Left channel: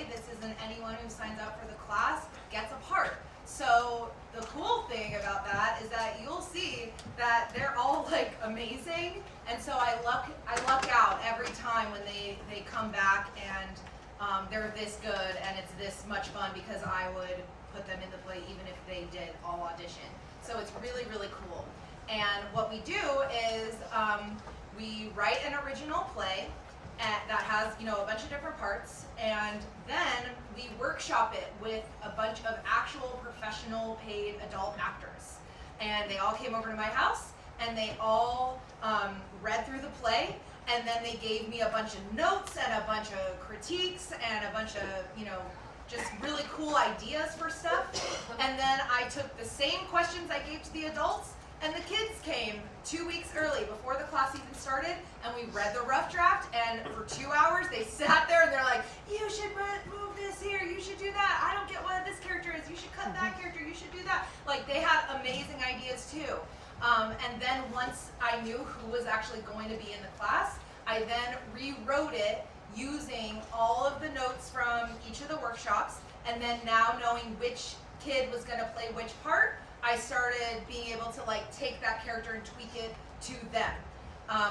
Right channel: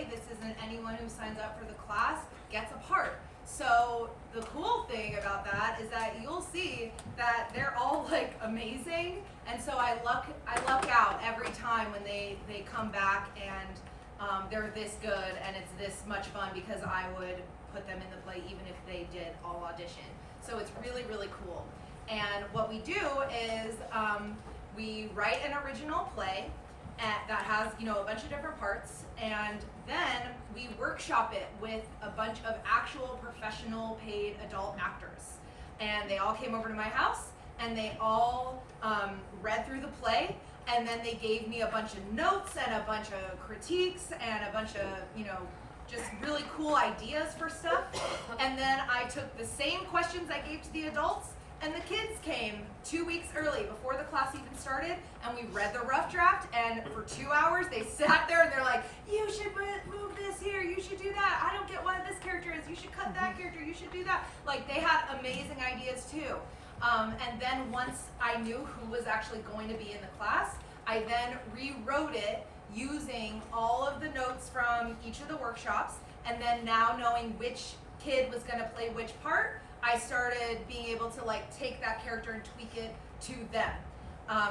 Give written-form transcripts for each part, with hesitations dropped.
play. This isn't anyone who signs up for the class gets a part. So the cool thing about that is that you'll see that they're all like amazing, and so I luck out every time when they come back and they're this good and it's this much fun because I would put them in the play even if they did all audition. So it's really, really cool. And what we do is we write an original play that has, a bunch of different parts, and then we workshop it with a bunch of actual professional paid adult actors. And they all came over to my house, and they all read through the play, and then they gave me a bunch of notes and a bunch of critiques and a bunch of, just really cool ideas for stuff. And then I took the same questions I gave to the adults, and the kids came 2 weeks early before the class even started, and we read the rough draft, and for 2 hours they sat there and they're like, you should move this here, you should do that, I don't get what this character is, you should cut that character, you should do that. Like, they had amazing ideas too. And then once I knew who was actually going to be in the class, I then rewrote it using all of the notes from each of the workshops, and then now knowing which kid was going to play which part, I started being able to take that character and tweak it to them.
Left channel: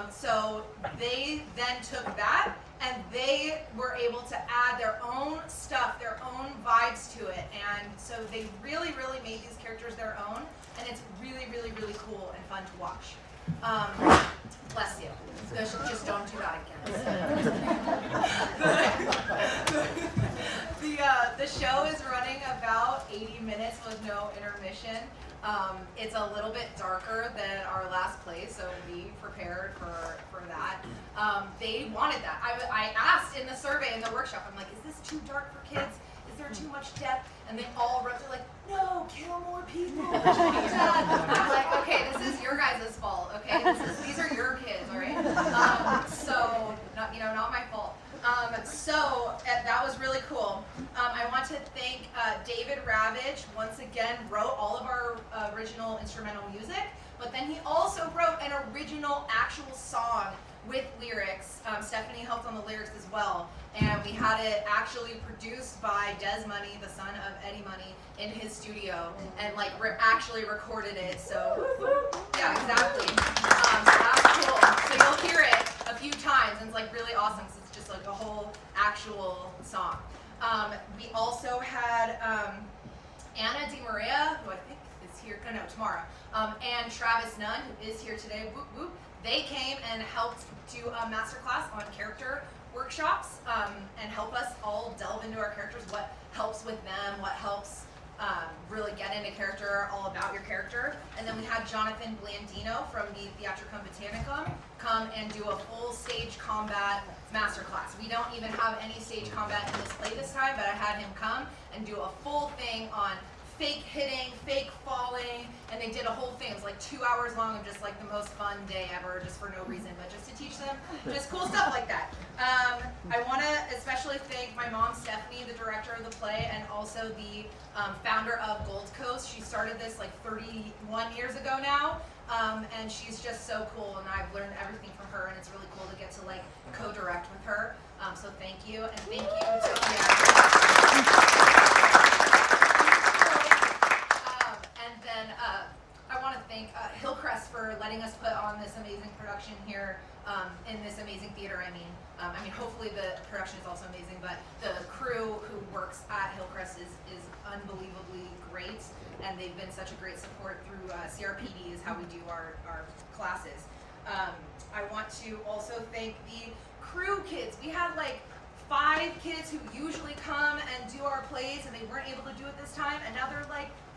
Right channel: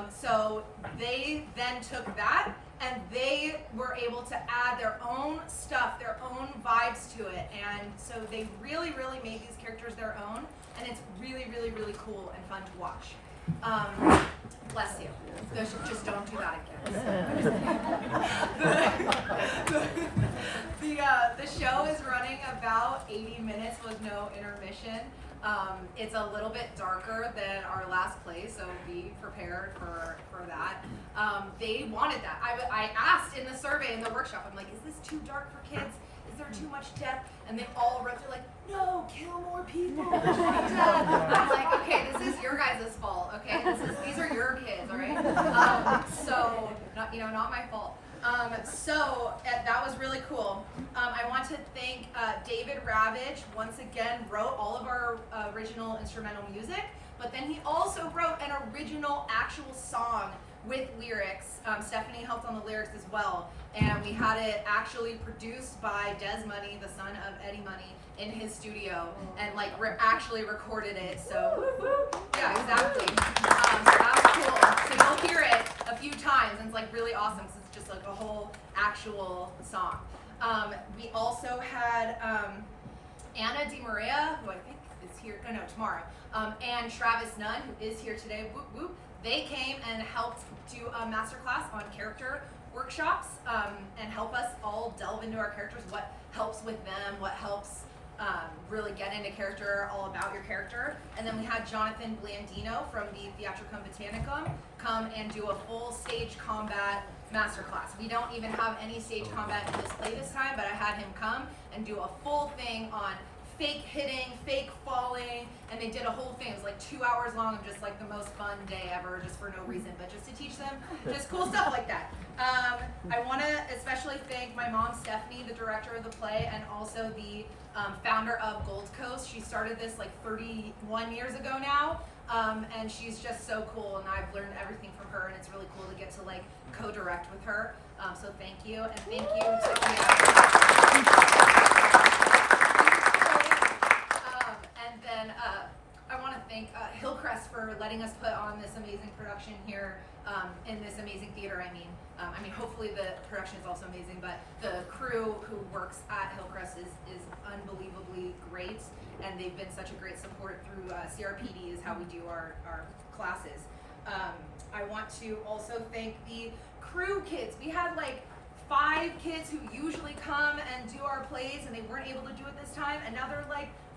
So they then took that and they were able to add their own stuff, their own vibes to it. And so they really, really made these characters their own, and it's really, really, really cool and fun to watch. Bless you. Just don't do that again. The show is running about 80 minutes with no intermission. It's a little bit darker than our last play, so be prepared for that. They wanted that. I asked in the survey in the workshop, I'm like, is this too dark for kids? Is there too much death? And they all wrote, they're like, no, kill more people. I'm like, okay, this is your guys' fault, okay? These are your kids, all right? So, not my fault. So that was really cool. I want to thank David Ravitch, once again, wrote all of our original instrumental music, but then he also wrote an original actual song with lyrics. Stephanie helped on the lyrics as well, and we had it actually produced by Des Money, the son of Eddie Money, in his studio, and actually recorded it. So yeah, exactly. So that was cool. So you'll hear it a few times, and it's really awesome. So it's just a whole actual song. We also had Anna DiMaria, who I think is here, tomorrow, and Travis Nunn, who is here today. Whoop, whoop. They came and helped do a masterclass on character workshops and help us all delve into our characters, what helps with them, what helps really get into character, all about your character. And then we had Jonathan Blandino from the Theatricum Botanicum come and do a full stage combat masterclass. We don't even have any stage combat in this play this time, but I had him come and do a full thing on fake hitting, fake falling, and they did a whole thing. It was 2 hours long of just the most fun day ever, just for no reason, but just to teach them just cool stuff like that. I want to especially thank my mom, Stephanie, the director of the play, and also the founder of Gold Coast. She started this 31 years ago now, and she's just so cool, and I've learned everything from her, and it's really cool to get to co-direct with her. So thank you, and thank you to And then I want to thank Hillcrest for letting us put on this amazing production here in this amazing theater. I mean, hopefully the production is also amazing, but the crew who works at Hillcrest is unbelievably great, and they've been such a great support through CRPD is how we do our classes. I want to also thank the crew kids. We had 5 kids who usually come and do our plays, and they weren't able to do it this time, and now they're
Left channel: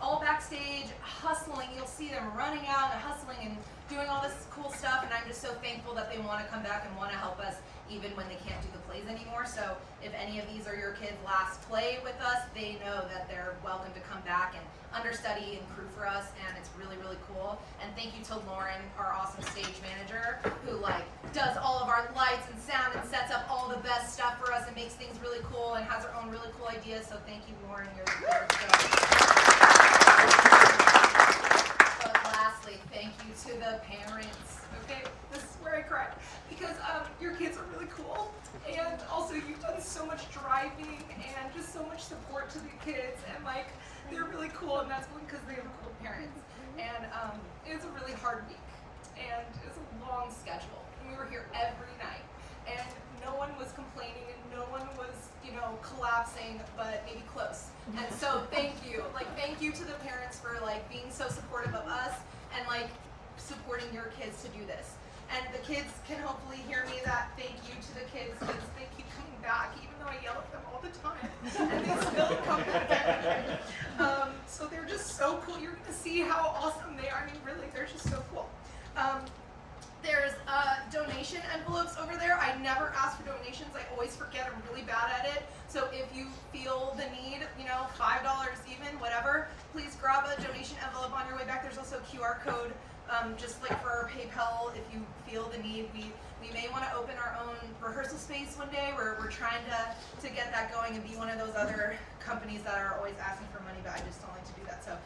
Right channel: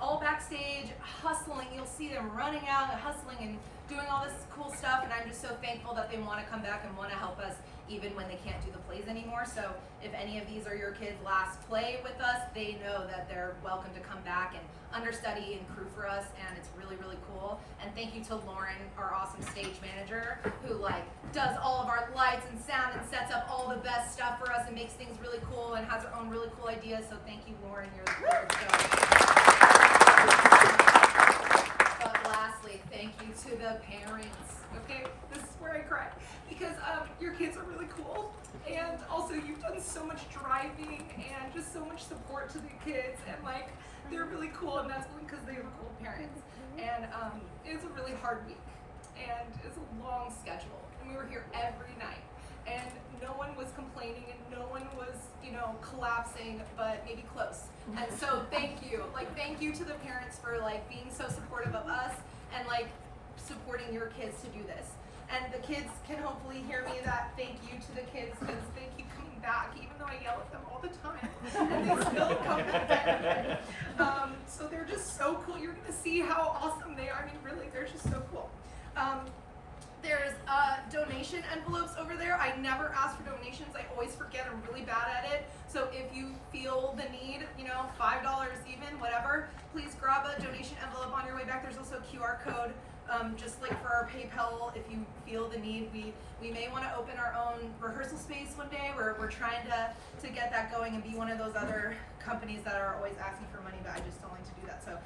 all backstage hustling. You'll see them running out and hustling and doing all this cool stuff, and I'm just so thankful that they want to come back and want to help us even when they can't do the plays anymore. So if any of these are your kids' last play with us, they know that they're welcome to come back and understudy and crew for us, and it's really, really cool. And thank you to Lauren, our awesome stage manager, who does all of our lights and sound and sets up all the best stuff for us and makes things really cool and has her own really cool ideas. So thank you, Lauren. You're there. But lastly, thank you to the parents. okay? This is where I cry. Because your kids are really cool. And also you've done so much driving and just so much support to the kids. And like, they're really cool, and that's because they have cool parents. And it's a really hard week. And it's a long schedule. And we were here every night. And no one was complaining and no one was, collapsing, but maybe close. And so thank you. Thank you to the parents for being so supportive of us and supporting your kids to do this. And the kids can hopefully hear me that thank you to the kids, because they keep coming back, even though I yell at them all the time, and they still come back anyway. So they're just so cool. You're gonna see how awesome they are. I mean, really, they're just so cool. There's donation envelopes over there. I never ask for donations. I always forget. I'm really bad at it. So if you feel the need, $5 even, whatever, please grab a donation envelope on your way back. There's also a QR code, just for our PayPal, if you feel the need. We may want to open our own rehearsal space one day. We're trying to get that going and be one of those other companies that are always asking for money, but I just don't like to do that. So,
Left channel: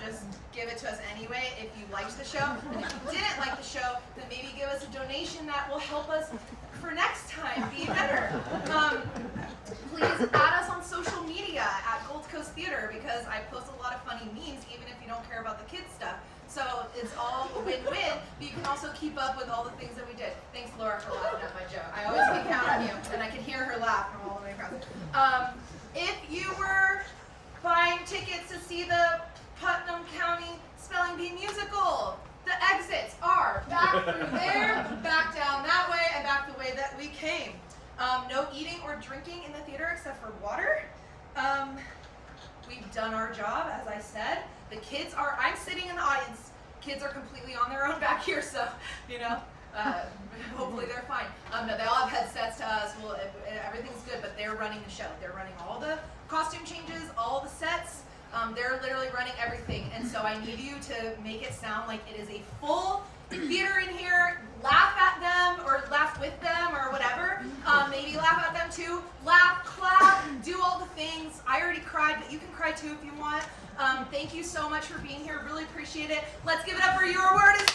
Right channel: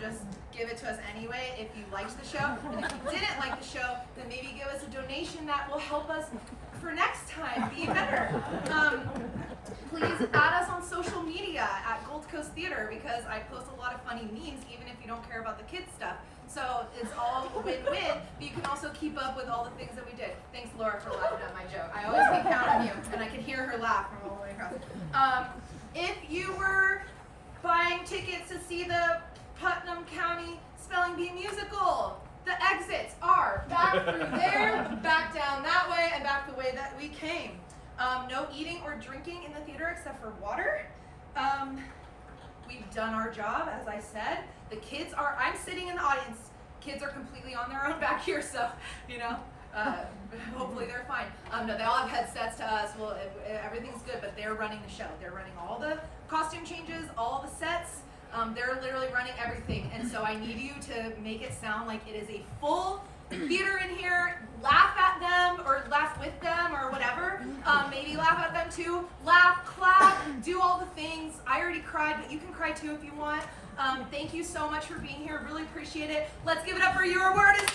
just give it to us anyway if you liked the show. And if you didn't like the show, then maybe give us a donation that will help us for next time be better. Please add us on social media at Gold Coast Theater, because I post a lot of funny memes, even if you don't care about the kids stuff. So it's all a win-win, but you can also keep up with all the things that we did. Thanks, Laura, for laughing at my joke. I always can count on you, and I can hear her laugh from all the way across. If you were buying tickets to see the Putnam County Spelling Bee musical, the exits are back through there, back down that way, and back the way that we came. No eating or drinking in the theater except for water. We've done our job, as I said. The kids are, I'm sitting in the audience. Kids are completely on their own back here, so, hopefully they're fine. No, they all have headsets to us. Well, everything's good, but they're running the show. They're running all the costume changes, all the sets. They're literally running everything. And so I need you to make it sound like it is a full theater in here. Laugh at them or laugh with them or whatever. Maybe laugh at them too. Laugh, clap, do all the things. I already cried, but you can cry too if you want. Thank you so much for being here. Really appreciate it. Let's give it up for Your Word is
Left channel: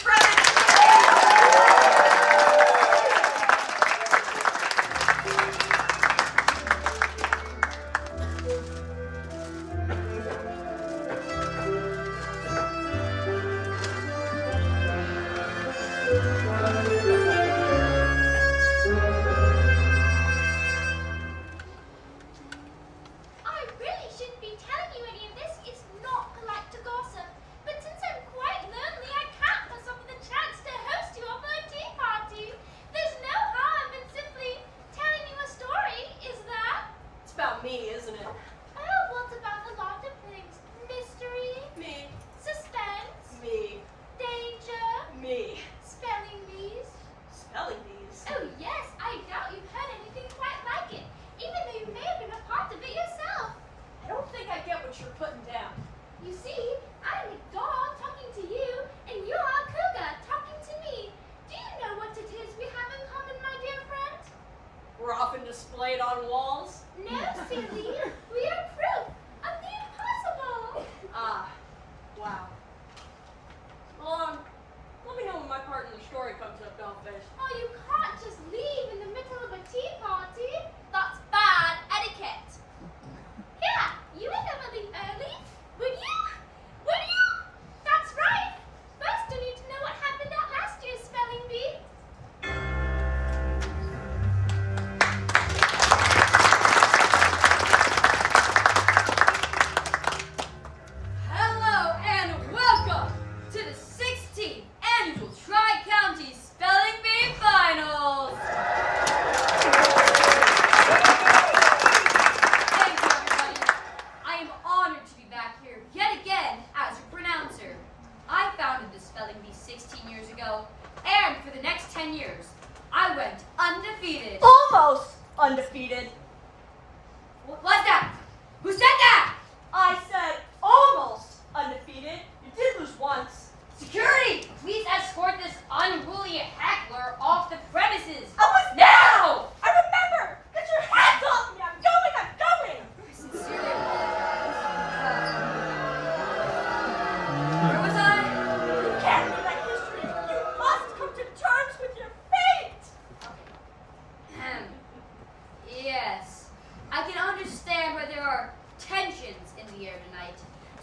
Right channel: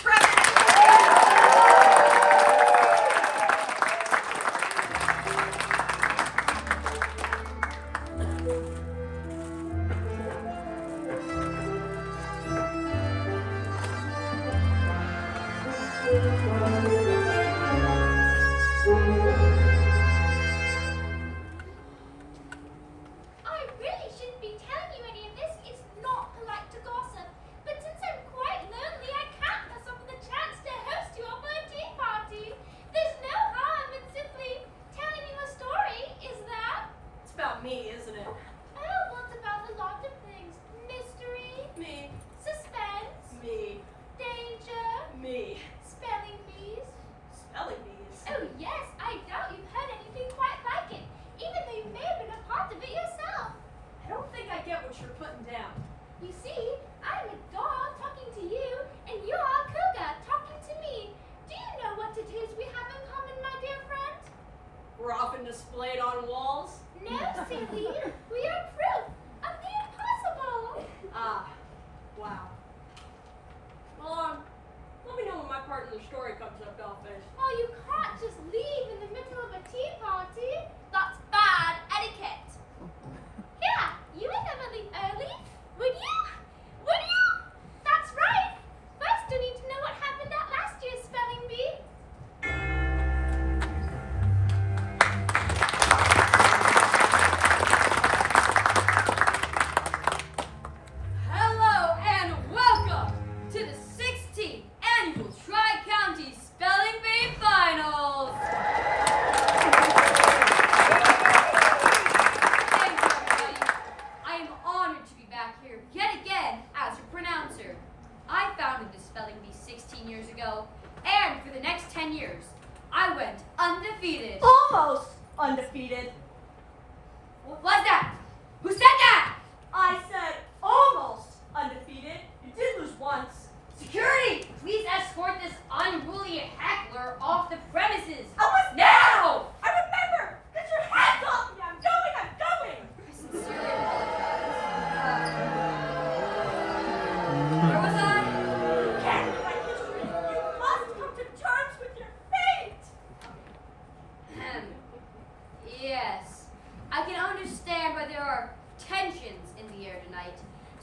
I really shouldn't be telling you any of this. It's not polite to gossip. But since I'm quite lonely, I can't pass up the chance to host you all for a tea party.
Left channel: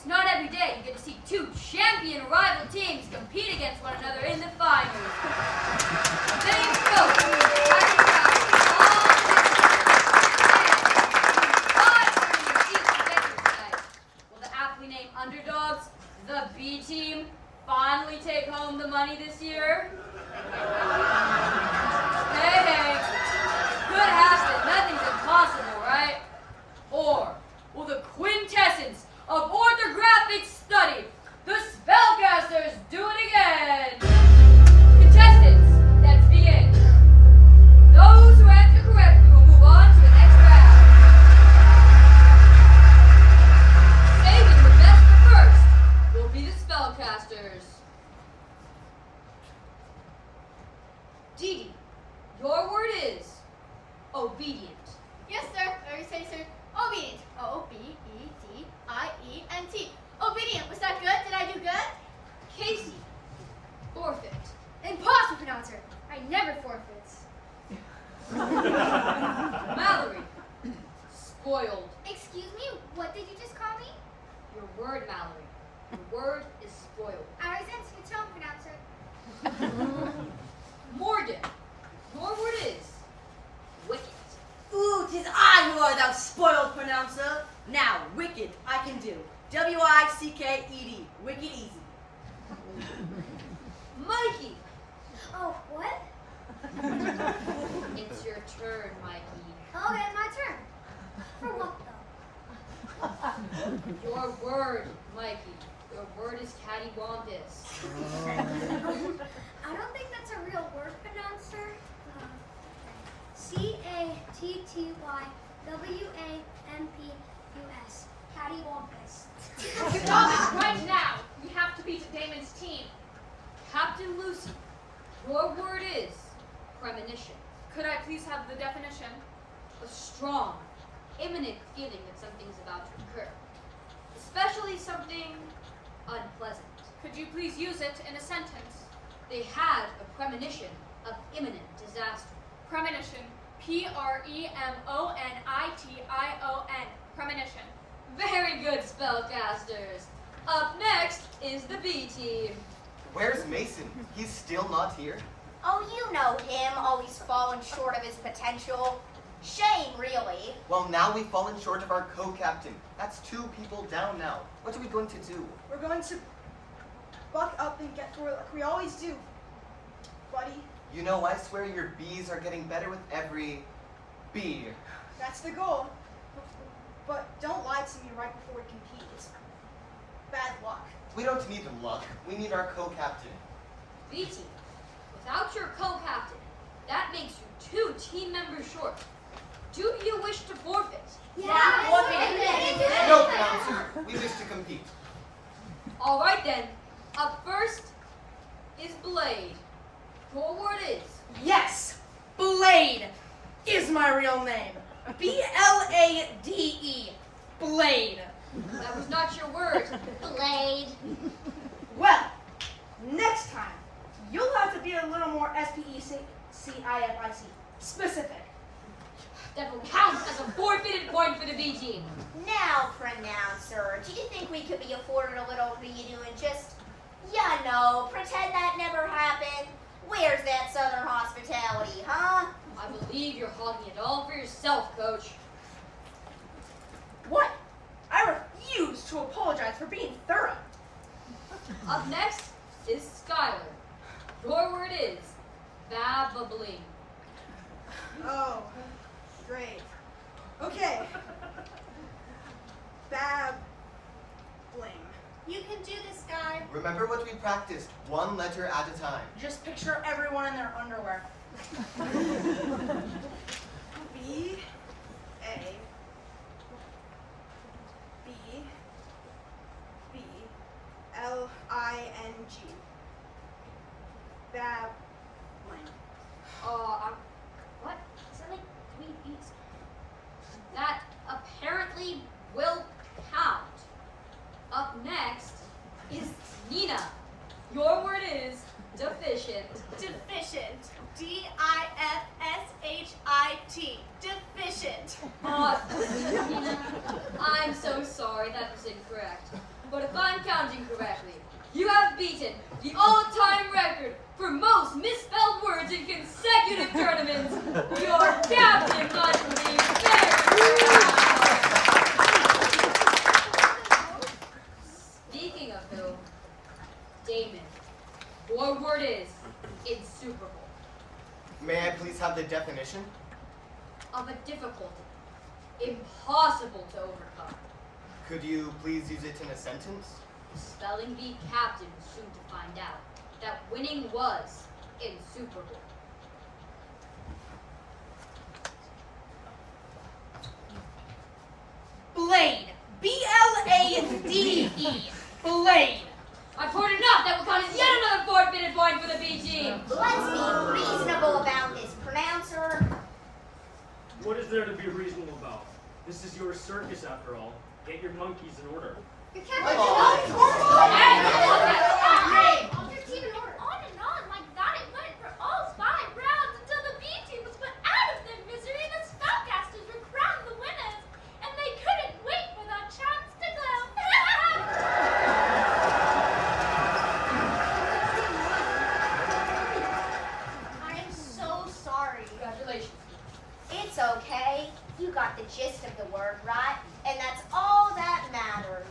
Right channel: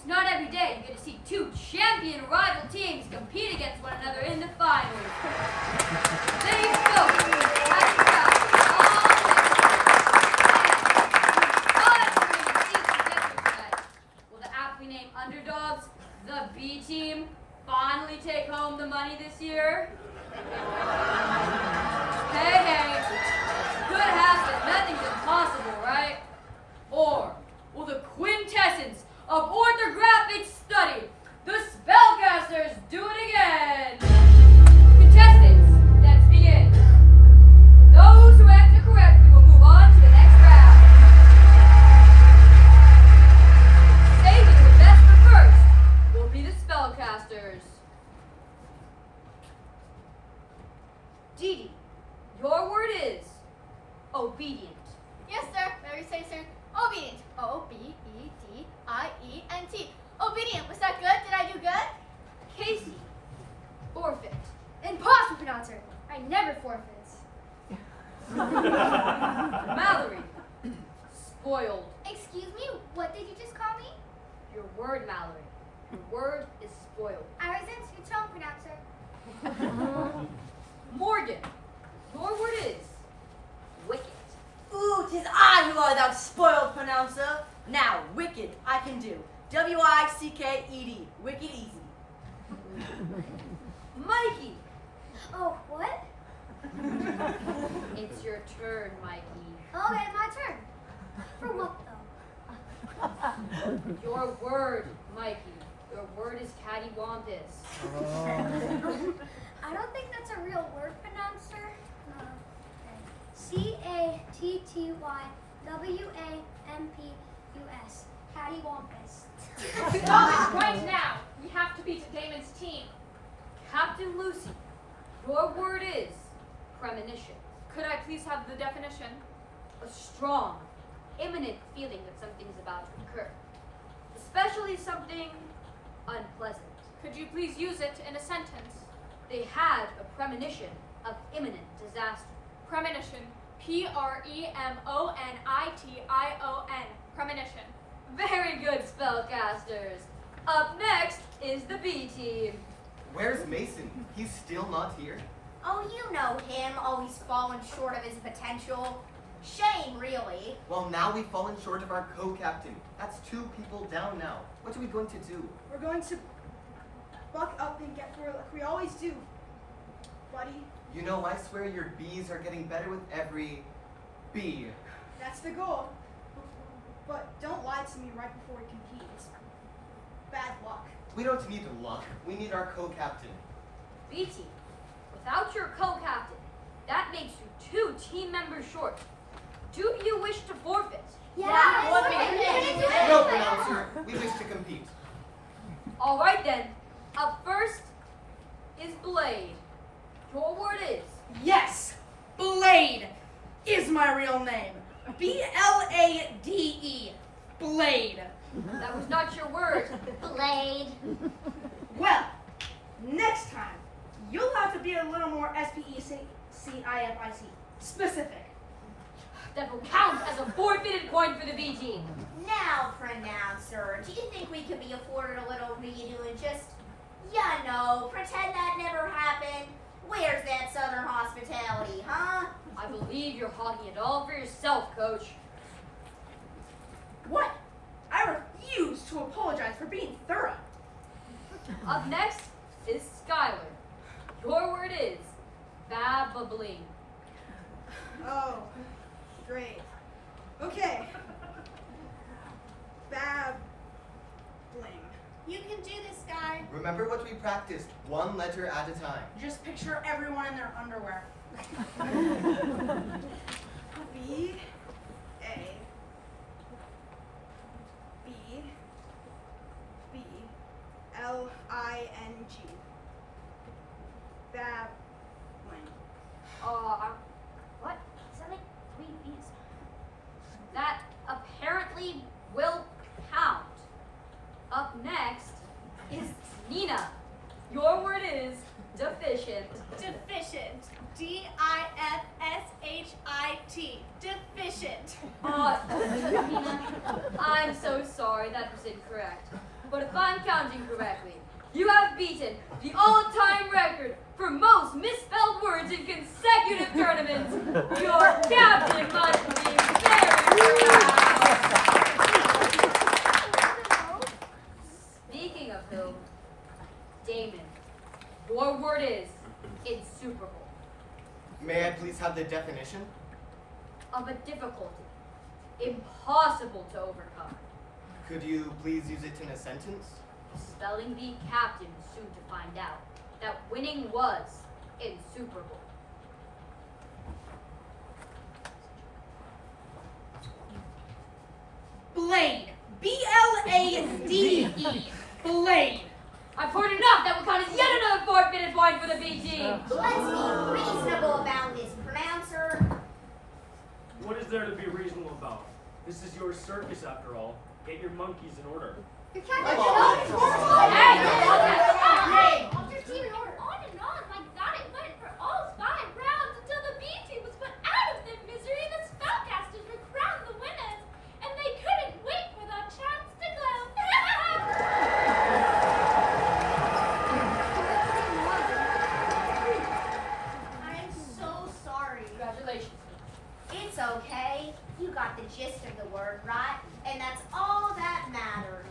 It's not every day you get to see two champion rival teams compete against one another in the finals. They've built Happy tonight. Will the aptly named underdogs, the B team, finally take home the money this year? Hey, could happen. Nothing's impossible, right? Or will the quintessence of orthographic study, the spellcasters, do it again? Contestants, let's begin. Those who answer correctly will move on to the next round. Saving the best for first will be the spellcasters. Dee, your word is obedient. Yes, sir. Whatever you say, sir. Obedient. O-B-E-D-I-E-N-T. Obedient. Was that good? Did I do good? Casey, forfeit. Impossible pronouncer. I never forfeits. Mallory, spoiled. Excuse me? What did you just call me? Your word, Mallory. Your word is spoiled. I resent your tone, pronouncer. Morgan, your word is wicked. Ooh, 'tis I who are thou spoiled pronouncer. Now, wicked, I can do. W-I-C-K-E-D. Wicked easy. Mikey, Oh, what? it's your turn, Mikey. Okay, my turn. For what, though? Your word, Mikey. Your word is cattywampus. I don't think that's a real word, pronouncer. C-A-T-T-Y-W-A-M-P-U-S. Cattywampus. Stop it right now. We have to beat Damon's team. Captain Lucy, your word is premonition. Could I please have the definition? A strong, imminent feeling that something's about to occur. Especially something unpleasant. Could you please use it in a sentence? They had a premonition of imminent disaster. Premonition. P-R-E-M-O-N-I-T-I-O-N. Premonition. Very good, spellcasters. Up next is the B team. Where's Mason? He's still not here? Oh, you know him, always falling short of his potential. Shame, really. Well, now we've fallen short of our co-captain. That's 2 people down now. What are we going to do? We're going to buck up and get through it like we always do, buddy. You know, I swear your bees are getting better with every bee. That's the goal. But don't lie to me right before we compete. It's bad luck. We don't need luck. We need our co-captain. B team, without your co-captain, that makes you 2 team members short. Do you wish to forfeit? No, pronouncer. We wish to compete. All right then. Up first is Blade. Your word is Yes, Blade is my real name. B-L-A-D-E. Blade. that was not your word. Blade. Well, next time, you'll have to be a little more S-P-E-C-I-F-I-C specific. That will count as a forfeited point for the B team. Now, pronouncer, do you think we could be afforded a little redo and just, pretend that never happened? Where's that southern hospitality, huh? I believe you're hogging it all for yourself, Coach. What? I refuse to apologize for being thorough. Up next is Skylar. Your word is babbling. Oh, great. Okay. Babbling. You can do this, guy. Remember what we practiced, 1 letter at a time. Just picture everyone in their underwear. B A B B L I N G. Babbling. What? Something we eat. That apparently will count. Up next is Nina. Your word is deficient. Deficient. D-I-F-S-H-I-T. Deficient. Nina, I'm so sorry, that was incorrect. but if I'm counting correctly, you have beaten the all-time record for most misspelled words in consecutive tournaments. Your captain must be very proud. Speaking of whom, Damon, your word is insuperable. May I please have the definition? Of a difficulty, impossible to overcome. Could you please use it in a sentence? The spelling bee captain was soon to find out that winning was insuperable. Blade. B-L-A-D-E. Blade. I've heard enough. That will count as yet another forfeited point for the B team. Let's be reasonable about this, pronouncer. What is there to be reasonable about? This is your circus after all. Get your monkeys in order. Your Come captain on. Object team in order. On and on like that it went for all 5 rounds until the B team was put out of their misery. The spellcasters were crowned the winners, and they couldn't wait for their chance to glow. I am so sorry. Congratulations. It's okay. You got the gist of the word, right? And that's all that matters.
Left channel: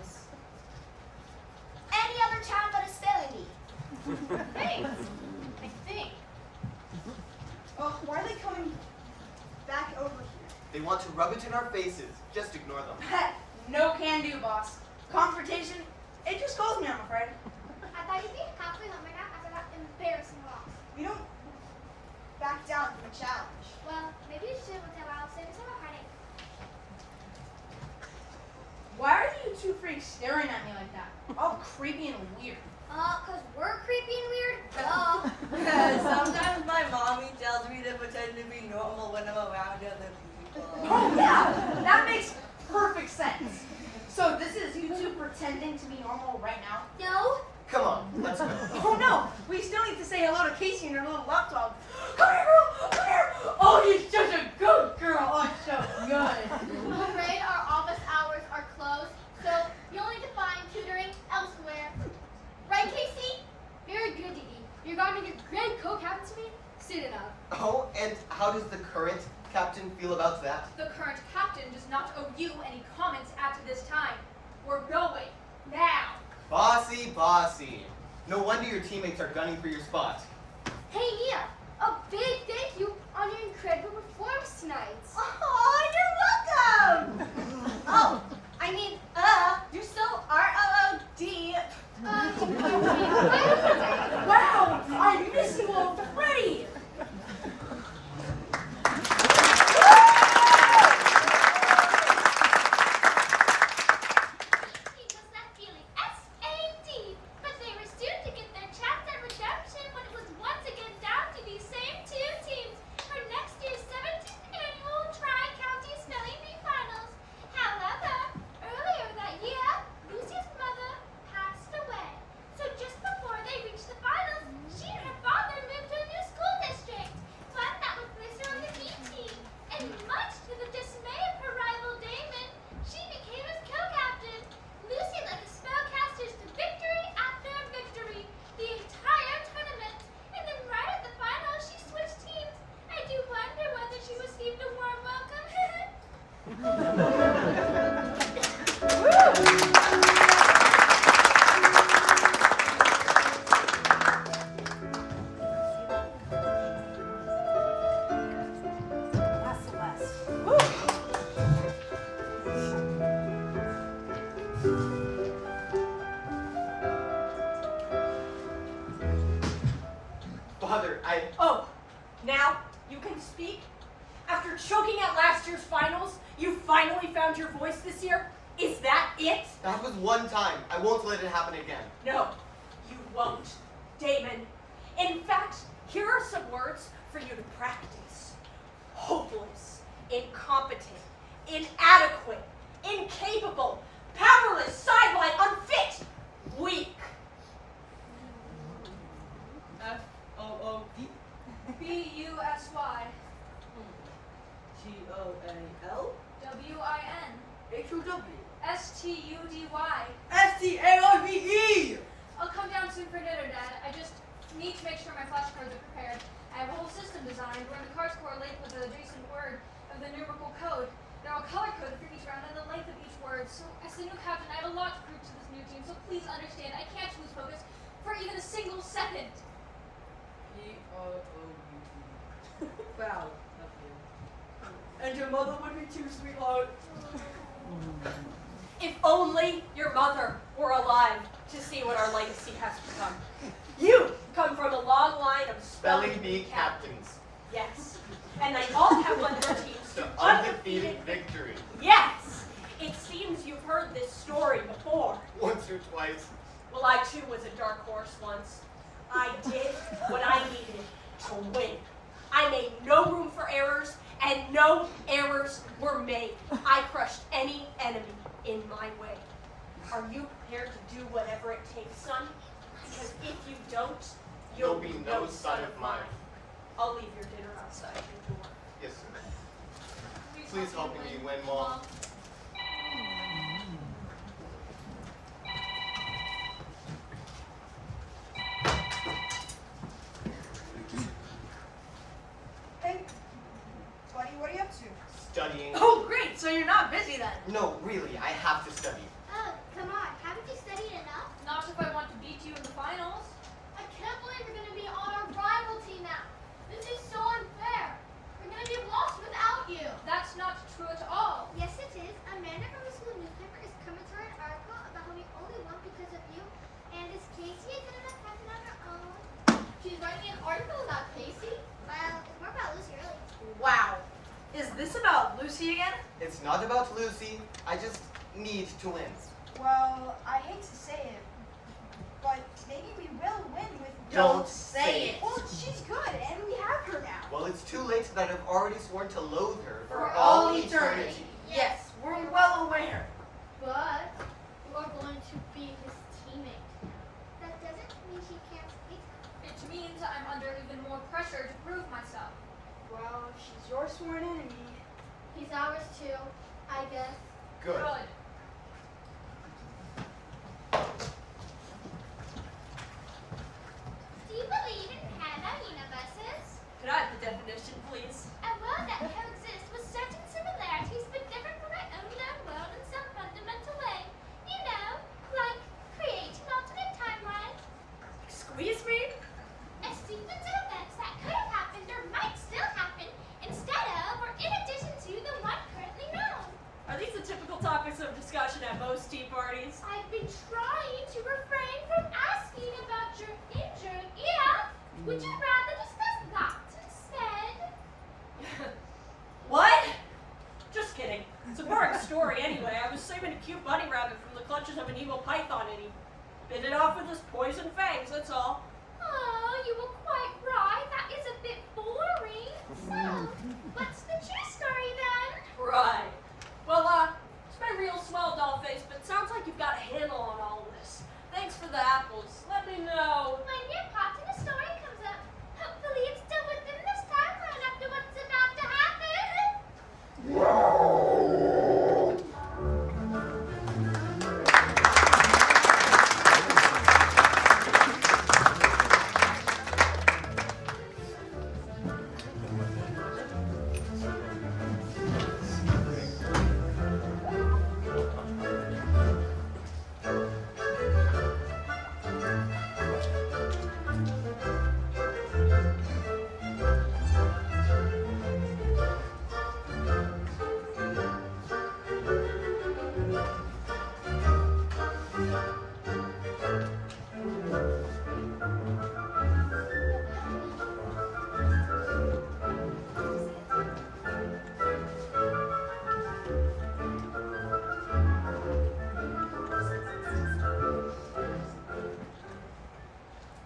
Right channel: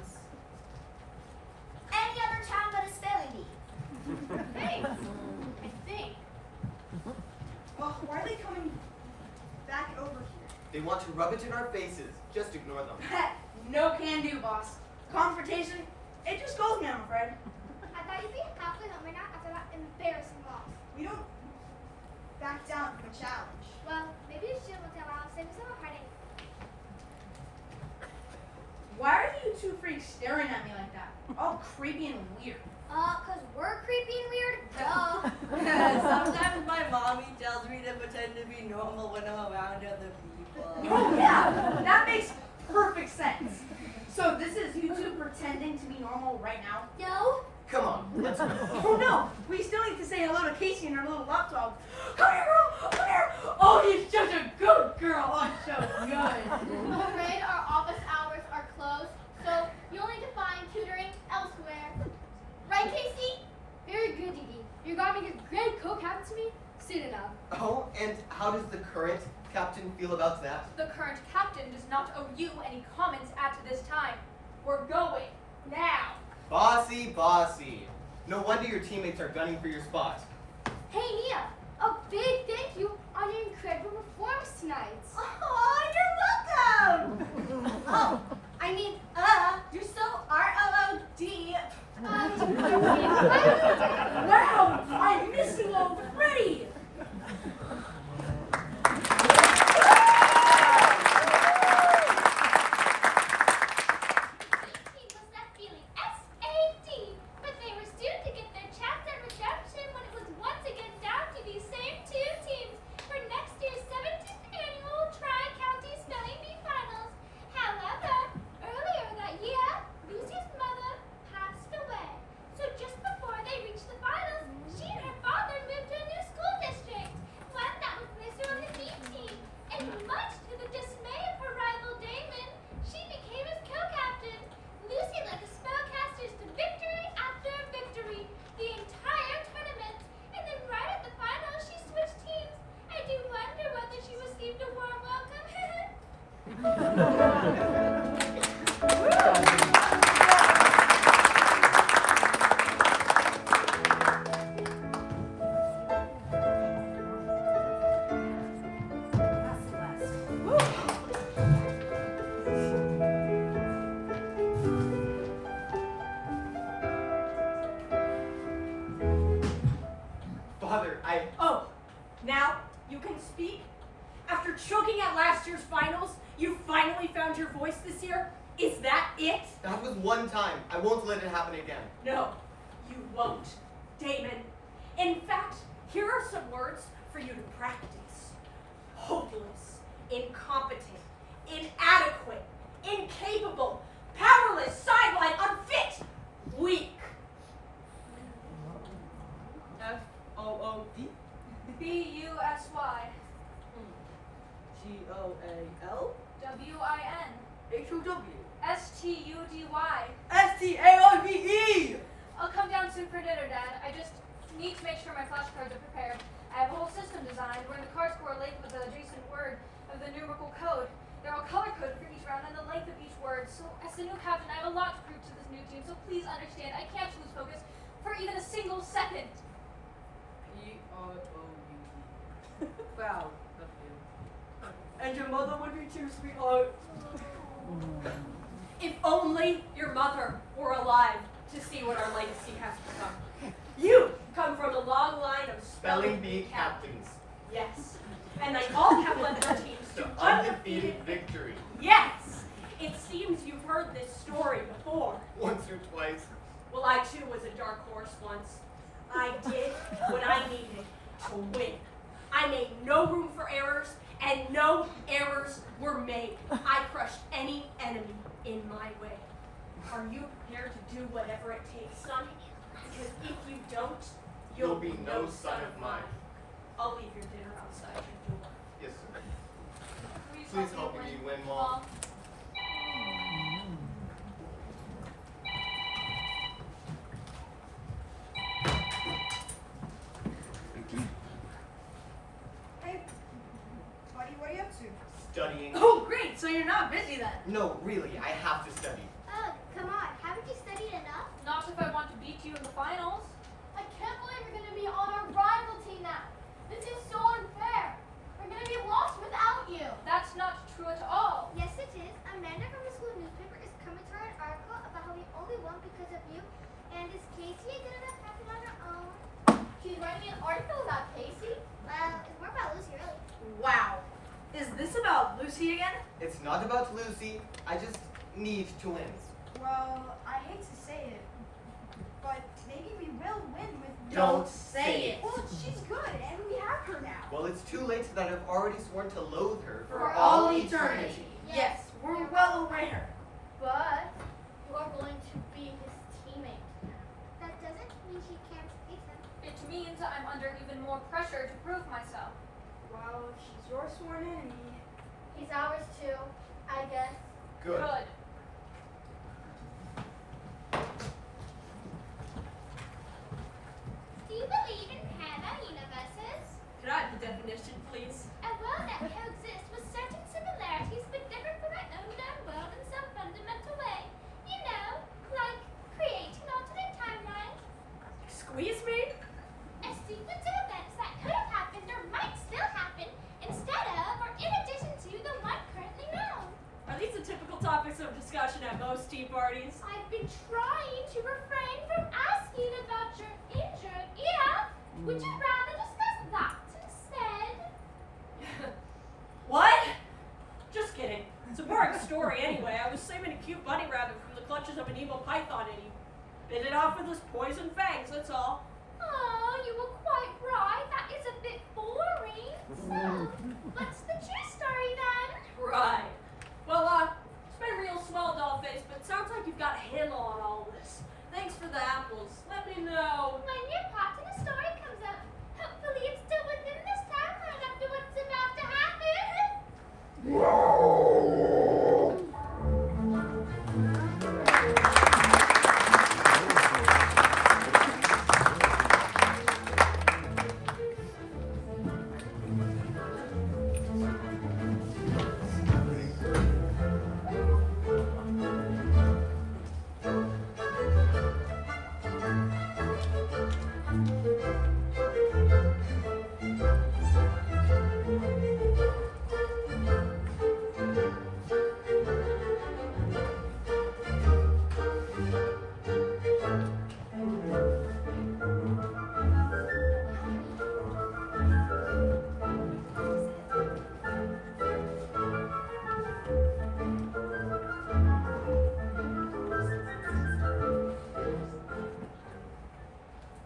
Any other town but a spelling bee? Thanks. I think. Oh, why are they coming back over here? They want to rub it in our faces. Just ignore them. No can do, boss. Confrontation, it just goes me, I'm afraid. I thought you'd be halfway home right now after that embarrassing loss. We don't back down from a challenge. Well, maybe you should tell Al, save us a heartache. Why are you two freaks staring at me like that? All creepy and weird. 'Cause we're creepy and weird? Duh. Sometimes my mommy tells me to pretend to be normal when I'm around other people. Oh yeah, that makes perfect sense. So this is you two pretending to be normal right now? No. Come on, let's go. Oh no, we still need to say hello to Casey and her little laptop. Come here, girl, come here. Oh, you're such a good girl. Oh, so good. I'm afraid our office hours are closed, so you'll need to find tutoring elsewhere. Right, Casey? Very good, Dee Dee. You're going to be a great co-captain to me soon enough. Oh, and how does the current captain feel about that? The current captain does not owe you any comments at this time. We're going now. Bossy, bossy. No wonder your teammates are gunning for your spot. Hey, Mia, a big thank you on your incredible performance tonight. Oh, you're welcome. Oh, I mean, you're so R-O-O-D. Wow, I miss you already. Was that feeling SAD, but they were soon to get their chance at redemption when it was once again down to these same 2 teams for next year's 17th annual Tri-County Spelling Bee Finals. However, earlier that year, Lucy's mother passed away. So just before they reached the finals, she and her father moved to a new school district, one that would place her on the B team. And much to the dismay of her rival Damon, she became his co-captain. Lucy led the spellcasters to victory after victory the entire tournament. And then right at the final, she switched teams. I do wonder whether she received a warm welcome. Father, Oh, now you can speak? After choking at last year's finals, you finally found your voice this year? Is that it? that was one time. I won't let it happen again. No, you won't, Damon. In fact, here are some words for you to practice. Hopeless, incompetent, inadequate, incapable, powerless, sideline, unfit, weak. F-O-O-D? B-U-S-Y. G-O-A-L? W-I-N. H-O-W. S-T-U-D-Y. S-T-A-I-V-E! I'll come down soon for dinner, Dad. I just need to make sure my flashcards are prepared. I have a whole system designed where the cards correlate with the adjacent word of the numerical code. They're all color-coded for each round and the length of each word. So as the new captain, I have a lot to prove to this new team, so please understand, I can't lose focus for even a single second. E-R-O-U-E. Foul. And your mother would be too, sweetheart. If only your mother were alive to see what our legacy has become. You come from a long line of Spelling bee captains. Yes. And they all have led their teams to Undefeated victory. Yes. It seems you've heard this story before. Once or twice. Well, I too was a dark horse once. I did what I needed to win. I made no room for errors, and no errors were made. I crushed any enemy in my way. Are you prepared to do whatever it takes, son? Because if you don't, You'll be no son of mine. I'll leave your dinner outside your door. Yes, sir. Please help me win, Mom. Hey, buddy, what are you up to? Studying. Oh, great. So you're not busy then. No, really, I have to study. Oh, come on. Haven't you studied enough? Not if I want to beat you in the finals. I can't believe we're going to be on our rival team now. This is so unfair. We're going to be lost without you. That's not true at all. Yes, it is. Amanda from the school newspaper is coming to write an article about how we only won because of you. And is Casey good enough captain on her own? She's writing an article about Casey? It's more about Lucy, really. Wow. Is this about Lucy again? It's not about Lucy. I just need to win. Well, I hate to say it, but maybe we will win with. Don't say it. Well, she's good, and we have her now. Well, it's too late that I've already sworn to loathe her For all eternity. Yes, we're well aware. But you are going to be his teammate now. That doesn't mean he can't beat him. It means I'm under even more pressure to prove myself. Well, she's your sworn enemy. He's ours too, I guess. Good. Do you believe in parallel universes? Could I have the definition, please? A world that coexists with certain similarities but different from our own known world in some fundamental way. You know, like creating alternate timelines. Squeeze me? A sequence of events that could have happened or might still happen instead of or in addition to the one currently known. Are these the typical topics of discussion at most tea parties? I've been trying to refrain from asking about your injured ear. Would you rather discuss that instead? What? Just kidding. It's a boring story anyway. I was saving a cute bunny rabbit from the clutches of an evil python and he bit it off with his poison fangs, that's all. Oh, you were quite right. That is a bit boring. So, what's the true story then? Right. Well, it's been real small, doll face, but sounds like you've got a handle on all this. Thanks for the apples. Let me know. When your part in the story comes up, hopefully it's still within this timeline after what's about to happen.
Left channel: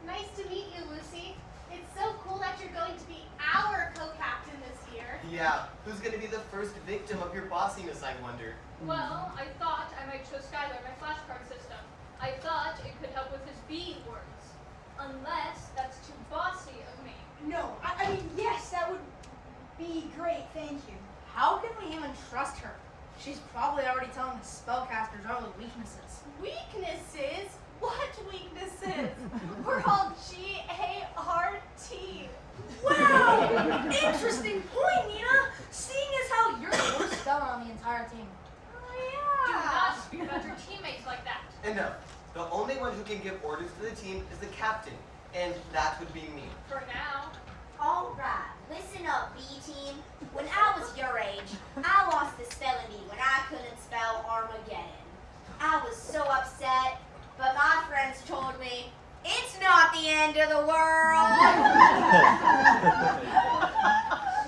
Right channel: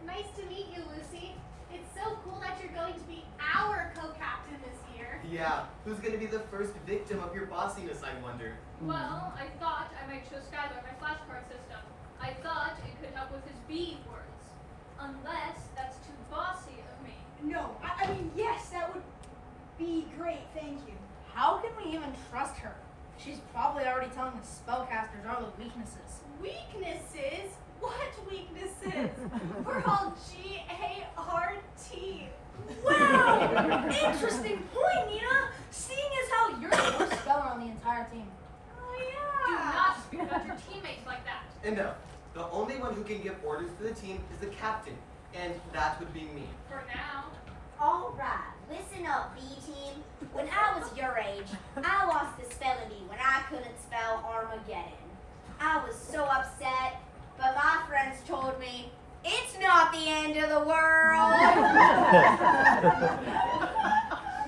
Nice to meet you, Lucy. It's so cool that you're going to be our co-captain this year. Yeah, who's gonna be the first victim of your bossiness, I wonder? Well, I thought I might show Skylar my flashcard system. I thought it could help with his B words. Unless that's too bossy of me. No, I mean, yes, that would be great, thank you. How can we even trust her? She's probably already telling the spellcasters all the weaknesses. Weaknesses? What weaknesses? We're all G-A-R-T. Wow! Interesting point, Nina. Seeing as how you're the worst speller on the entire team. Oh, Do yeah. not speak about your teammates like that. Enough. The only one who can give orders to the team is the captain, and that would be me. For now. Alright, listen up, B team. When I was your age, I lost the spelling bee when I couldn't spell Armageddon. I was so upset, but my friends told me, it's not the end of the world.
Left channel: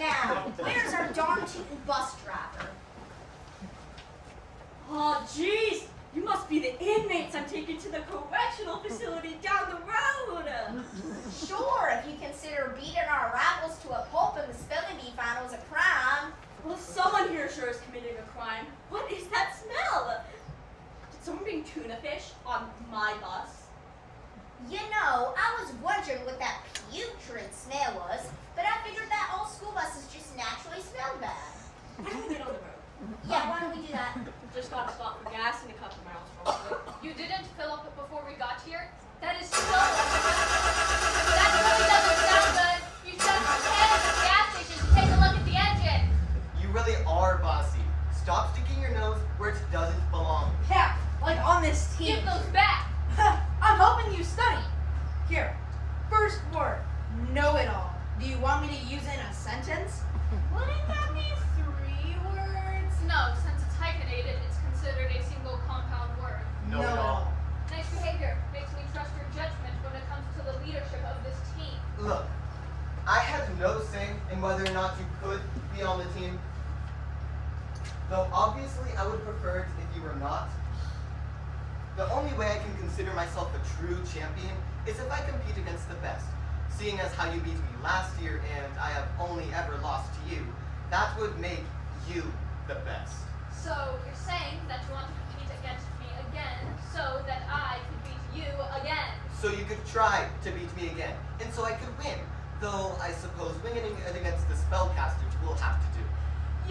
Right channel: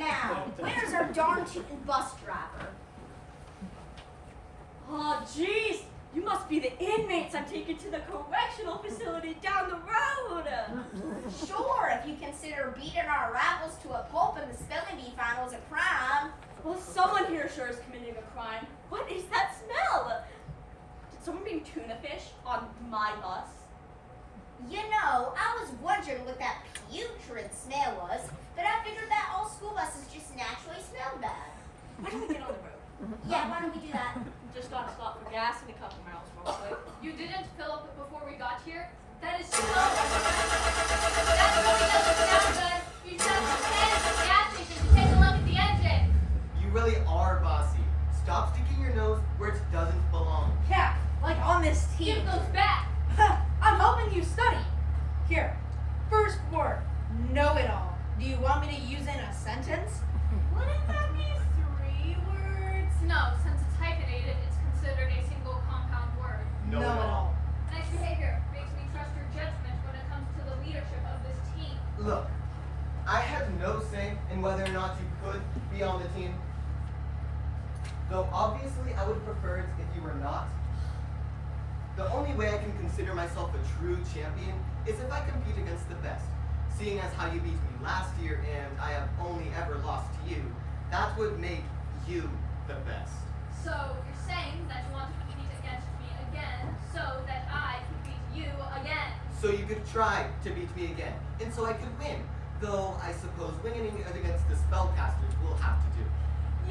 Now, where's our darn tootin' bus driver? Oh, jeez. You must be the inmates I'm taking to the correctional facility down the road. Sure, if you consider beating our rivals to a pulp in the spelling bee finals a crime. Well, someone here sure is committing a crime. What is that smell? Did someone bring tuna fish on my bus? You know, I was wondering what that putrid smell was, but I figured that all school buses just naturally smell bad. Why don't we get on the road? Yeah, why don't we do that? Just got to stop for gas in a couple miles real quick. You didn't fill up before we got here? That is so That really doesn't sound good. You should have headed to the gas station to take a look at the engine. You really are bossy. Stop sticking your nose where it doesn't belong. Yeah, like on this team. Give those back. I'm hoping you study. Here, first word, know it all. Do you want me to use it in a sentence? Wouldn't that be 3 words? No, since it's hyphenated, it's considered a single compound word. Know it all. Nice behavior makes me trust your judgment when it comes to the leadership of this team. Look, I had no say in whether or not you could be on the team. Though obviously I would prefer it if you were not. The only way I can consider myself a true champion is if I compete against the best. Seeing as how you beat me last year and I have only ever lost to you, that would make you the best. So you're saying that you want to compete against me again so that I could beat you again. So you could try to beat me again, and so I could win. Though I suppose winning against the spellcasters we'll have to do.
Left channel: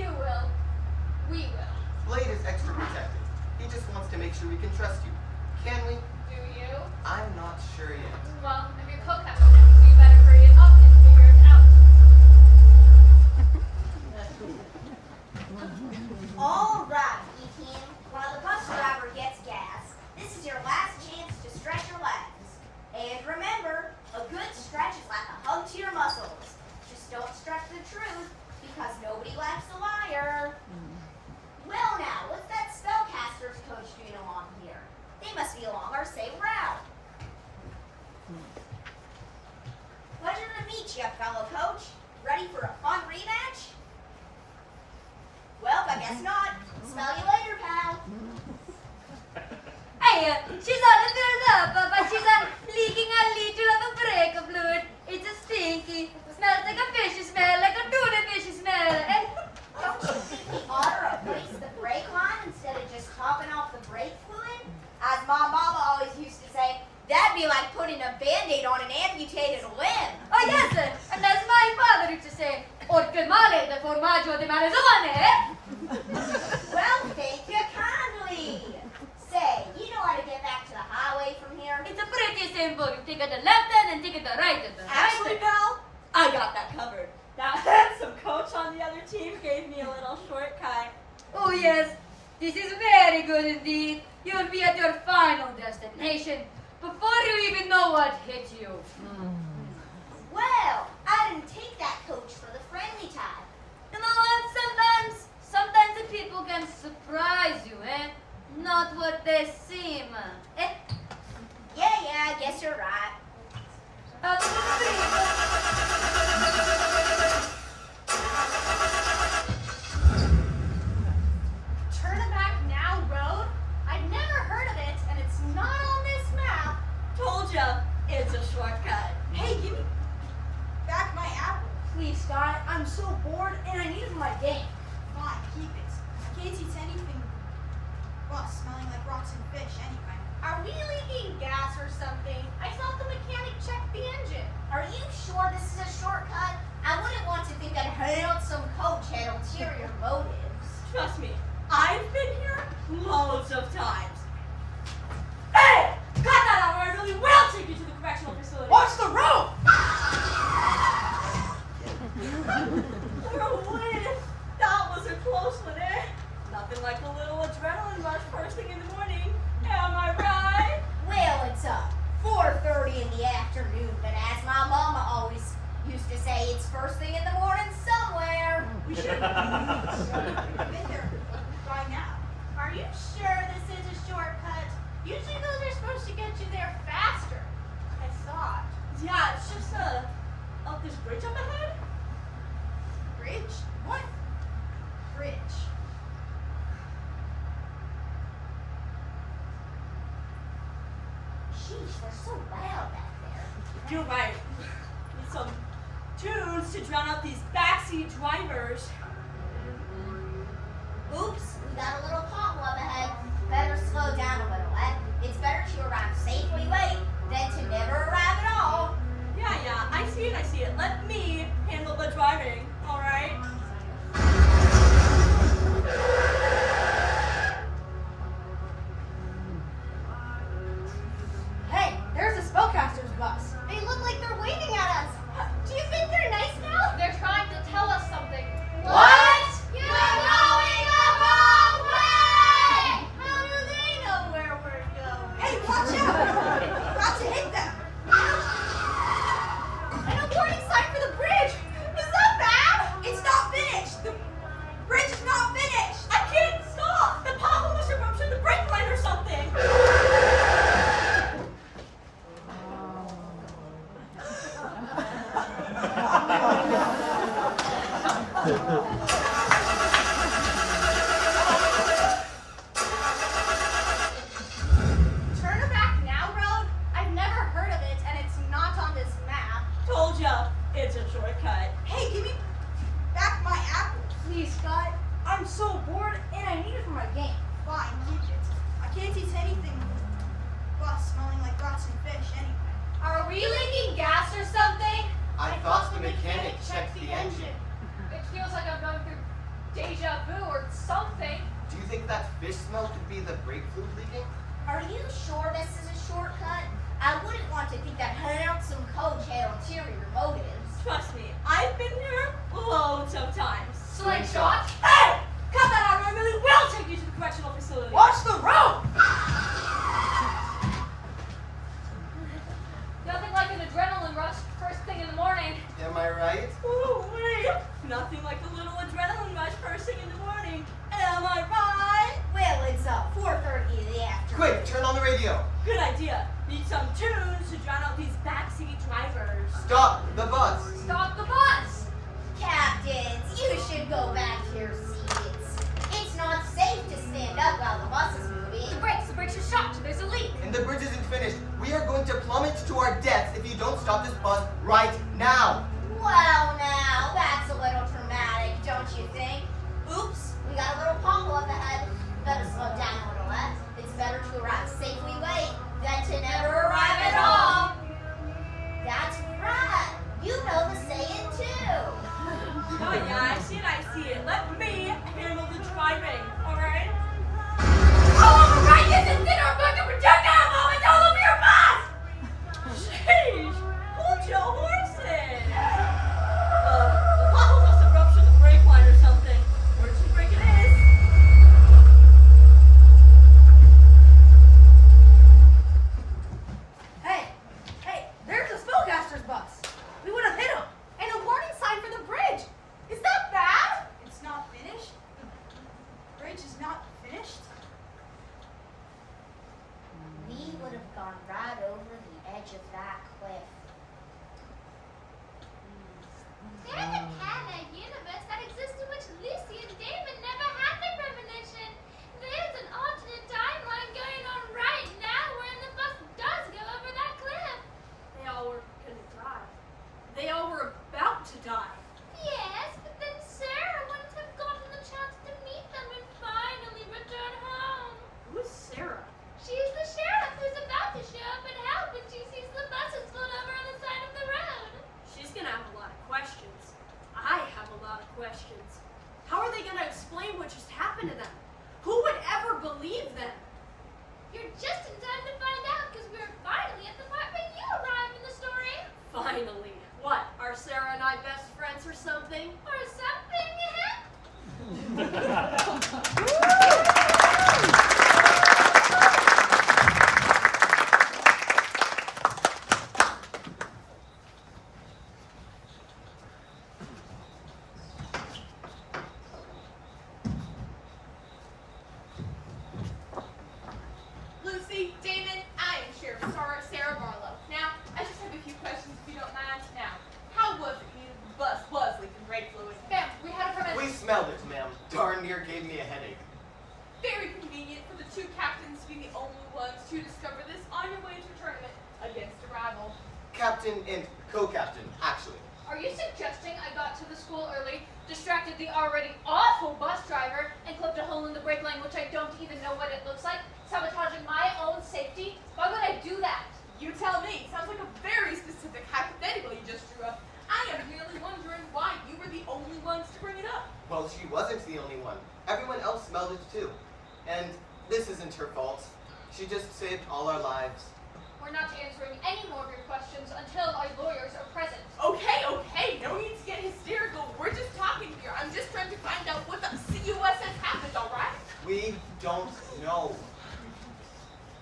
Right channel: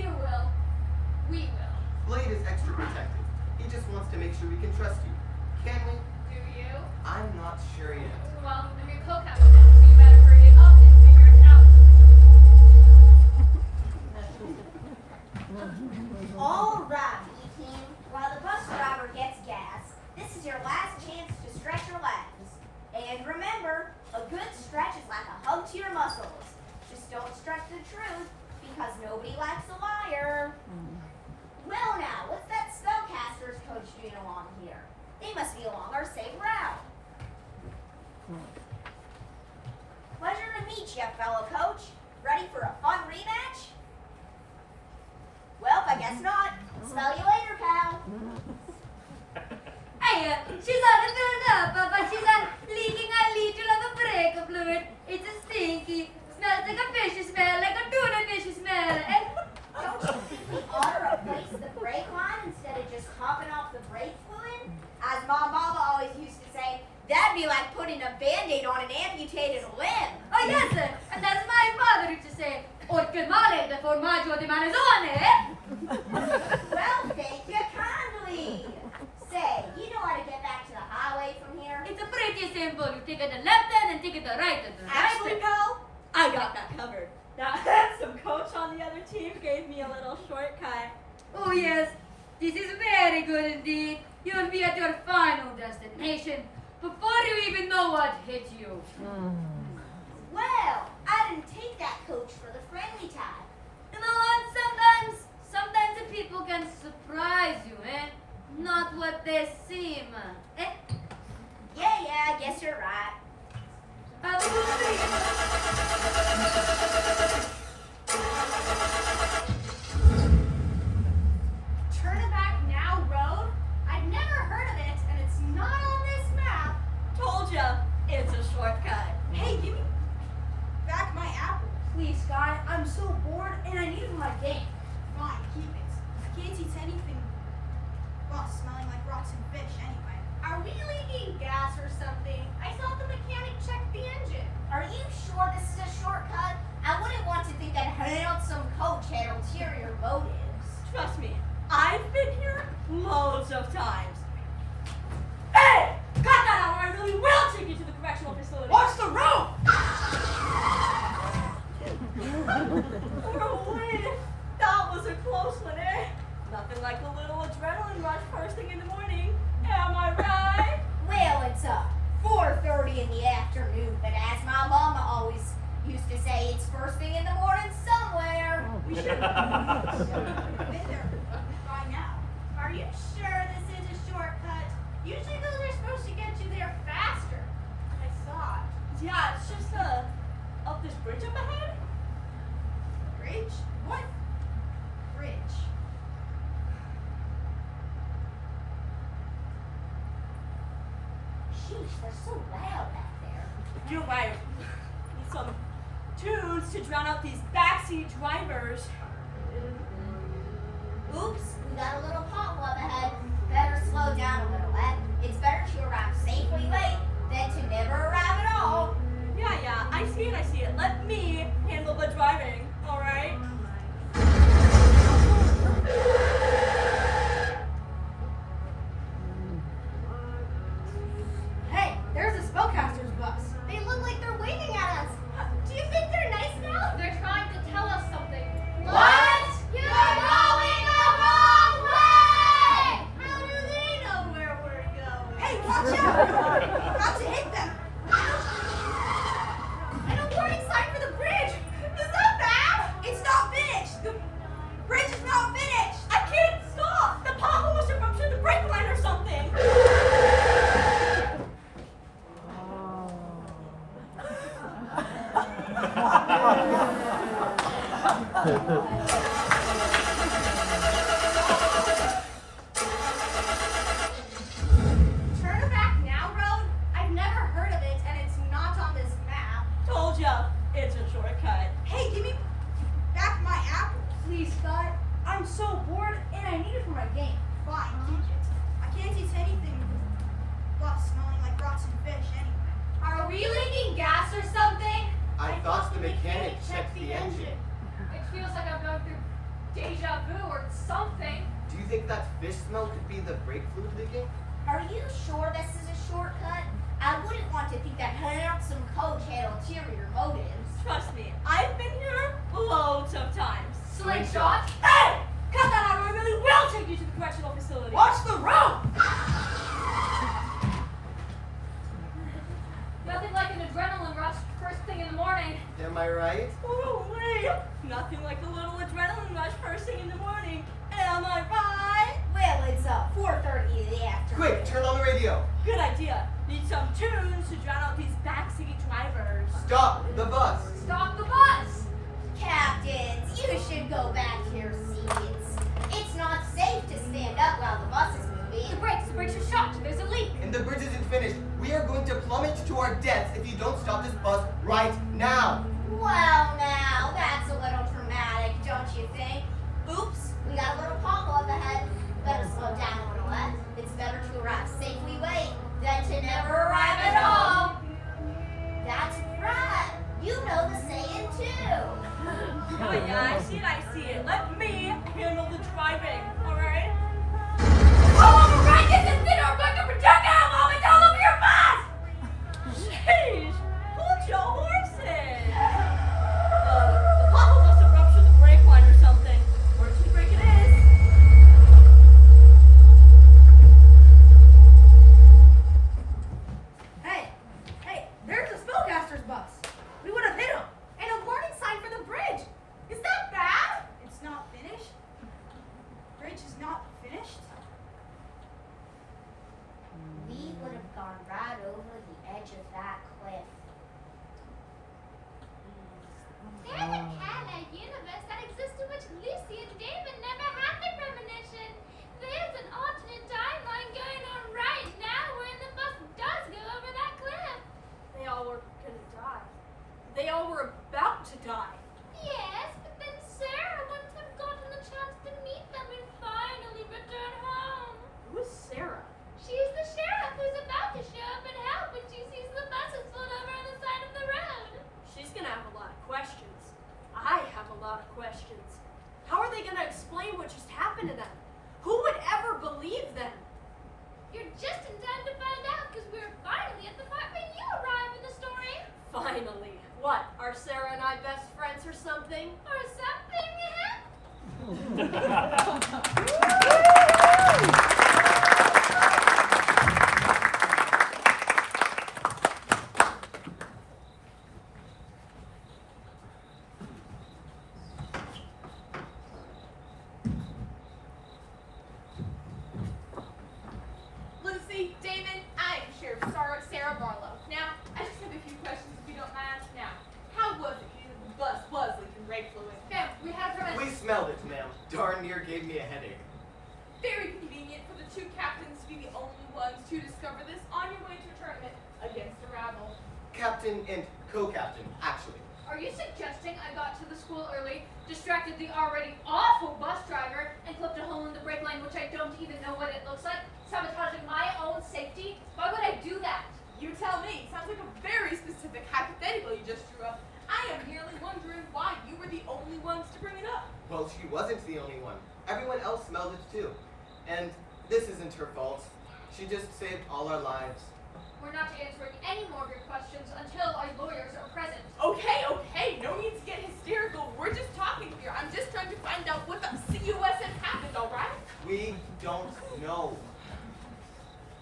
You will. We will. Blade is extra protected. He just wants to make sure we can trust you. Can we? Do you? I'm not sure yet. Well, I'm your co-captain, so you better hurry it up and figure it out. All right, E-team. While the bus driver gets gas, this is your last chance to stretch your legs. And remember, a good stretch is like a hug to your muscles. Just don't stretch the truth, because nobody likes a liar. Well now, what's that spellcasters coach doing along here? They must be along our same route. Pleasure to meet you, fellow coach. Ready for a fun rematch? Well, I guess not. Smell you later, pal. Hey, she's on the third up, but she's leaking a liter of a breaker fluid. It's a stinky. Smells like a fishy smell, like a tuna fishy smell. And Don't you think we ought to replace the brake line instead of just topping off the brake fluid? As my mama always used to say, that'd be like putting a band-aid on an amputated limb. oh yes, and as my father used to say, orche male de formaggio di malesone. Well, thank you kindly. Say, you know how to get back to the highway from here? It's a pretty simple. You take it the left hand and take it the right hand. Actually, pal, I got that covered. That handsome coach on the other team gave me a little shortcut. Oh yes, this is very good indeed. You'll be at your final destination before you even know what hit you. Well, I didn't take that coach for the friendly type. You know what? Sometimes the people can surprise you, eh? Not what they seem. Eh? Yeah, I guess you're right. Turnabout Now Road? I've never heard of it, and it's not on this map. Told ya, it's a shortcut. Hey, give me back my apple. Please, Sky, I'm so bored and I need it for my game. Fine, keep it. Can't eat anything, well, smelling like rotten fish anyway. Are we leaking gas or something? I thought the mechanic checked the engine. Are you sure this is a shortcut? I wouldn't want to think that handsome coach had ulterior motives. Trust me, I've been here loads of times. Hey! Cut that out or I really will take you to the correctional facility. Watch the road! For a win. That was a close one, eh? Nothing like a little adrenaline rush first thing in the morning. Am I right? Well, it's 4:30 in the afternoon, but as my mama always used to say, it's first thing in the morning somewhere. We should have been there by now. Are you sure this is a shortcut? Usually those are supposed to get you there faster. I thought. Yeah, it's just up this bridge up ahead. Bridge? What? Bridge. Sheesh, they're so loud back there. You're right. Need some tunes to drown out these backseat drivers. Oops, we got a little pothole up ahead. Better slow down a little, eh? It's better to arrive safely late than to never arrive at all. Yeah, I see it. Let me handle the driving, alright? Hey, there's a spellcaster's bus. They look like they're waving at us. Do you think they're nice now? They're trying to tell us something. What? You're going the wrong way! How do they know where we're going? Hey, watch out! We're about to hit them. And a warning sign for the bridge! Is that bad? It's not finished. The bridge is not finished. I can't stop! The pothole must have ruptured the brake line or something! Turn back now road? I've never heard of it, and it's not on this map. Told ya, it's a shortcut. Hey, give me back my apple. Please, Scott. I'm so bored and I need it for my game. Fine, keep it. I can't eat anything with bus smelling like rotten fish anyway. Are we leaking gas or something? I thought the mechanic checked the engine. It feels like I'm going through deja vu or something. Do you think that fish smell could be the brake fluid leaking? Are you sure this is a shortcut? I wouldn't want to think that handsome coach had ulterior motives. Trust me, I've been here loads of times. Slingshot? Hey! Cut that out or I really will take you to the correctional facility. Watch the road! Nothing like an adrenaline rush first thing in the morning. Am I right? Ooh, wait. Nothing like a little adrenaline rush first thing in the morning. Am I right? Well, it's 4:30 in the afternoon. Quick, turn on the radio. Good idea. Need some tunes to drown out these backseat drivers. Stop the bus. Stop the bus! Captains, you should go back to your seats. It's not safe to stand up while the bus is moving. The brakes are shot. There's a leak. And the bridge isn't finished. We are going to plummet to our deaths if you don't stop this bus right now. Well, now, that's a little dramatic, don't you think? Oops, we got a little pothole up ahead. Better slow down a little, eh? It's better to arrive safely late than to never arrive at all. That's right. You know the saying, too. Oh yeah, I see it. Let me handle the driving, alright? All over right distance in our bucket projectile vomit all over your bus! Sheesh! Hold your horses! something. Or something, Lucy, Damon, I am Sheriff Sarah Barlow. Now, I just have a few questions if you don't mind. Now, how was it the bus was leaking brake fluid? Ma'am, we had a permit. We smelled it, ma'am. Darn near gave me a headache. Very convenient for the two captains to be the only ones to discover this on your way to a tournament against a rival. Captain and co-captain, actually. Are you suggesting I got to the school early, distracted the already awful bus driver, and clipped a hole in the brake line which I don't even know what it looks like, sabotaging my own safety? Why would I do that? You tell me. Sounds like a very specific hypothetical you just drew up. I am merely wondering why you were the only ones to bring it up. Well, she wasn't the only one. Everyone else smelled it too. And this isn't her fault. She just saved all our lives. We're not answering any more of your questions until our lawyers are present. Okay, no need to get hysterical. We're just talking here. I'm just trying to find out what the CUS has happened, alright? We don't know.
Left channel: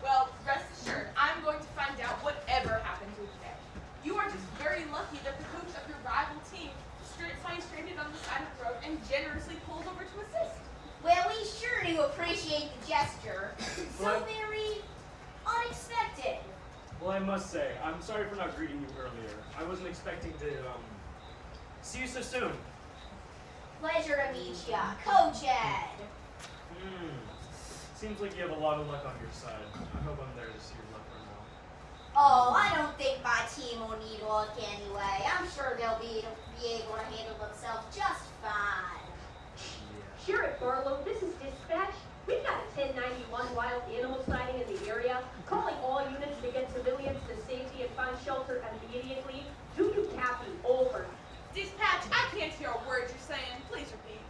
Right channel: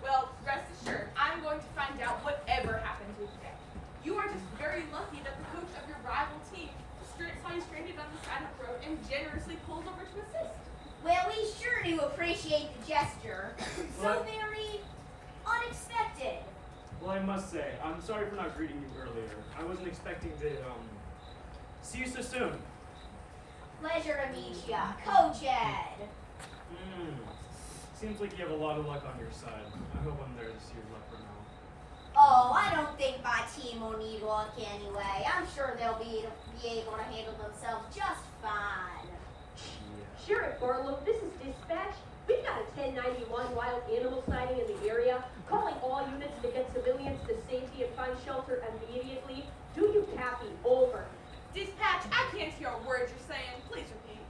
Well, rest assured, I'm going to find out whatever happened to today. You are just very lucky that the coach of your rival team saw you stranded on the side of the road and generously pulled over to assist. Well, we sure do appreciate the gesture. So What? very unexpected. Well, I must say, I'm sorry for not greeting you earlier. I wasn't expecting to, see you so soon. Pleasure to meet ya, Coach Ed. Seems like you have a lot of luck on your side. I hope I'm there to see your luck run out. Oh, I don't think my team will need luck anyway. I'm sure they'll be able to handle themselves just fine. Yeah. Sheriff Barlow, this is dispatch. We've got a 1091 wild animal sighting in the area. Calling all units to get civilians to safety and find shelter immediately. Do you copy? Over. Dispatch, I can't hear a word you're saying. Please repeat.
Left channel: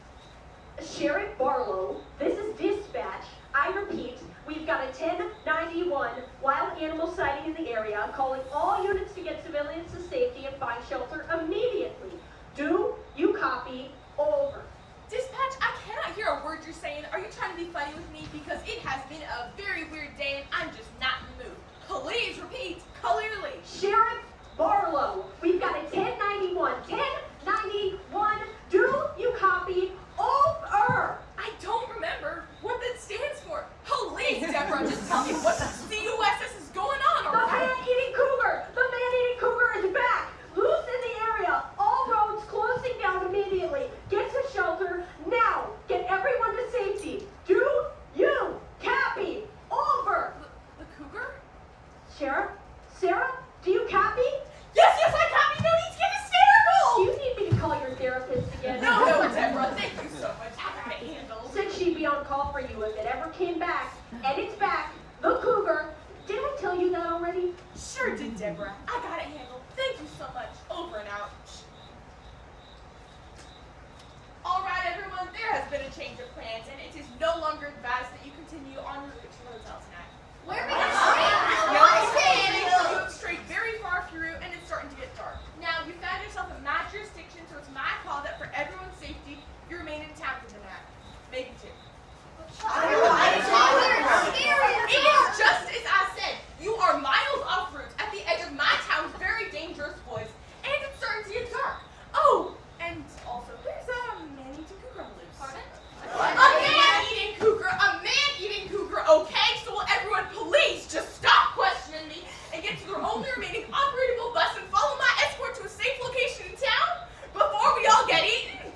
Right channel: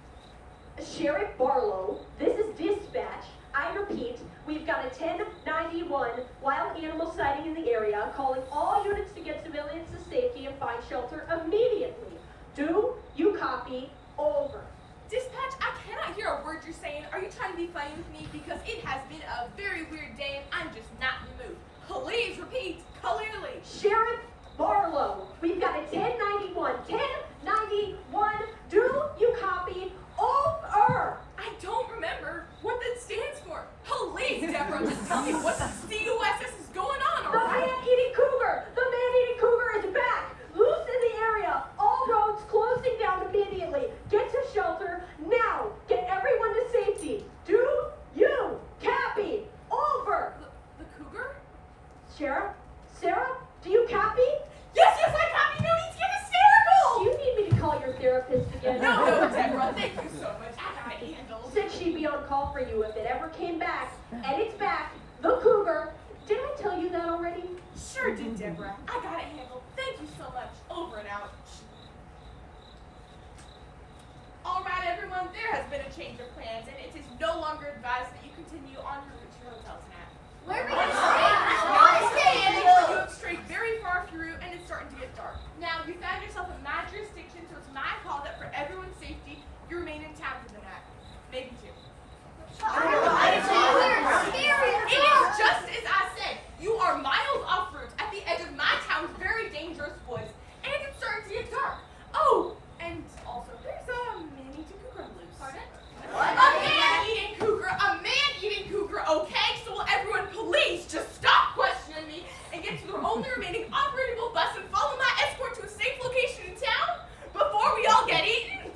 Sheriff Barlow, this is dispatch. I repeat, we've got a 1091 wild animal sighting in the area. Calling all units to get civilians to safety and find shelter immediately. Do you copy? Over. Dispatch, I cannot hear a word you're saying. Are you trying to be funny with me? Because it has been a very weird day and I'm just not in the mood. Please repeat clearly. Sheriff Barlow, we've got a 1091. 1091. Do you copy? Over. I don't remember what that stands for. Please, Deborah, just tell me what the CUSS is going on, The alright? man-eating cougar. The man-eating cougar is back. Loose in the area. All roads closing down immediately. Get to shelter now. Get everyone to safety. Do you copy? Over. The cougar? Sheriff? Sarah? Do you copy? Yes, I copy. No need to get hysterical. Do you need me to call your therapist again? No, Deborah, thank you so much. I got it handled. Said she'd be on call for you if it ever came back. And it's back. The cougar. Did I tell you that already? Sure did, Deborah. I got it handled. Thank you so much. Over and out. Alright, everyone, there has been a change of plans, and it is no longer advised that you continue on your route to the hotel tonight. Where are we No, going? you have strayed very far off your route, and it's starting to get dark. Now, you found yourself in my jurisdiction, so it's my call that for everyone's safety, you remain in town for the night. Maybe two. It is just as I said. You are miles off route at the edge of my town's very dangerous woods, and it's starting to get dark. Oh, and also there's a man-eating cougar loose. Pardon? A man-eating cougar, okay? So will everyone please just stop questioning me and get to the only remaining operable bus and follow my escort to a safe location in town before we all get eaten?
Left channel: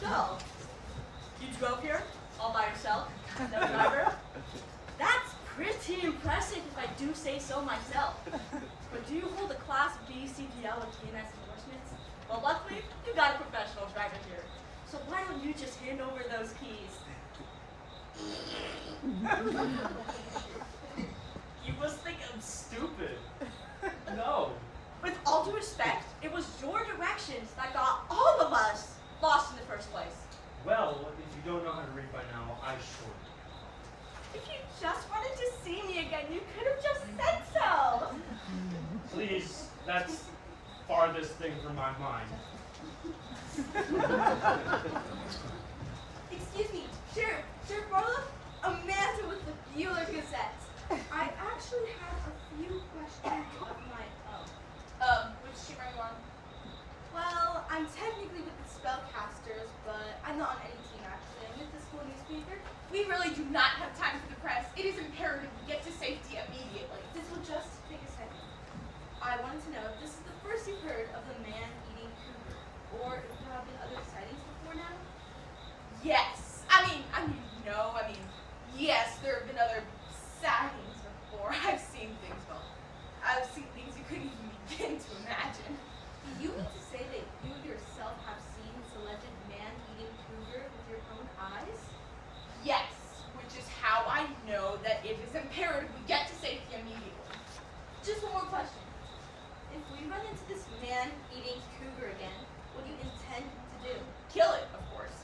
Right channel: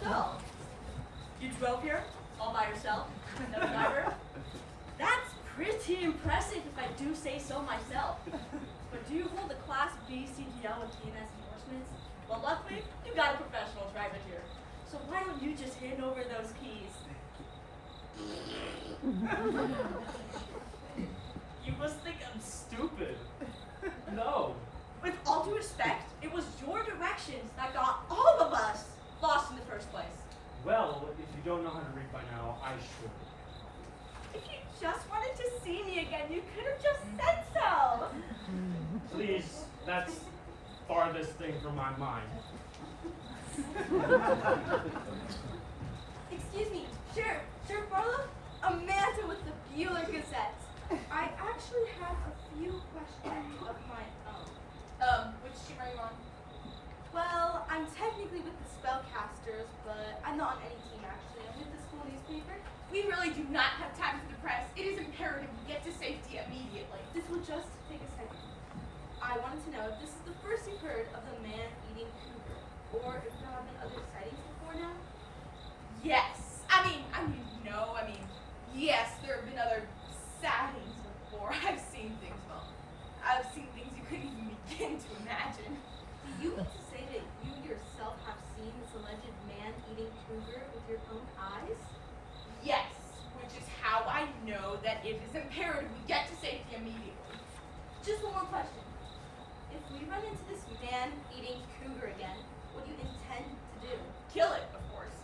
So, you drove here all by yourself? No driver? That's pretty impressive if I do say so myself. But do you hold a Class B CDL and TNS endorsements? Well, luckily, you got a professional driver here. So why don't you just hand over those keys? You must think I'm stupid. No. With all due respect, it was your directions that got all of us lost in the first place. Well, if you don't know how to read by now, I sure do. If you just wanted to see me again, you could have just said so. Please, that's farthest thing from my mind. Excuse me, Sheriff Barlow? Amanda with the Bueller Gazette. I actually have a few questions of my own. Which team are you on? Well, I'm technically with the Spellcasters, but I'm not on any team actually. I'm with the school newspaper. We really do not have time for the press. It is imperative we get to safety immediately. This will just take a second. I wanted to know if this is the first you've heard of the man-eating cougar, or if there have been other sightings before now. Yes. Yes, there have been other sightings before. I've seen things you couldn't even begin to imagine. Do you mean to say that you yourself have seen this alleged man-eating cougar with your own eyes? Yes, which is how I know that it is imperative we get to safety immediately. Just one more question. If we run into this man-eating cougar again, what do you intend to do? Kill it, of course.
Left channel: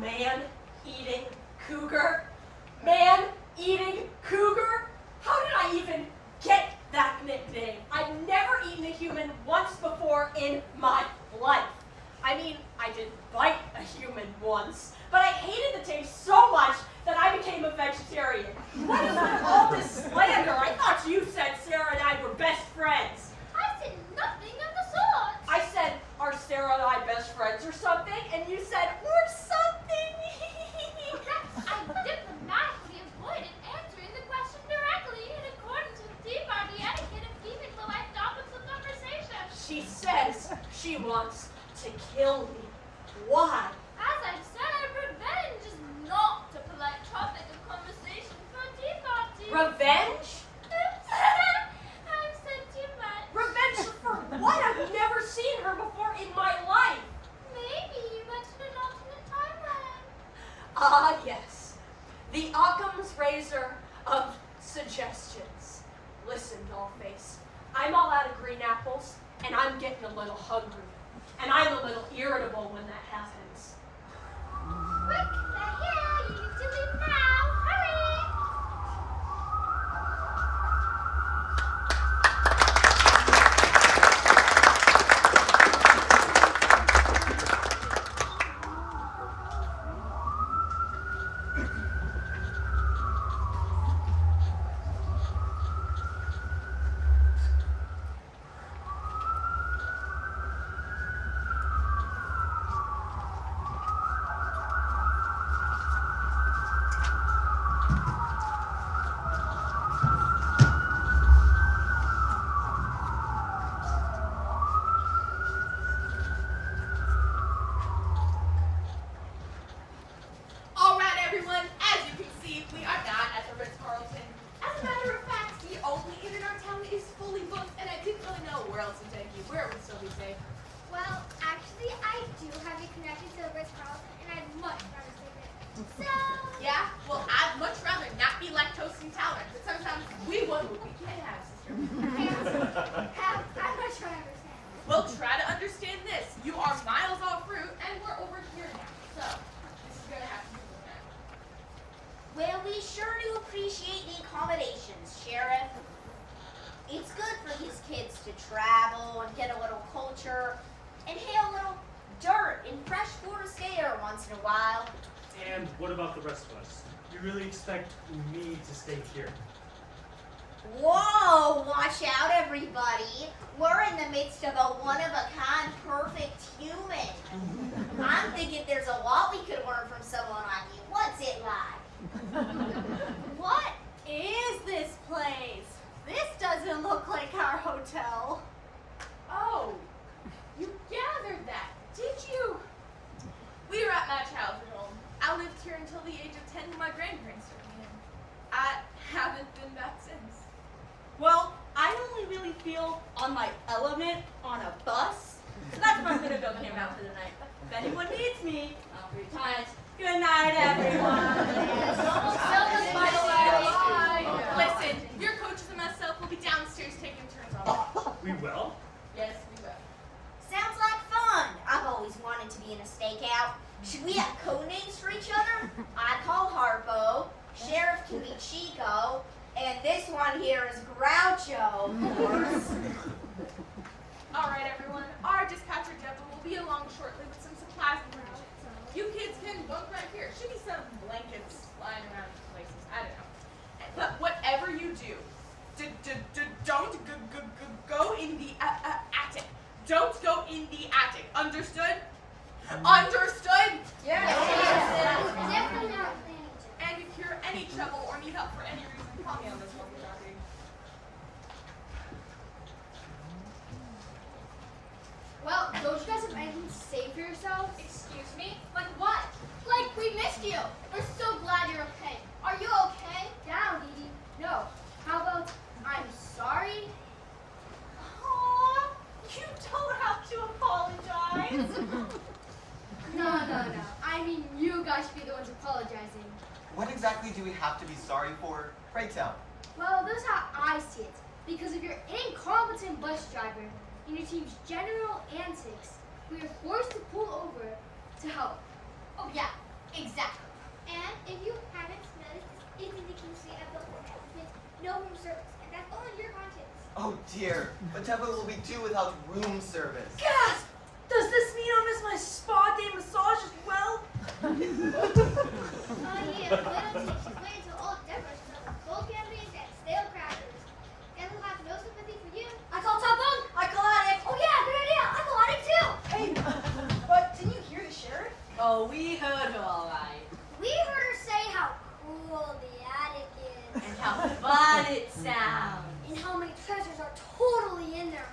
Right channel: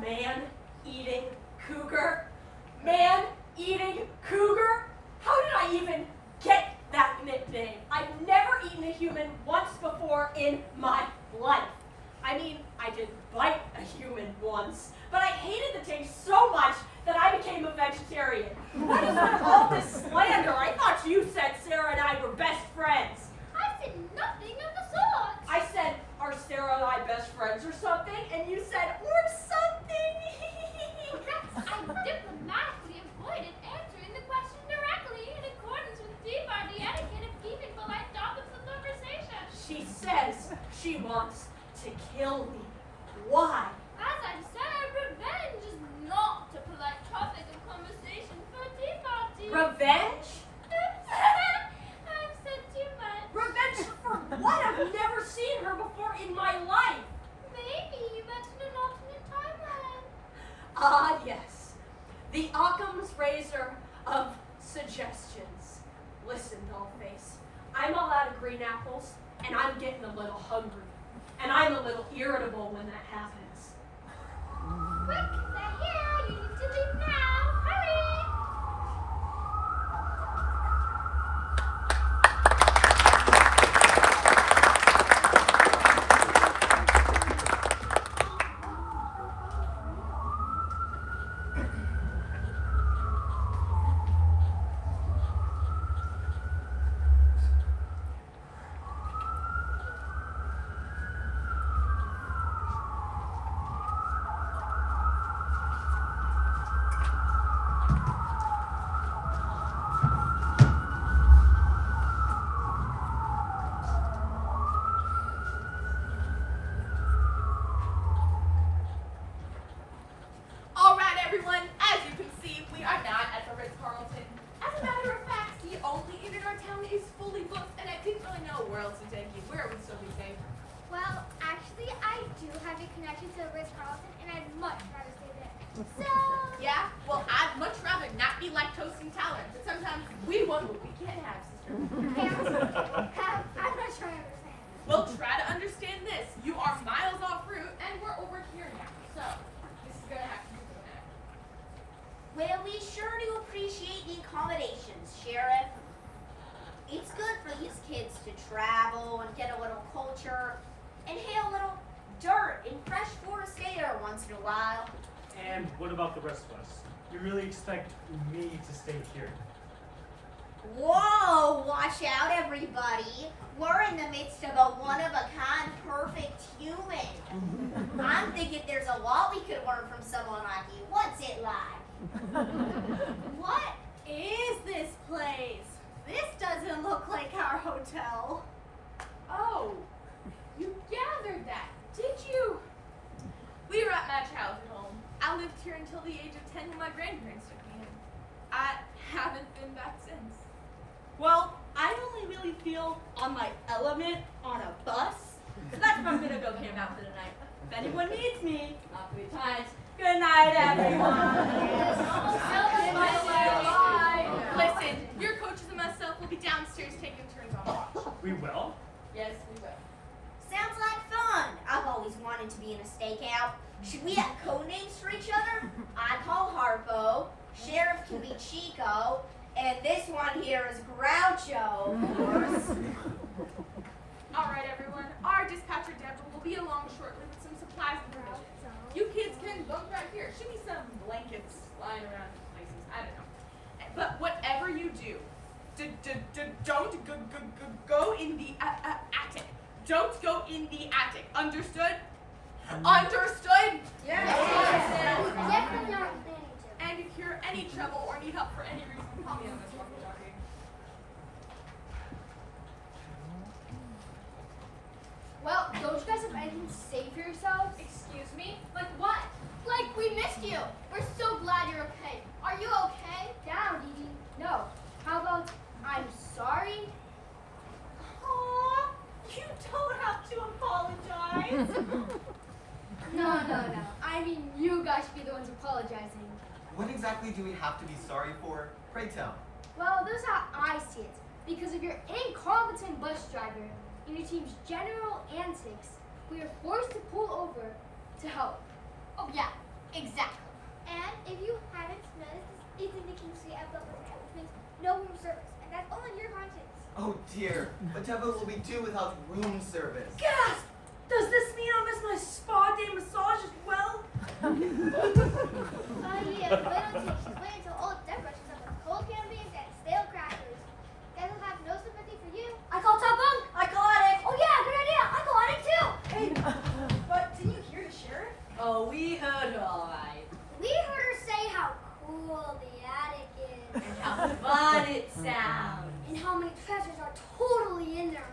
Man-eating cougar? Man-eating cougar? How did I even get that nickname? I've never eaten a human once before in my life. I mean, I did bite a human once, but I hated the taste so much that I became a vegetarian. What is with all this slander? I thought you said Sarah and I were best friends. I said nothing of the sort. I said, are Sarah and I best friends or something? And you said, or something. Perhaps I diplomatically avoided answering the question directly in accordance with tea party etiquette of keeping polite topics of conversation. She says she wants to kill me. Why? As I said, revenge is not a polite topic of conversation for a tea party. Revenge? I've said too much. Revenge for what? I've never seen her before in my life. Maybe you mentioned an alternate timeline. Ah, yes. The Occam's razor of suggestions. Listen, Dollface. I'm all out of green apples, and I'm getting a little hungry. And I'm a little irritable when that happens. Quick, they're here. You need to leave now. Hurry! All right, everyone. As you can see, we are not at the Ritz-Carlton. As a matter of fact, the only inn in our town is fully booked, and I didn't really know where else to take you. Where would still be safe? Well, actually, I do have a connection to the Ritz-Carlton, and I'd much rather stay there. So... Yeah? Well, I'd much rather not be lactose intolerant, but sometimes we want what we can't have, sister. I'm not sure I understand. Well, try to understand this. You are miles off route, and we're over here now. So, this is going to have to be the next. We'll be sure to appreciate the accommodations, Sheriff. It's good for these kids to travel and get a little culture and hit a little dirt in fresh Florida air once in a while. And what about the rest of us? You really expect me to stay here? Whoa, watch out everybody. We're in the midst of a one-of-a-kind perfect human. I'm thinking there's a lot we could learn from someone like you. What's it like? What is this place? This doesn't look like our hotel. Oh, you gathered that, did you? We were at my childhood home. I lived here until the age of 10 when my grandparents took me in. I haven't been back since. Well, I only really feel on my element on a bus, so that's where I'm gonna go camp out for the night. If anyone needs me, not 3 times. Good night, everyone. Listen, your coaches and myself will be downstairs taking turns on watch. We will? Yes, we will. Sounds like Should we have code names for each other? I call Harpo, Sheriff can be Chico, and this one here is Groucho, of course. All right, everyone. Our dispatcher Deborah will be along shortly with some supplies and provisions. You kids can bunk right here. Should be some blankets lying around places. I don't know. But whatever you do, don't go in the attic. Don't go in the attic. Understood? Understood? Definitely not planning to. And if you're any trouble or need help for any reason, call me on this walkie-talkie. Well, don't you guys have anything to say for yourselves? Excuse me? Like what? Like we missed you. We're so glad you're okay. Are you okay? Down, Dee Dee. No. How about I'm sorry? Aw, you don't have to apologize. No. I mean, you guys should be the ones apologizing. What exactly do we have to be sorry for? Pray tell. Well, that's how I see it. Because of your incompetent bus driver and your team's general antics, we are forced to pull over to help. Oh yeah, exactly. And if you haven't noticed, this is indication of the whole means no room service, and that's all in your conscience. Oh dear, whatever will we do without room service? Gasp! Does this mean I'll miss my spa day massage as well? Yeah, little tick. She's waiting until old Deborah she's on cold candies and stale crackers. Guess will have no sympathy for you. I call top bunk. I call attic. Oh yeah, good idea. I call attic too. Hey, but didn't you hear the sheriff? Oh, we heard her all right. We heard her say how cool the attic is. And how fun it sounds. And how many treasures are totally in there.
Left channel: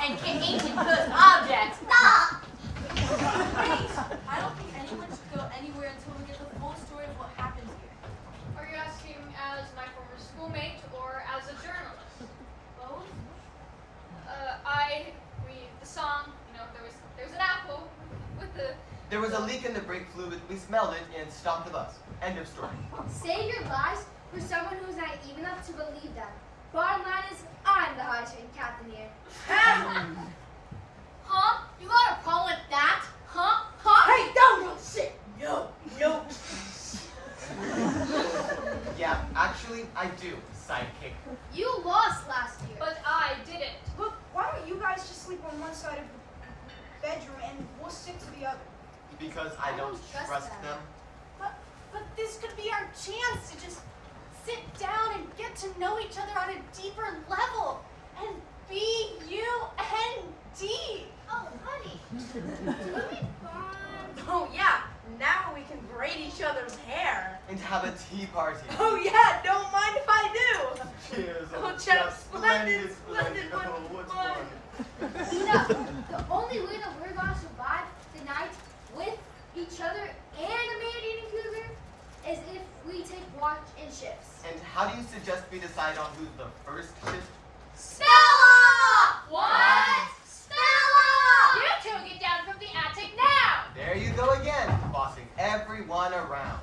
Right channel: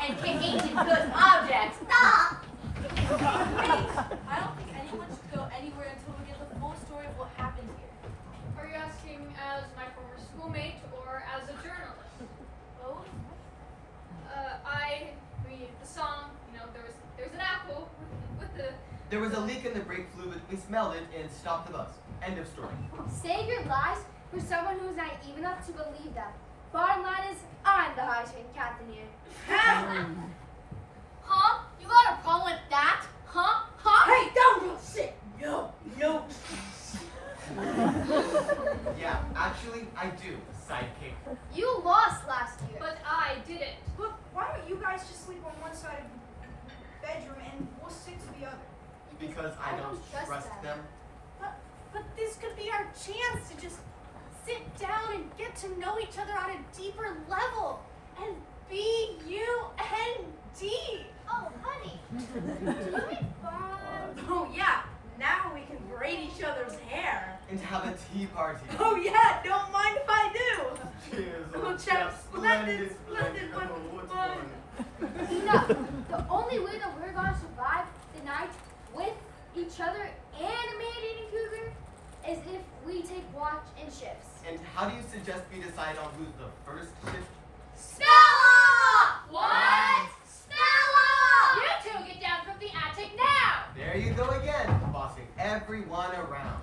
And can ancient good objects. Stop! I don't think anyone should go anywhere until we get the full story of what happened here. Are you asking as my former schoolmate or as a journalist? Both? The song, there was an apple with the. There was a leak in the brake fluid, we smelled it, and stopped the bus. End of story. Save your lies for someone who's naive enough to believe them. Bottom line is, I'm the highest rated captain here. Huh? You got a problem with that? Huh? Hey, don't shit! No. Yeah, actually, I do, sidekick. You lost last year. But I didn't. But why don't you guys just sleep on one side of the bedroom and we'll stick to the other? Because I don't trust them. But this could be our chance to just sit down and get to know each other on a deeper level. And B-U-N-D. Oh, honey. You'll be fine. Oh yeah, now we can braid each other's hair. And have a tea party. Oh yeah, don't mind if I do. Cheers, Oh, old chap, chap. splendid, Oh, what's fun. fun? Enough. The only way that we're gonna survive the night with each other and a man-eating cougar is if we take watch in shifts. And how do you suggest we decide on who's the first shift? Stella! What? Stella! You two get down from the attic now! There you go again, bossing everyone around.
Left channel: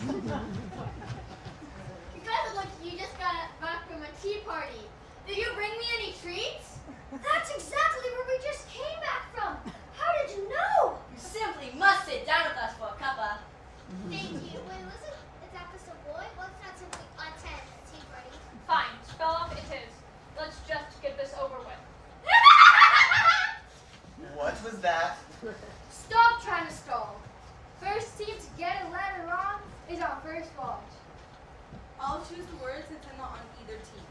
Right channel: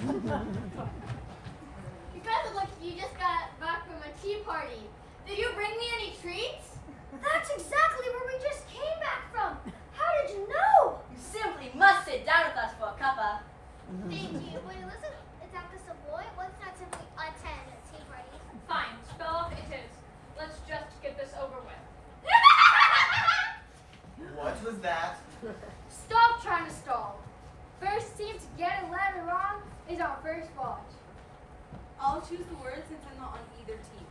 You guys look like you just got back from a tea party. Did you bring me any treats? That's exactly where we just came back from. How did you know? You simply must sit down with us for a cuppa. Thank you. Wait, listen. Is that the Savoy? What's not simply attend a tea party? Fine, spell off it is. Let's just get this over with. What was that? Stop trying to stall. First team to get a letter wrong is on first watch. I'll choose the word since I'm not on either team.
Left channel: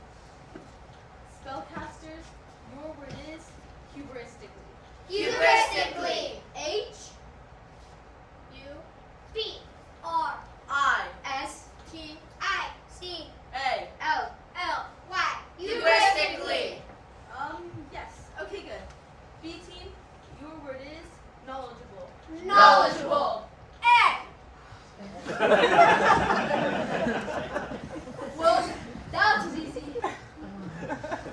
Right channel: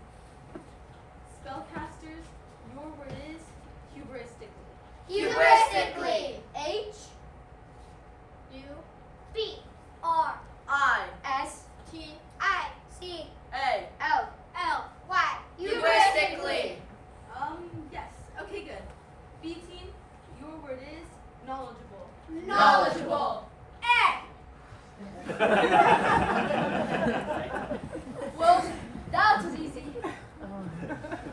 Spellcasters, your word is hubristically. Hubristically. H U B R I S T I C A. L. L Y. Hubristically. Yes. Okay, good. B team, your word is knowledgeable. Knowledgeable. A. Well, that was easy.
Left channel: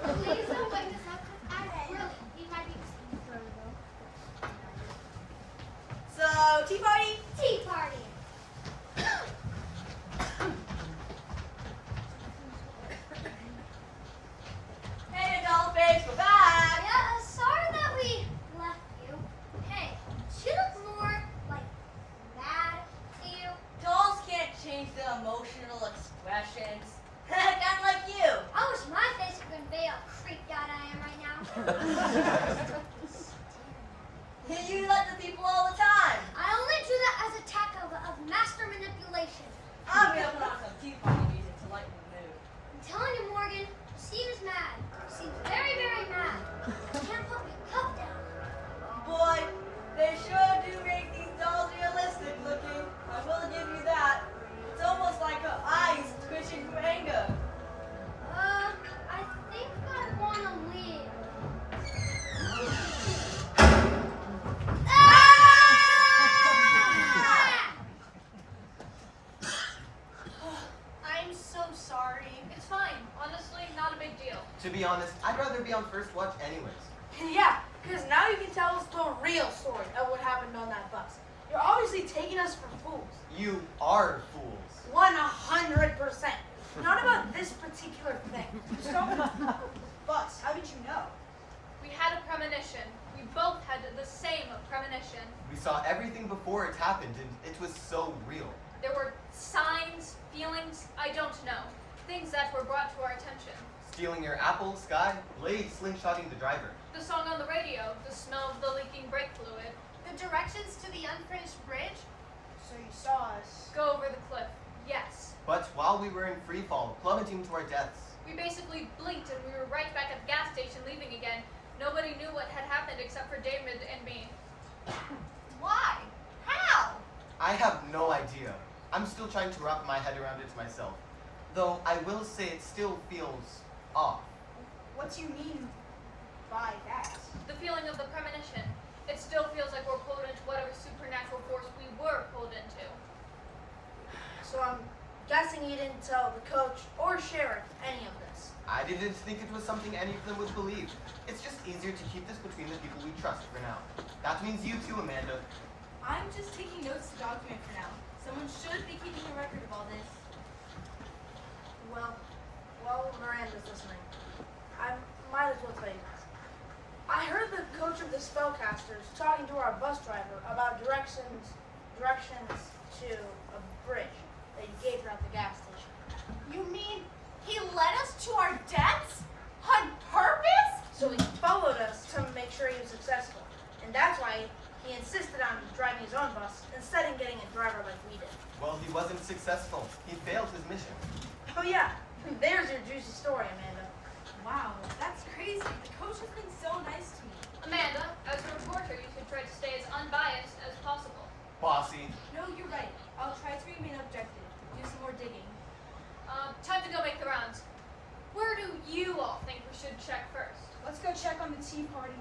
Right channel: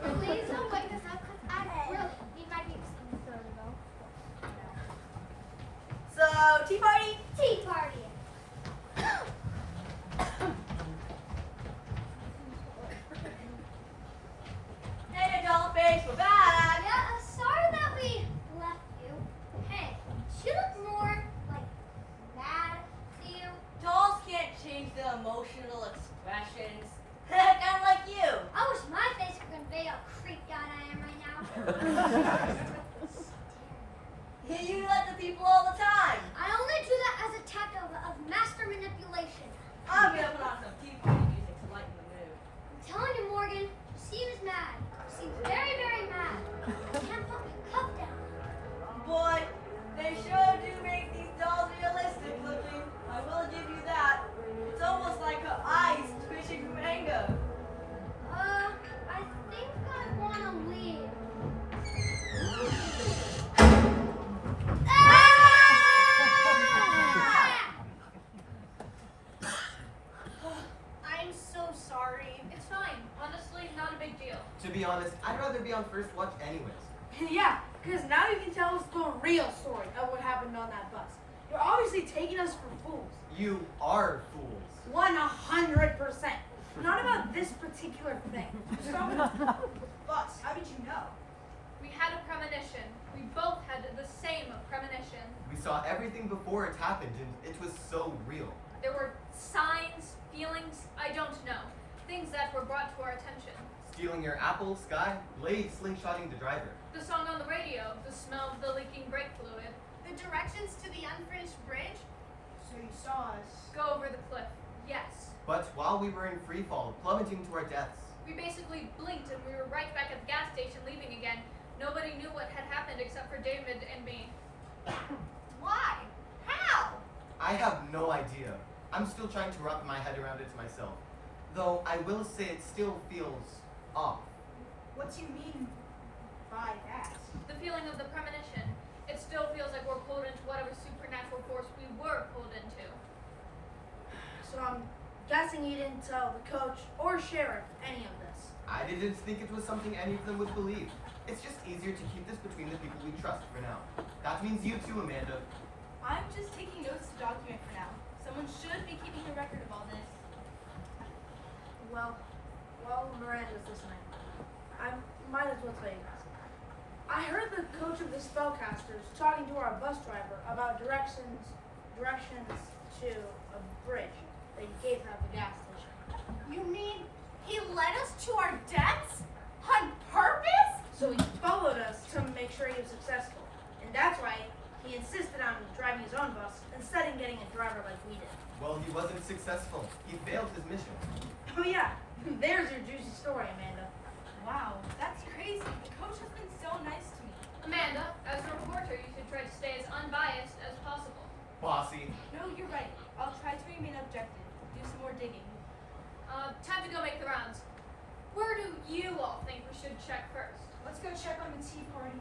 Please don't wake us up because I really need my beats. So, tea party? Tea party. Hey, doll face, we're back. Yes. be honest, I'd rather be on first watch anyways. Yeah, because now you can tell us the real story of what happened on that bus. You're obviously taking us for fools. You are fools. 100%. Not about this particular thing. Bus, how did you know? We had a premonition. We both had the same premonition. We saw everything before it happened, and it was so real. There were signs, feelings, I don't know. Things that were brought to our attention. Stealing your apple, Sky, Lady slingshotting the driver. The song on the radio, the smell of the leaking brake fluid. The directions to the unfinished bridge? So you saw us. Go over the cliff. Yes. But while we were in free fall, plummeting to our deaths, We basically blinked and we were right back at the gas station leaving again. Nobody knew what had happened except for David and me. Why? How? I have no idea. I'm still trying to wrap my head around it myself. Though I will say it still feels off. What do you mean by that? The feeling of the premonition. It still feels like we're pulled into whatever supernatural force we were pulled into. So I'm guessing you didn't tell the coach or sheriff any of this. I didn't think it was something any of them would believe. It's just easier to keep this between the people we trust for now. That means you too, Amanda. I'm just taking notes to document for now. Someone should be keeping a record of all this. Well, while Miranda's listening, I might as well tell you this. I heard the coach of the spellcasters talking to our bus driver about directions to a bridge that you gave her at the gas station. You mean he led us to our deaths? On purpose? So he followed us to make sure he was successful. And that's why he insisted on driving his own bus instead of getting a driver like we did. Well, he wasn't successful. He failed his mission. Oh yeah, there's your juicy story, Amanda. Wow, that's crazy. The coach has been so nice to me. Amanda, as a reporter, you should try to stay as unbiased as possible. Bossy. No, you're right. I'll try to remain objective. Do some more digging. Time to go make the rounds. Where do you all think we should check first? Let's go check on the Tea Party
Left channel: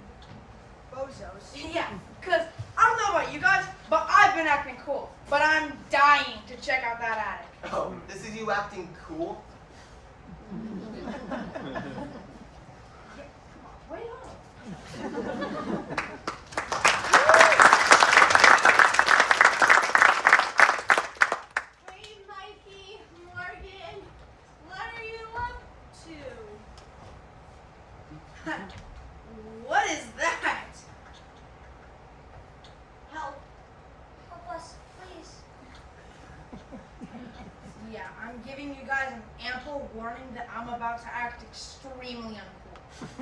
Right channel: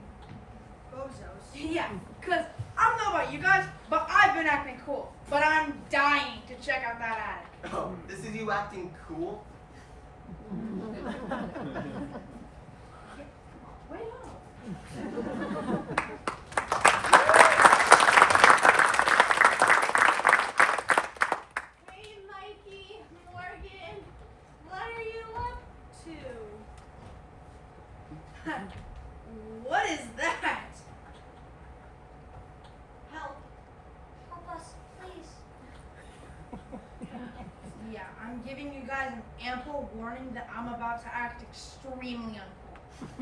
bozos. Yeah, because I don't know about you guys, but I've been acting cool. But I'm dying to check out that attic. Oh, this is you acting cool? Wait on. Hey, Mikey, Morgan, what are you up to? What is that? Help. Help us, please. Yeah, I'm giving you guys an ample warning that I'm about to act extremely uncool.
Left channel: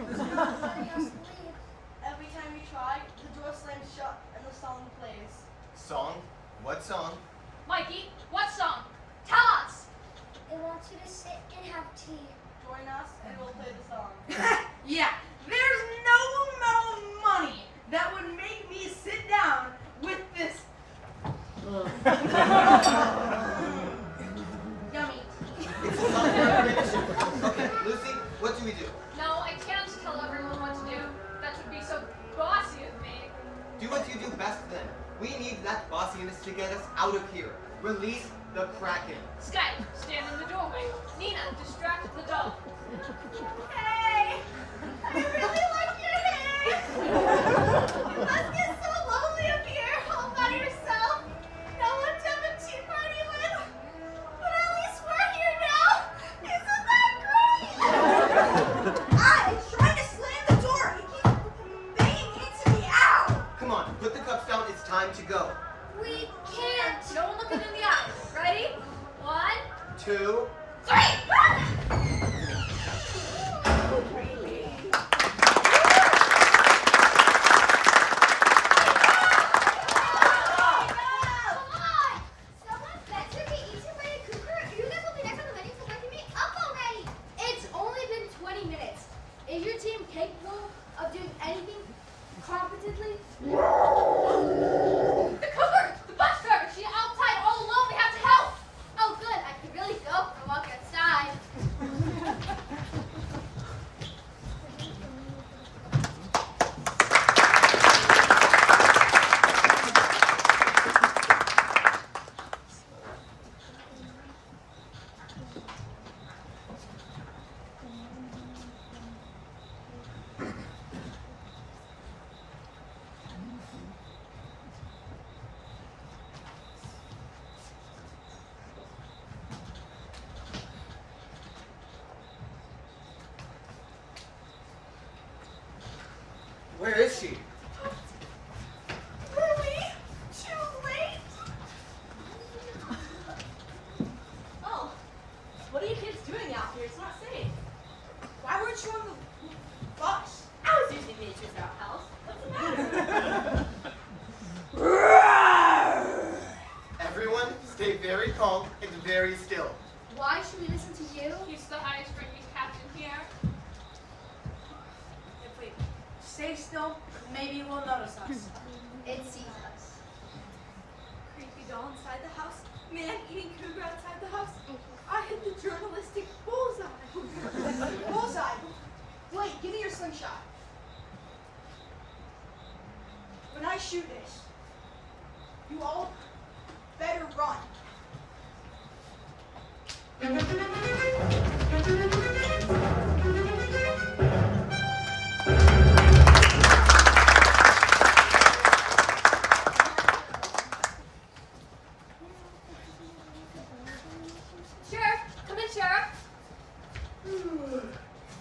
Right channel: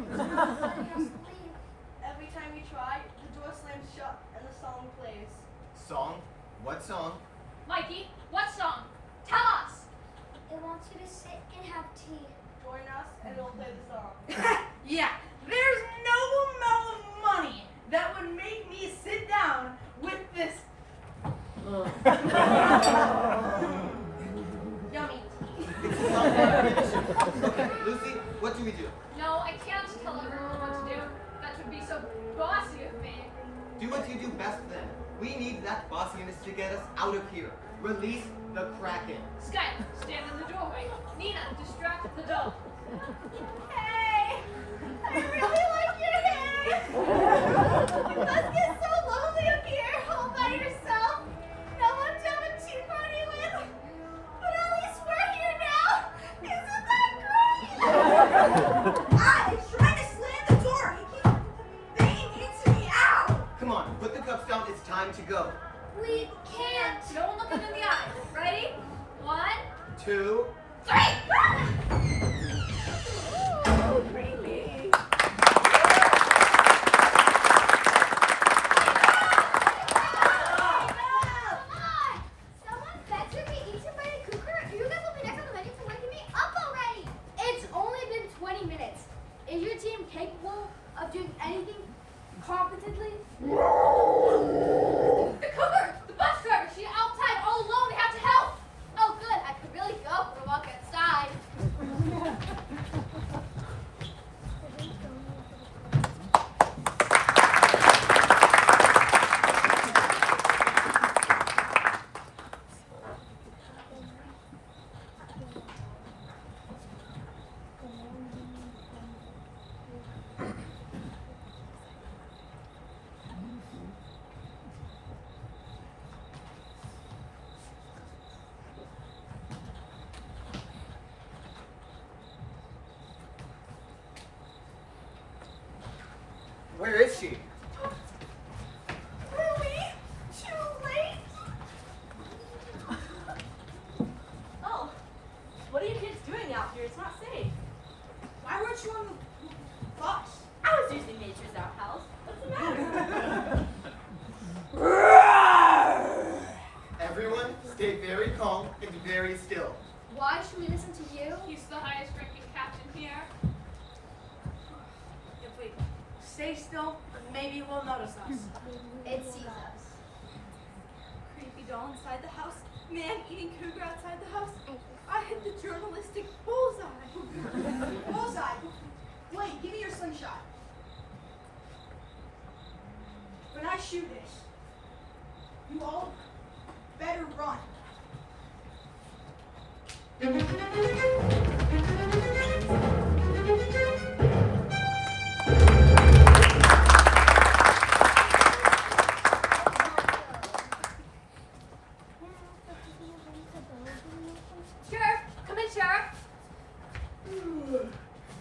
Letting us leave. Every time we try, the door slams shut and the song plays. Song? What song? Mikey, what song? Tell us! It wants you to sit and have tea. Join us and we'll play the song. Yeah, there's no amount of money that would make me sit down with this dummy. It's a song for our premonition. Okay, Lucy, what do we do? No, I can't tell everyone what to do. That would be so bossy of me. Do what you do best then. We need that bossiness to get us out of here. Release the Kraken. Sky, stand in the doorway. Nina, distract the doll. Hey! I really like your hair! You must get so lonely up here all by yourself. No one to have a tea party with. But at least we're here now. Isn't that great? I trying to slam the door. He keeps banging into me. Ow! Come on, put the cups down. It's time to go. We can't. No one looking in the eyes. Ready? 1, 2. 3! Come on! Someone better be eaten by a cougar. You guys will be next on the menu for waking me up already. It's only been 20 minutes. Is your team capable of doing anything competently? The cougar! The bus driver! She's outside all alone. We have to help! Oh, good. I could really go for a walk outside. stay very calm and very still. Why should we listen to you? He's the highest ranking captain here. If we stay still, maybe it will notice us. It sees us. Creepy doll inside the house. Man eating cougar outside the house. I hit the journalistic bullseye. Bullseye. Wait, give me your slingshot. When I shoot this, you all better run. Sheriff, come in, Sheriff.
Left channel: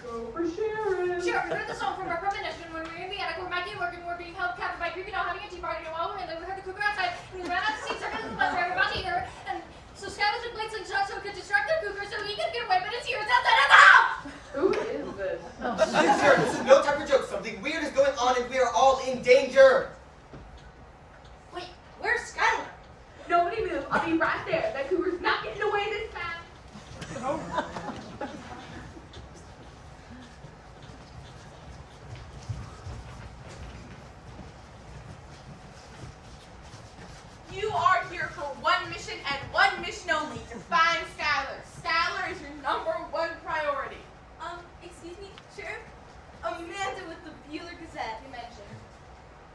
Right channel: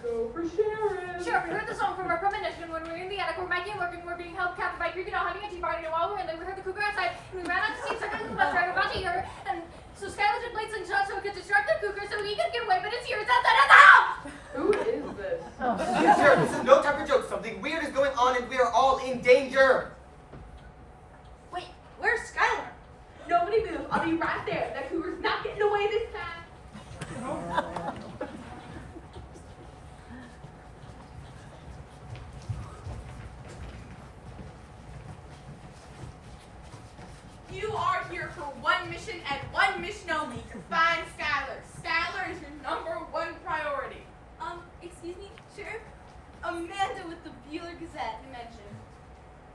Go for sheriff. Sheriff, we heard the song from our premonition when we were in the attic. We're back in working. We're being held captive by creepy doll having a tea party. And while we were in there, we heard the cougar outside. And we ran out to see circling the bus driver about to eat her. And so Skylar played slingshot so we could distract the cougar so he could get away. But it's here. It's outside of the house. Who is this? Sir, this is no time for jokes. Something weird is going on and we are all in danger. Wait, where's Skylar? Nobody move. I'll be right there. That cougar's not getting away this time. You are here for one mission and one mission only, to find Skylar. Skylar is your #1 priority. Excuse me, Sheriff? Amanda with the Bueller Gazette mentioned.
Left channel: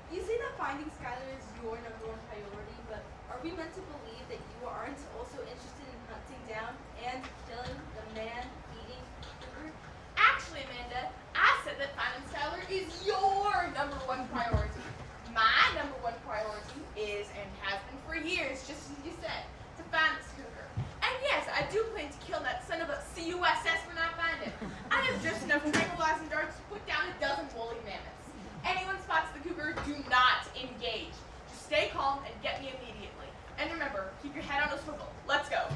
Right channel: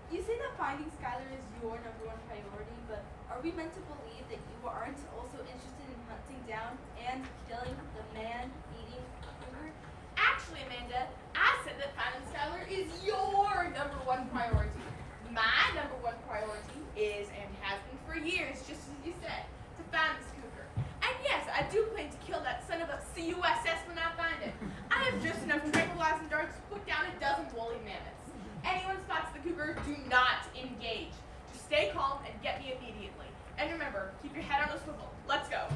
You say that finding Skylar is your #1 priority, but are we meant to believe that you aren't also interested in hunting down and killing the man-eating cougar? Actually, Amanda, I said that finding Skylar is your #1 priority. My #1 priority is, and has been for years, just as you said, to find this cougar. And yes, I do plan to kill that son of a CUSS when I find him. I have just enough tranquilizing darts to put down a dozen woolly mammoths. Anyone spots the cougar, do not engage. Just stay calm and get me immediately. And remember, keep your head on a swivel. Let's go.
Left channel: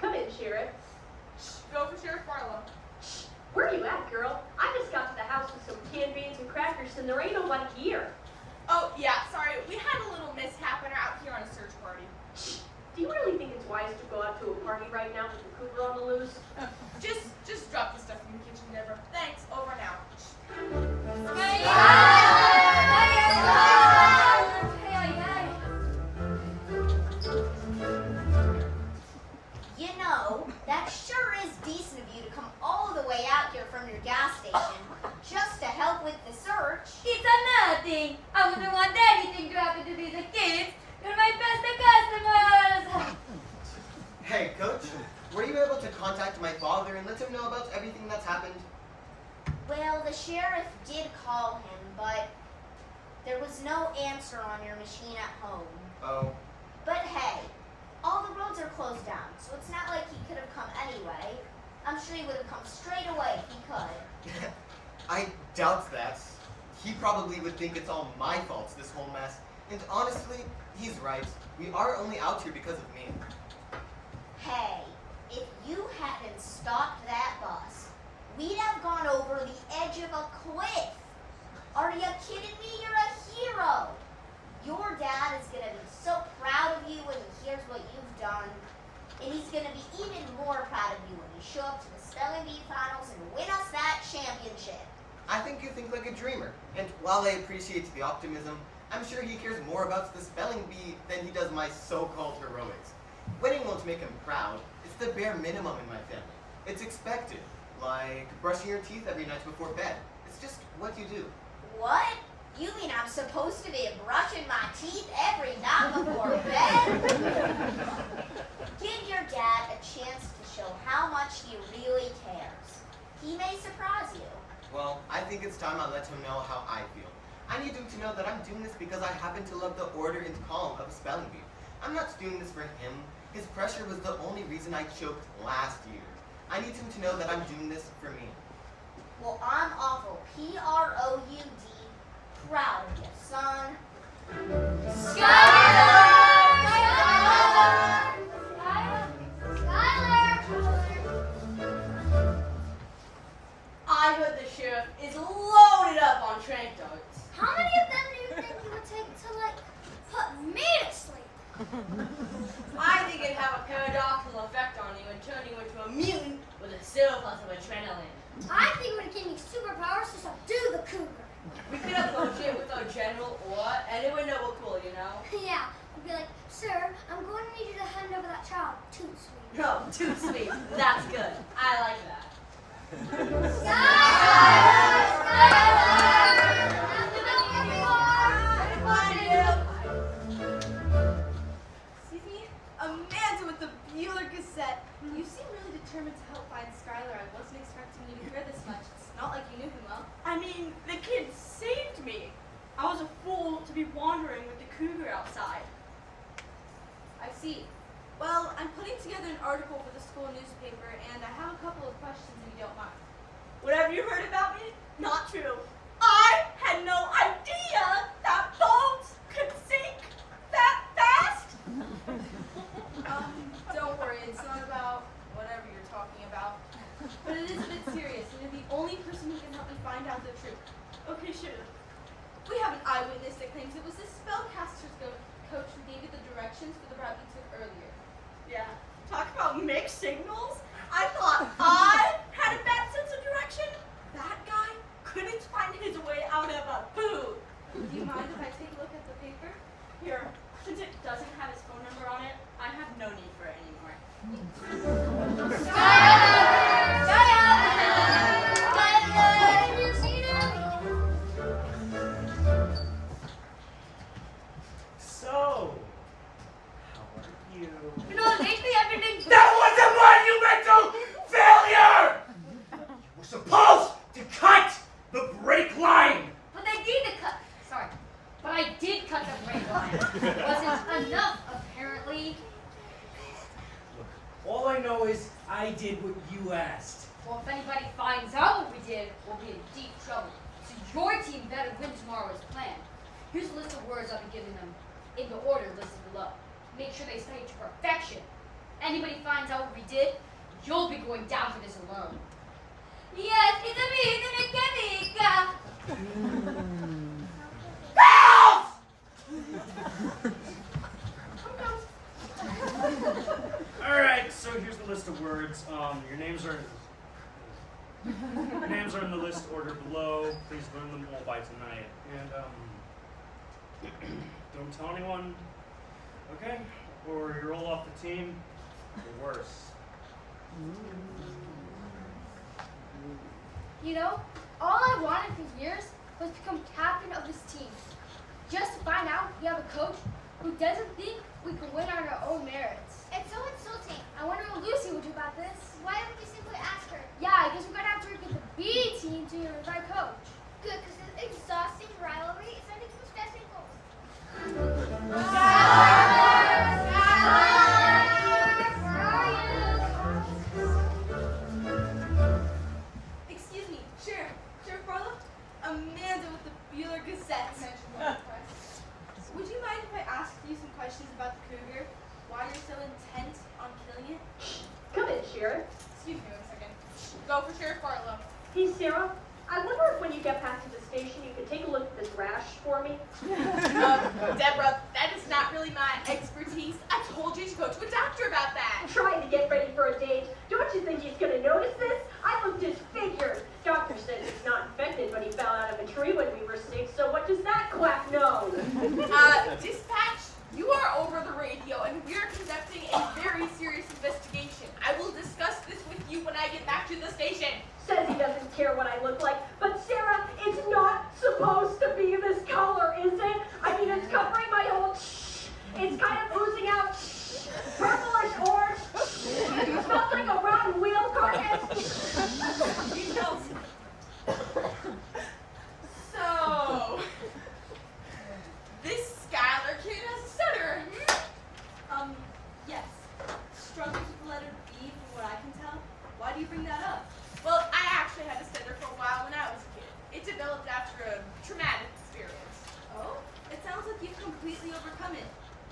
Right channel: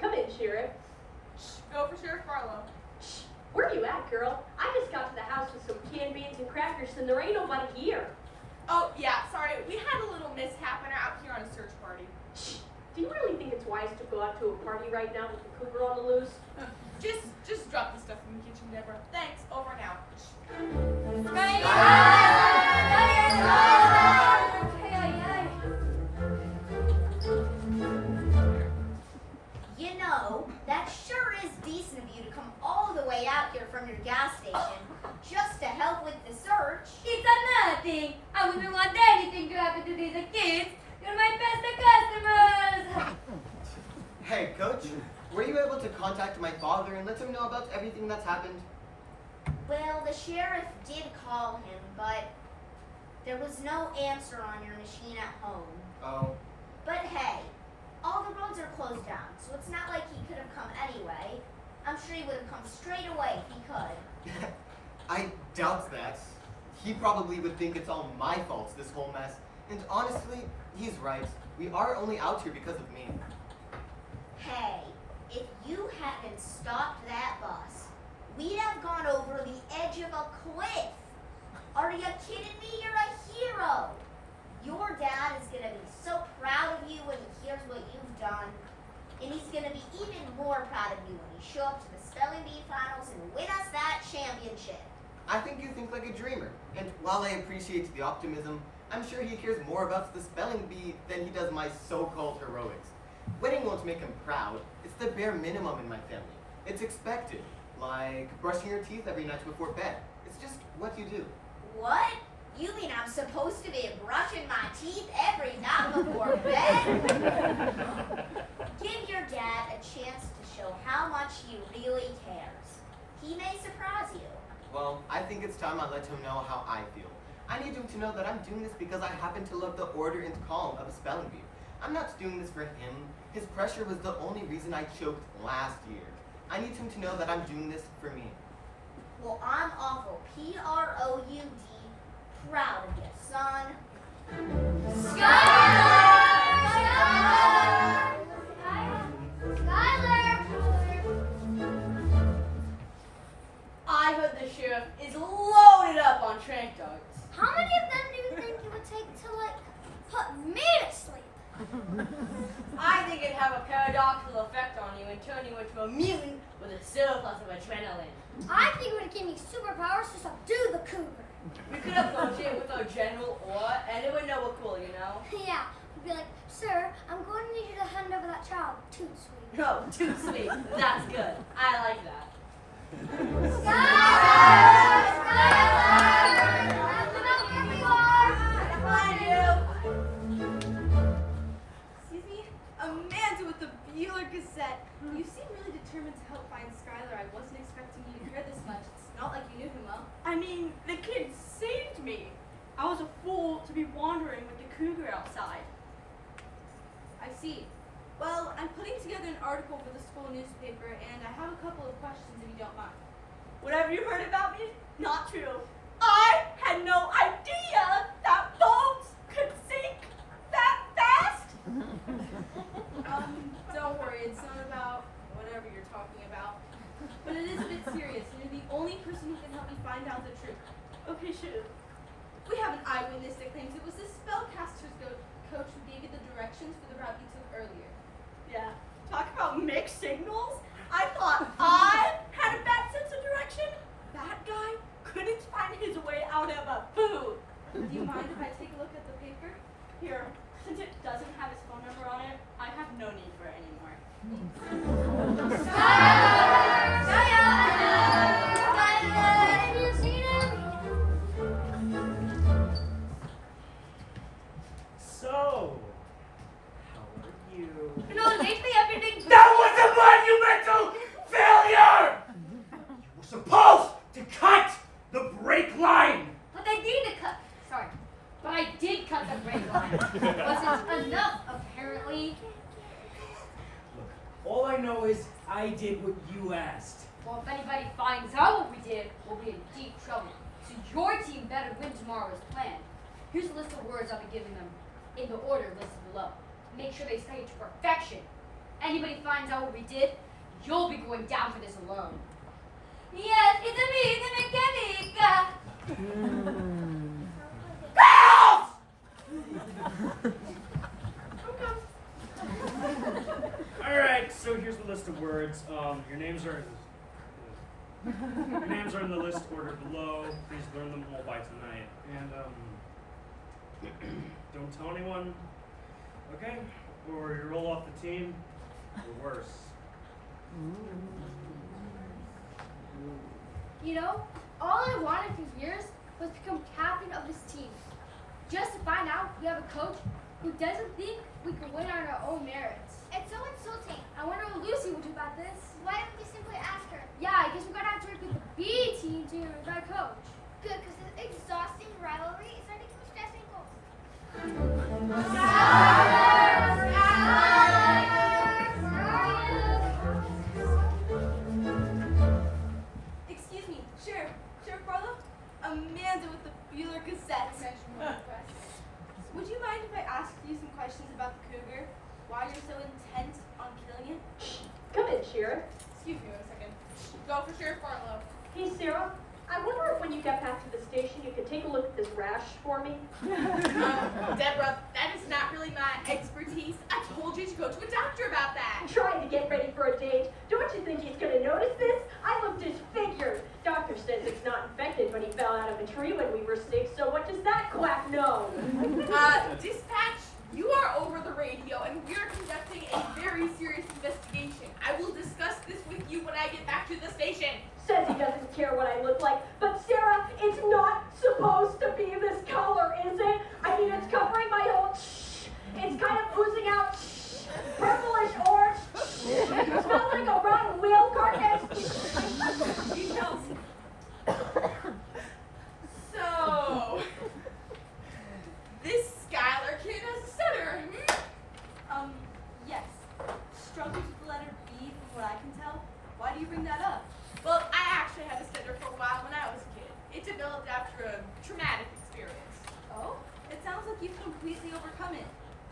Come in, sheriff. Go for Sheriff Barlow. Where you at, girl? I just got to the house with some canned beans and crackers, and there ain't nobody here. Oh, yeah, sorry. We had a little mishap and are out here on a search party. Do you really think it's wise to go out to a party right now with the cougar on the loose? Just drop the stuff in the kitchen, Deborah. Thanks. Over and out. You know, that sure is decent of you to come all the way out here from your gas station just to help with the search. It's nothing. I wouldn't want anything to happen to these kids. You're my best customers. Hey, Coach, were you able to contact my father and let him know about everything that's happened? Well, the sheriff did call him, but there was no answer on your machine at home. Oh. But hey, all the roads are closed down, so it's not like he could have come anyway. I'm sure he would have come straight away if he could. I doubt that. He probably would think it's all my fault, this whole mess. And honestly, he's right. We are only out here because of me. Hey, if you hadn't stopped that bus, we'd have gone over the edge of a cliff. Are you kidding me? You're a hero. Your dad is going to be so proud of you when he hears what you've done. And he's going to be even more proud of you when you show up to the spelling bee finals and win us that championship. I think you think like a dreamer. And while I appreciate the optimism, I'm sure he cares more about the spelling bee than he does my so-called heroics. Winning won't make him proud. It's the bare minimum in my family. It's expected. Like brushing your teeth every night before bed. It's just what you do. What? You mean I'm supposed to be brushing my teeth every night before bed? Give your dad a chance to show how much he really cares. He may surprise you. Well, I think it's time I let him know how I feel. I need him to know that I'm doing this because I happen to love the order and calm of a spelling bee. I'm not doing this for him. His pressure was the only reason I choked last year. I need him to know that I'm doing this for me. Well, I'm awful P-R-O-U-D proud of you, son. I think it would give me superpowers to subdue the cougar. We could approach it with our general aura, and it would know we're cool, you know? Yeah, we'd be like, sir, I'm going to need you to hand over that child. Too sweet. No, too sweet. That's good. I like that. Excuse me? Amanda with the Bueller Gazette. You seem really determined to help find Skylar. I wasn't expecting you to care this much. It's not like you knew him well. I mean, the kid saved me. I was a fool to be wandering with the cougar outside. I see. Well, I'm putting together an article for the school newspaper, and I have a couple of questions if you don't mind. Whatever you heard about me, not true. I had no idea that boats could sink that fast. Don't worry, it's not about whatever you're talking about. But it is a bit serious, and you're the only person who can help me find out the truth. Okay, shoot. We have an eyewitness that claims it was the spellcaster's coach who gave you the directions for the route you took earlier. Yeah, talk about mixed signals. I thought I had a bad sense of direction. That guy couldn't find his way out of a booth. Do you mind if I take a look at the paper? Here, since it doesn't have his phone number on it, I have no need for it anymore. Have you seen him? So, how are you? You know, lately I've been doing That was a monumental failure! You were supposed to cut the brake line! But I did cut the brake line. It wasn't enough, apparently. Look, all I know is I did what you asked. Well, if anybody finds out what we did, we'll be in deep trouble. So your team better win tomorrow as planned. Here's a list of words I'll be giving them in the order listed below. Make sure they study to perfection. Anybody finds out what we did, you'll be going down for this alone. Yes, it's me, the mechanic. Alright, so here's the list of words. Your names are in the list ordered below. Please learn them all by tonight. And don't tell anyone, okay? Or you roll off the team, or worse. You know, all I wanted for years was to become captain of this team. Just to find out we have a coach who doesn't think we can win on our own merits. It's so insulting. I wonder what Lucy will do about this. Why don't we simply ask her? Yeah, I guess we're gonna have to work with the B team to get our coach. Good, because this exhausting rivalry is starting to stressing goals. Excuse me, Sheriff Barlow? Amanda with the Bueller Gazette. Would you mind if I asked you some questions about the cougar? Why you're so intent on killing it? Come in, Sheriff. Excuse me 1 second. Go for Sheriff Barlow. Hey, Sarah. I wonder if when you get back to the station, you could take a look at this rash for me. Deborah, that is not really my expertise. I told you to go to a doctor about that. I'm trying to get ready for a date. Don't you think he's going to notice this? I look disfigured. Doctor says it's not infected, but he fell out of a tree when we were 6, so what does that quack know? Dispatch, you are over the radio, and we are conducting a very serious investigation. I will discuss this with you when I get back to the station. Says he doesn't care what I look like, but Sarah, it's not supposed to be this color, is it? I mean, it's covering my whole It's kind of oozing out purplish orange. It smells like a rotten wheel carcass. You know. So, this Skylar kid has a stutter. Yes. Struggles with the letter B from what I can tell. Why do you bring that up? Well, I actually had a stutter for a while when I was a kid. It developed after a traumatic experience. Oh? It sounds like you've completely overcome it.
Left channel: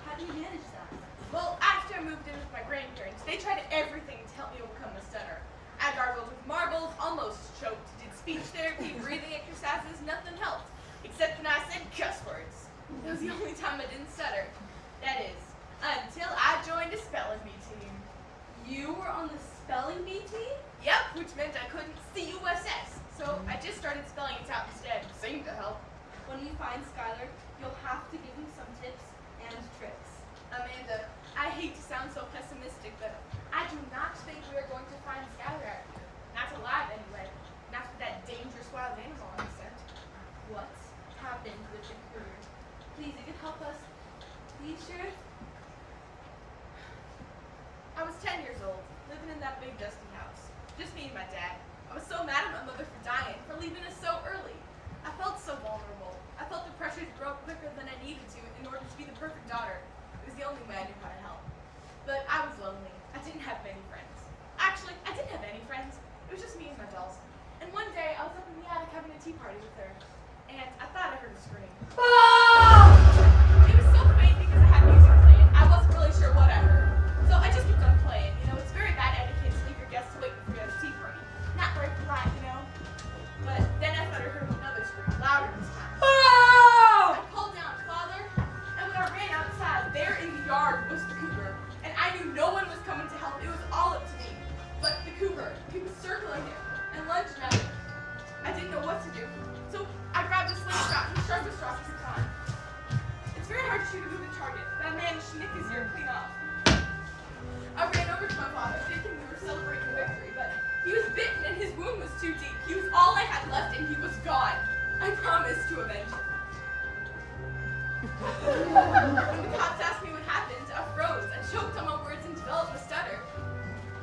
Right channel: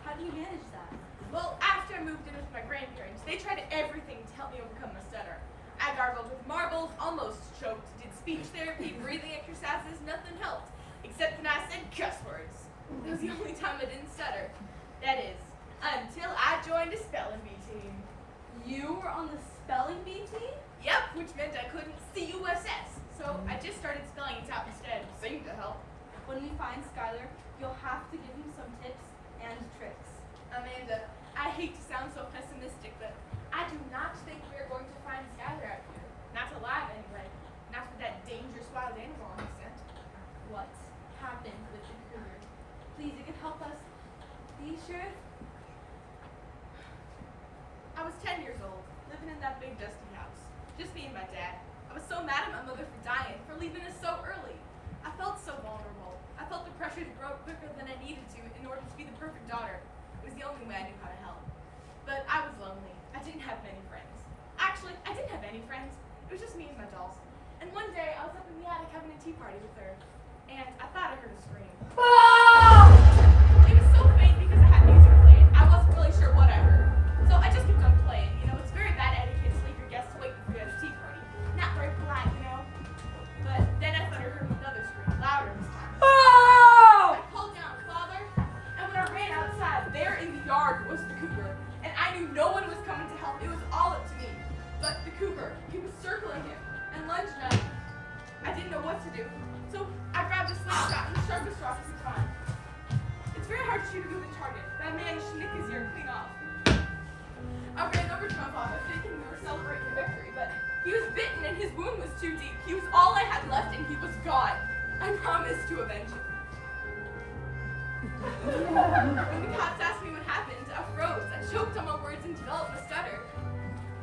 How do you manage that? Well, after I moved in with my grandparents, they tried everything to help me overcome my stutter. I gargled with marbles, almost choked, did speech therapy, breathing exercises, nothing helped. Except when I said cuss words. It was the only time I didn't stutter. That is, until I joined a spelling bee team. You were on the spelling bee team? Yep, which meant I couldn't C-U-S-S. So I just started spelling it out instead. Seemed to help. When we find Skylar, you'll have to give him some tips and tricks. Amanda, I hate to sound so pessimistic, but I do not think we are going to find Skylar out here. Not alive, anyway. Not with that dangerous wild animal on his scent. What's happened with the cougar? Please, you can help us. Please, Sheriff? I was 10 years old, living in that big dusty house. Just me and my dad. I was so mad at my mother for dying, for leaving us so early. I felt so vulnerable. I felt the pressure to grow up quicker than I needed to in order to be the perfect daughter. It was the only way I knew how to help. But I was lonely. I didn't have many friends. Actually, I didn't have any friends. It was just me and my dolls. And one day, I was up in the attic having a tea party with her. And I thought I heard a scream. It was so faint because I had music playing. I wasn't really sure what I heard. So I just kept on playing. You know, it's very bad etiquette to leave your guests waiting for you at a tea party. Not very polite, you know? But then I thought I heard another scream, louder this time. I called down, Father, and when I ran outside, there in the yard was the cougar. And I knew no one was coming to help. It was all up to me. But the cougar, he was circling him and lunging at him. I didn't know what to do. So I grabbed a slingshot and the sharpest rock at the time. It's very hard to shoot a moving target. That man snick his ear clean off. I ran over to my father thinking we were celebrating victory, but he was bitten and his wound was too deep. He was all I had left and he was gone. I promised to avenge him. When the cops asked me what happened, I froze. I choked on my words and developed a stutter.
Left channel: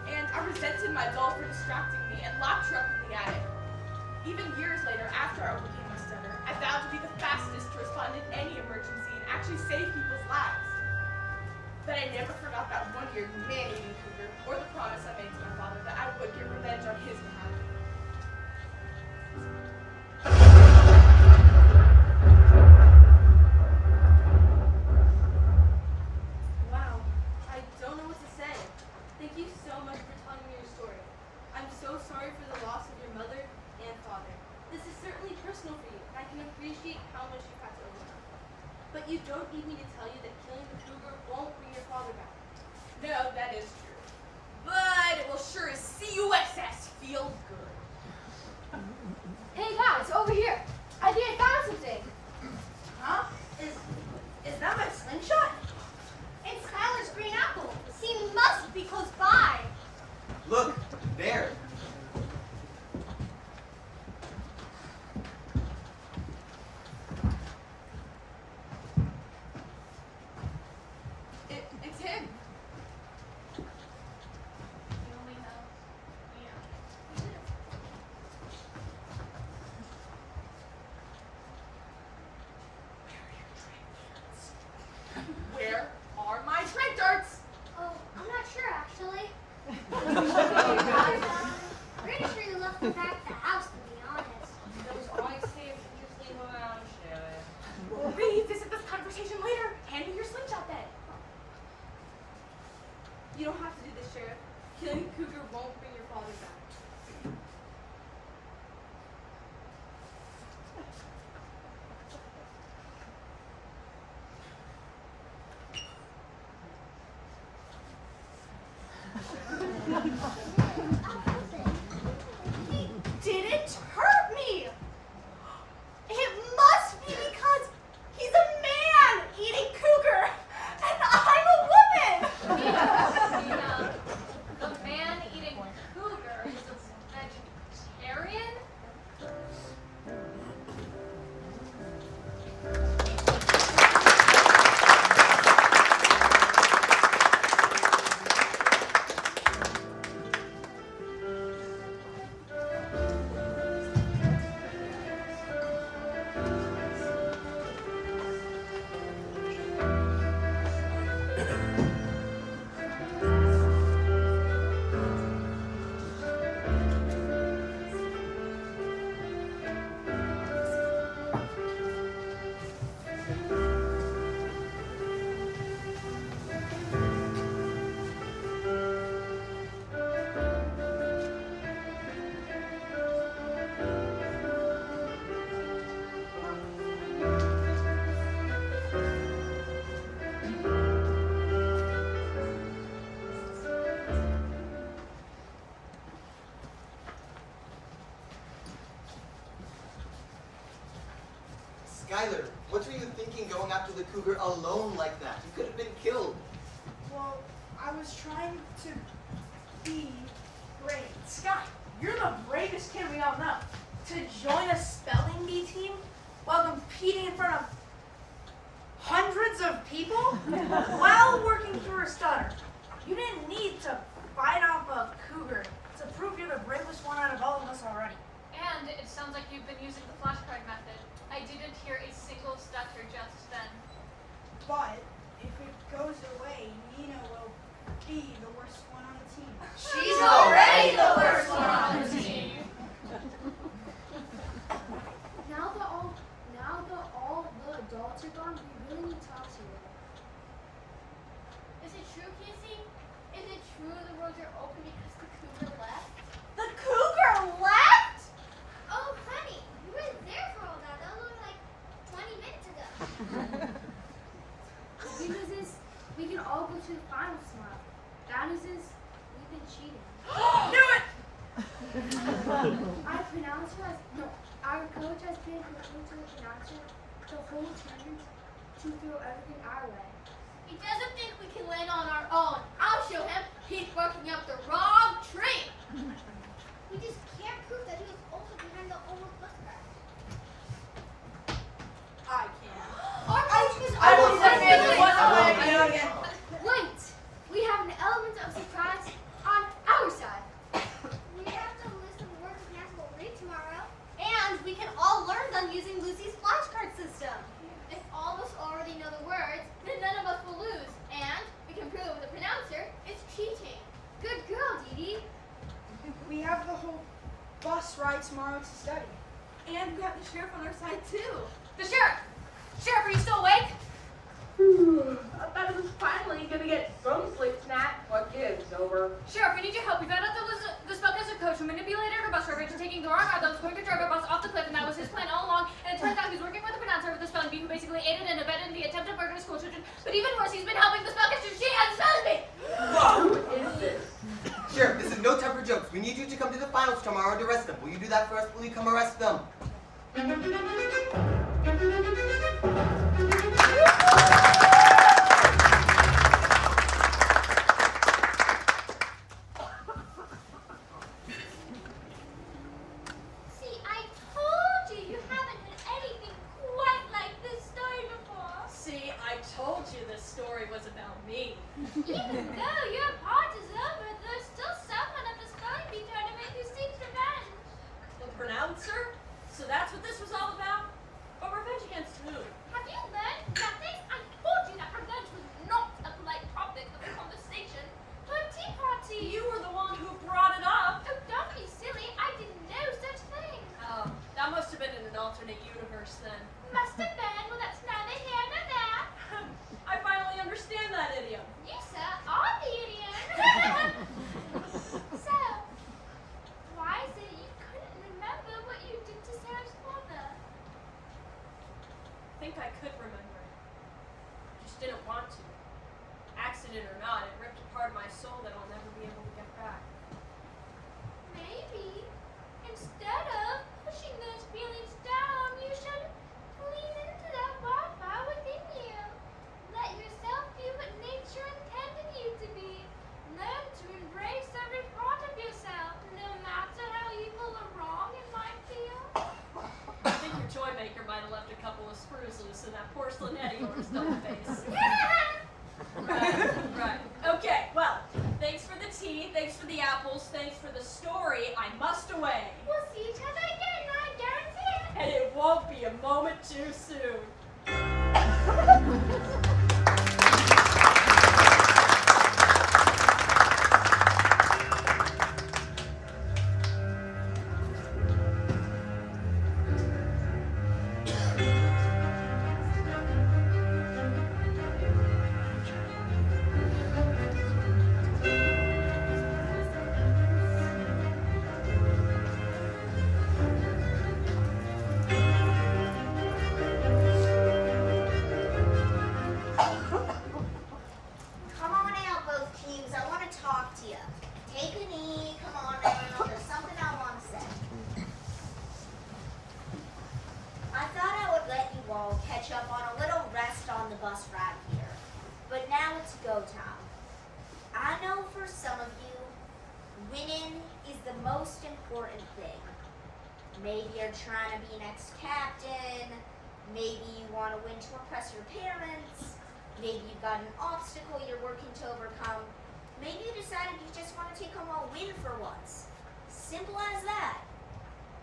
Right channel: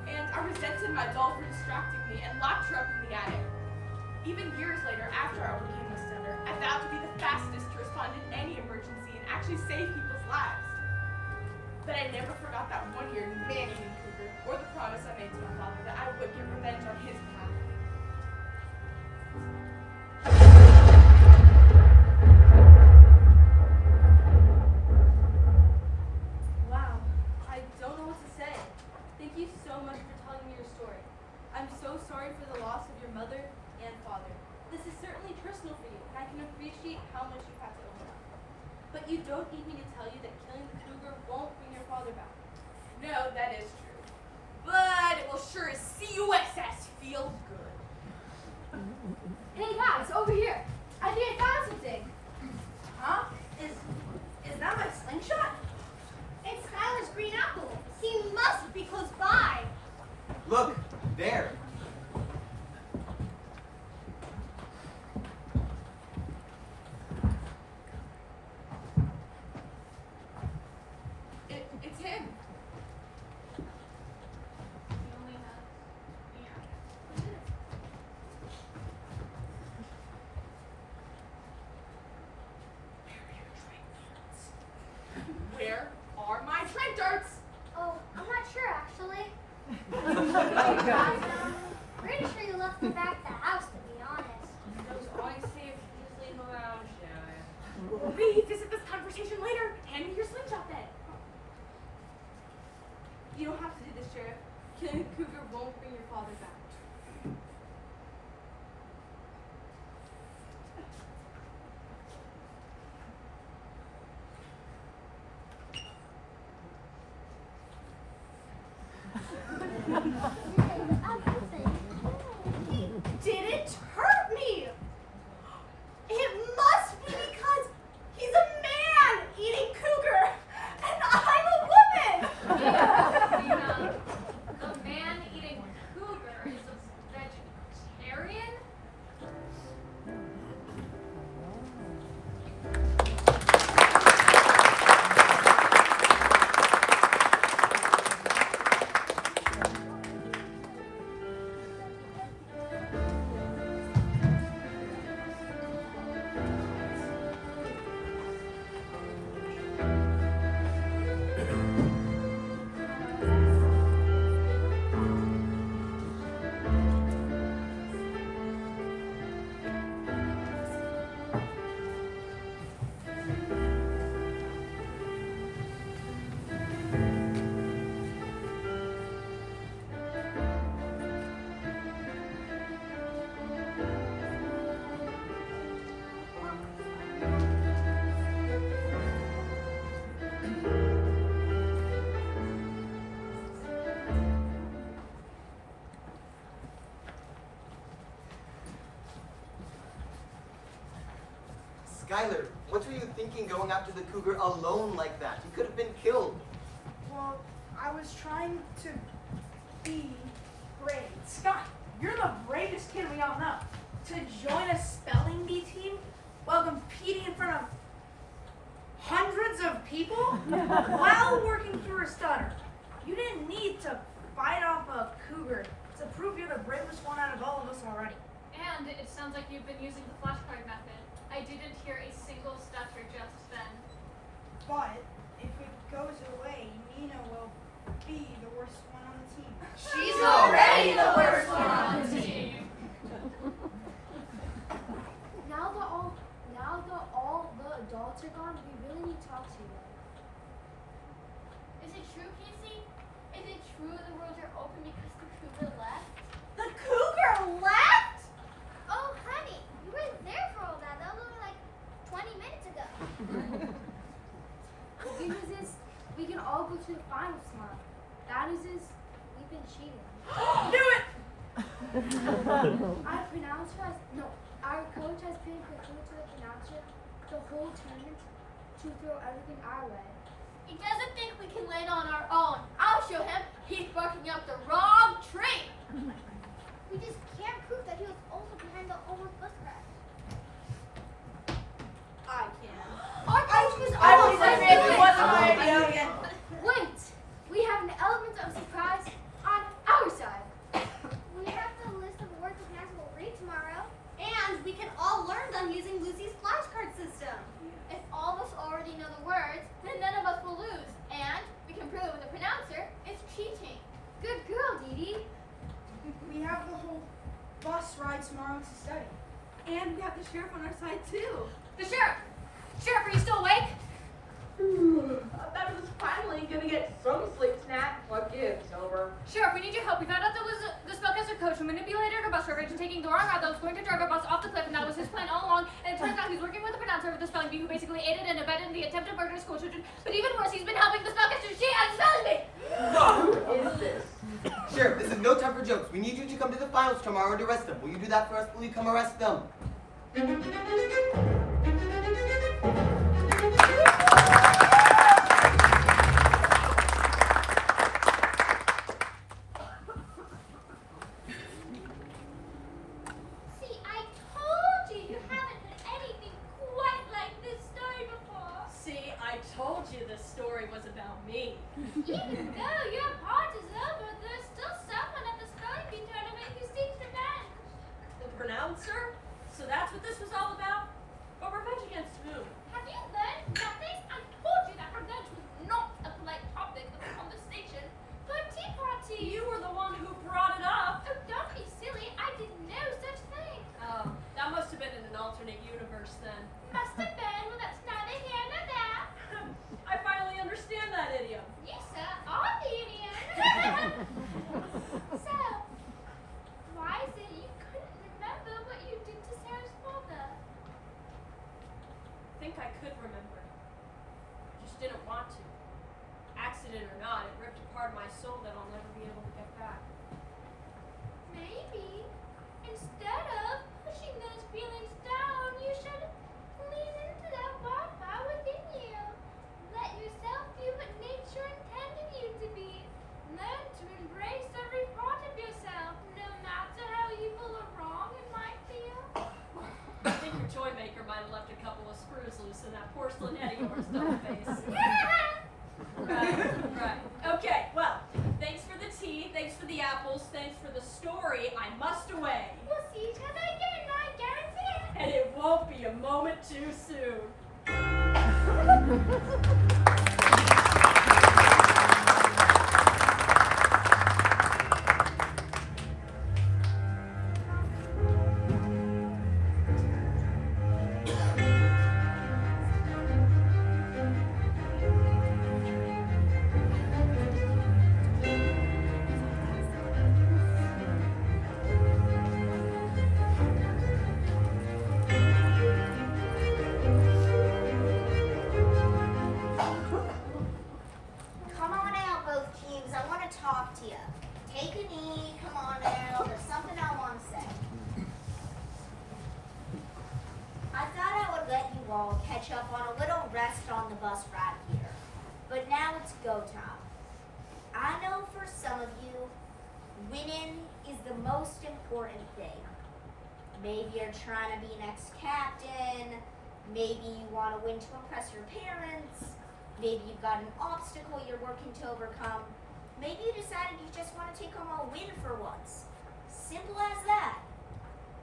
And I resented my doll for distracting me and locked her up in the attic. Even years later, after I overcame my stutter, I vowed to be the fastest to respond in any emergency and actually save people's lives. But I never forgot that one-year man-eating cougar or the promise I made to my father that I would get revenge on his behalf. Wow, I don't know what to say. Thank you so much for telling me your story. I'm so sorry for the loss of your mother and father. This is certainly personal for you, and I can appreciate how much you've had to overcome. But you don't need me to tell you that killing the cougar won't bring your father back. No, that is true. But it will sure as C-U-S-S feel good. Hey guys, over here. I think I found something. Huh? Is that my slingshot? It's Skylar's green apple. He must be close by. Look, there. It's him. Where are my trank darts? Oh, I'm not sure actually. Pretty sure you left them back at the house, to be honest. Those always say if you just leave them around, Shelly. We'll revisit this conversation later. Hand me your slingshot then. You don't have to do this, Sheriff. Killing the cougar won't bring your father back. He didn't hurt me! It must be because he's a man eating cougar and I'm a woman! Christina, the man eating cougar is a vegetarian? Skylar, what were you thinking going after the cougar alone like that? You could have been killed. Well, I was trying to be brave. Sky, you're the bravest kid we all know. To join a spelling bee team while competing in front of hundreds of people while working through a stutter. You didn't need to fight off a cougar to prove you're the bravest one out of all of us already. And it sounds like you've been using the flashcard method. I didn't hear a single stutter just then. But if it goes away, Nina will be the worst one on the team. She's already the worst one on the team. Now that all the adults are gone, we really need to talk to them. Is it true, Casey? Is it true the roads are open because the cougar left? The cougar left? Oh, honey, you weren't there for all that. That was only like 20 minutes ago. The good news is we can all go to the finals tomorrow. Bad news is we've been cheating. Do it! Our coach has been continuing to the pronouncer the whole tournament to throw everything our way. He doesn't think we can land on our own. I'll show him. He's barking up the wrong tree. We just can't prove that he was also behind the almost bus crash. I can. Our coach was I will always say it right. wasn't my idea. Wait, we have an element of surprise on our side. We have the list of words of math we'll read tomorrow. And we can all learn them using Lucy's flashcard system. If all of us already know the words, then none of us will lose. And we can prove the pronouncer is cheating. Good girl, Dee Dee. We have the whole bus ride tomorrow to study. And we have the sheriff on our side too. The sheriff! Sheriff, are you still awake? I thought it was finally gonna get some sleep snack. What gives, Sober? Sheriff, we need your help. We found out there was the spellcaster coach who manipulated our bus driver into taking the wrong route that was going to drive our bus off the cliff, and that was his plan all along. And it turns out he's working with the pronouncer of the spelling bee who basically aided and abetted in the attempt to murder school children. But even worse, he's been helping the spellcaster cheat at the spelling bee! Who is this? Sheriff, this is no time for jokes. We need you to come to the finals tomorrow to arrest them. Will you do that for us? Will you come arrest them? See, I told you you haven't heard anything quite like this story before. See, I told you this story was about me. Even though your part is over, there's still someone at the spelling bee tournament who seeks revenge. The pronouncer? So that's what this was all about? But revenge against who? Have you learned nothing? I told you that revenge was not a polite topic of conversation for a tea party. You were the one who brought it up. Oh, don't be silly. I didn't know such thing. Oh, that must have been in an alternate universe then. Must have been. Well, that's neither here nor there. I finally understand that idiom. You, sir, are the idiot. So, why is it you couldn't remember what you did to Sarah's father? I think I could remember. I just didn't want to. Accident or not, it ripped a part of my soul that I'll never be able to get back. Maybe, instead of pushing those feelings down, you should lean into that wildfire within you. Let yourself be what nature intended you to be. Learn to embrace every part of yourself, no matter how evil or wrong it might feel. I think your toy maker might have left a couple of screws loose in that porcelain head of yours, don't face. Right. Okay, well, thanks for the tea, thanks for the apples, thanks for the story. I must away. We'll see each other again, I guarantee it. And it won't be a moment too soon. go, Tom. I know for some of you, winning is the most important thing. Maybe you're trying to be next captain. Maybe you want to win to impress your parents. Maybe you've got an obstacle you're working to overcome. Maybe you decided you just want to take home a win for once. Simple as that.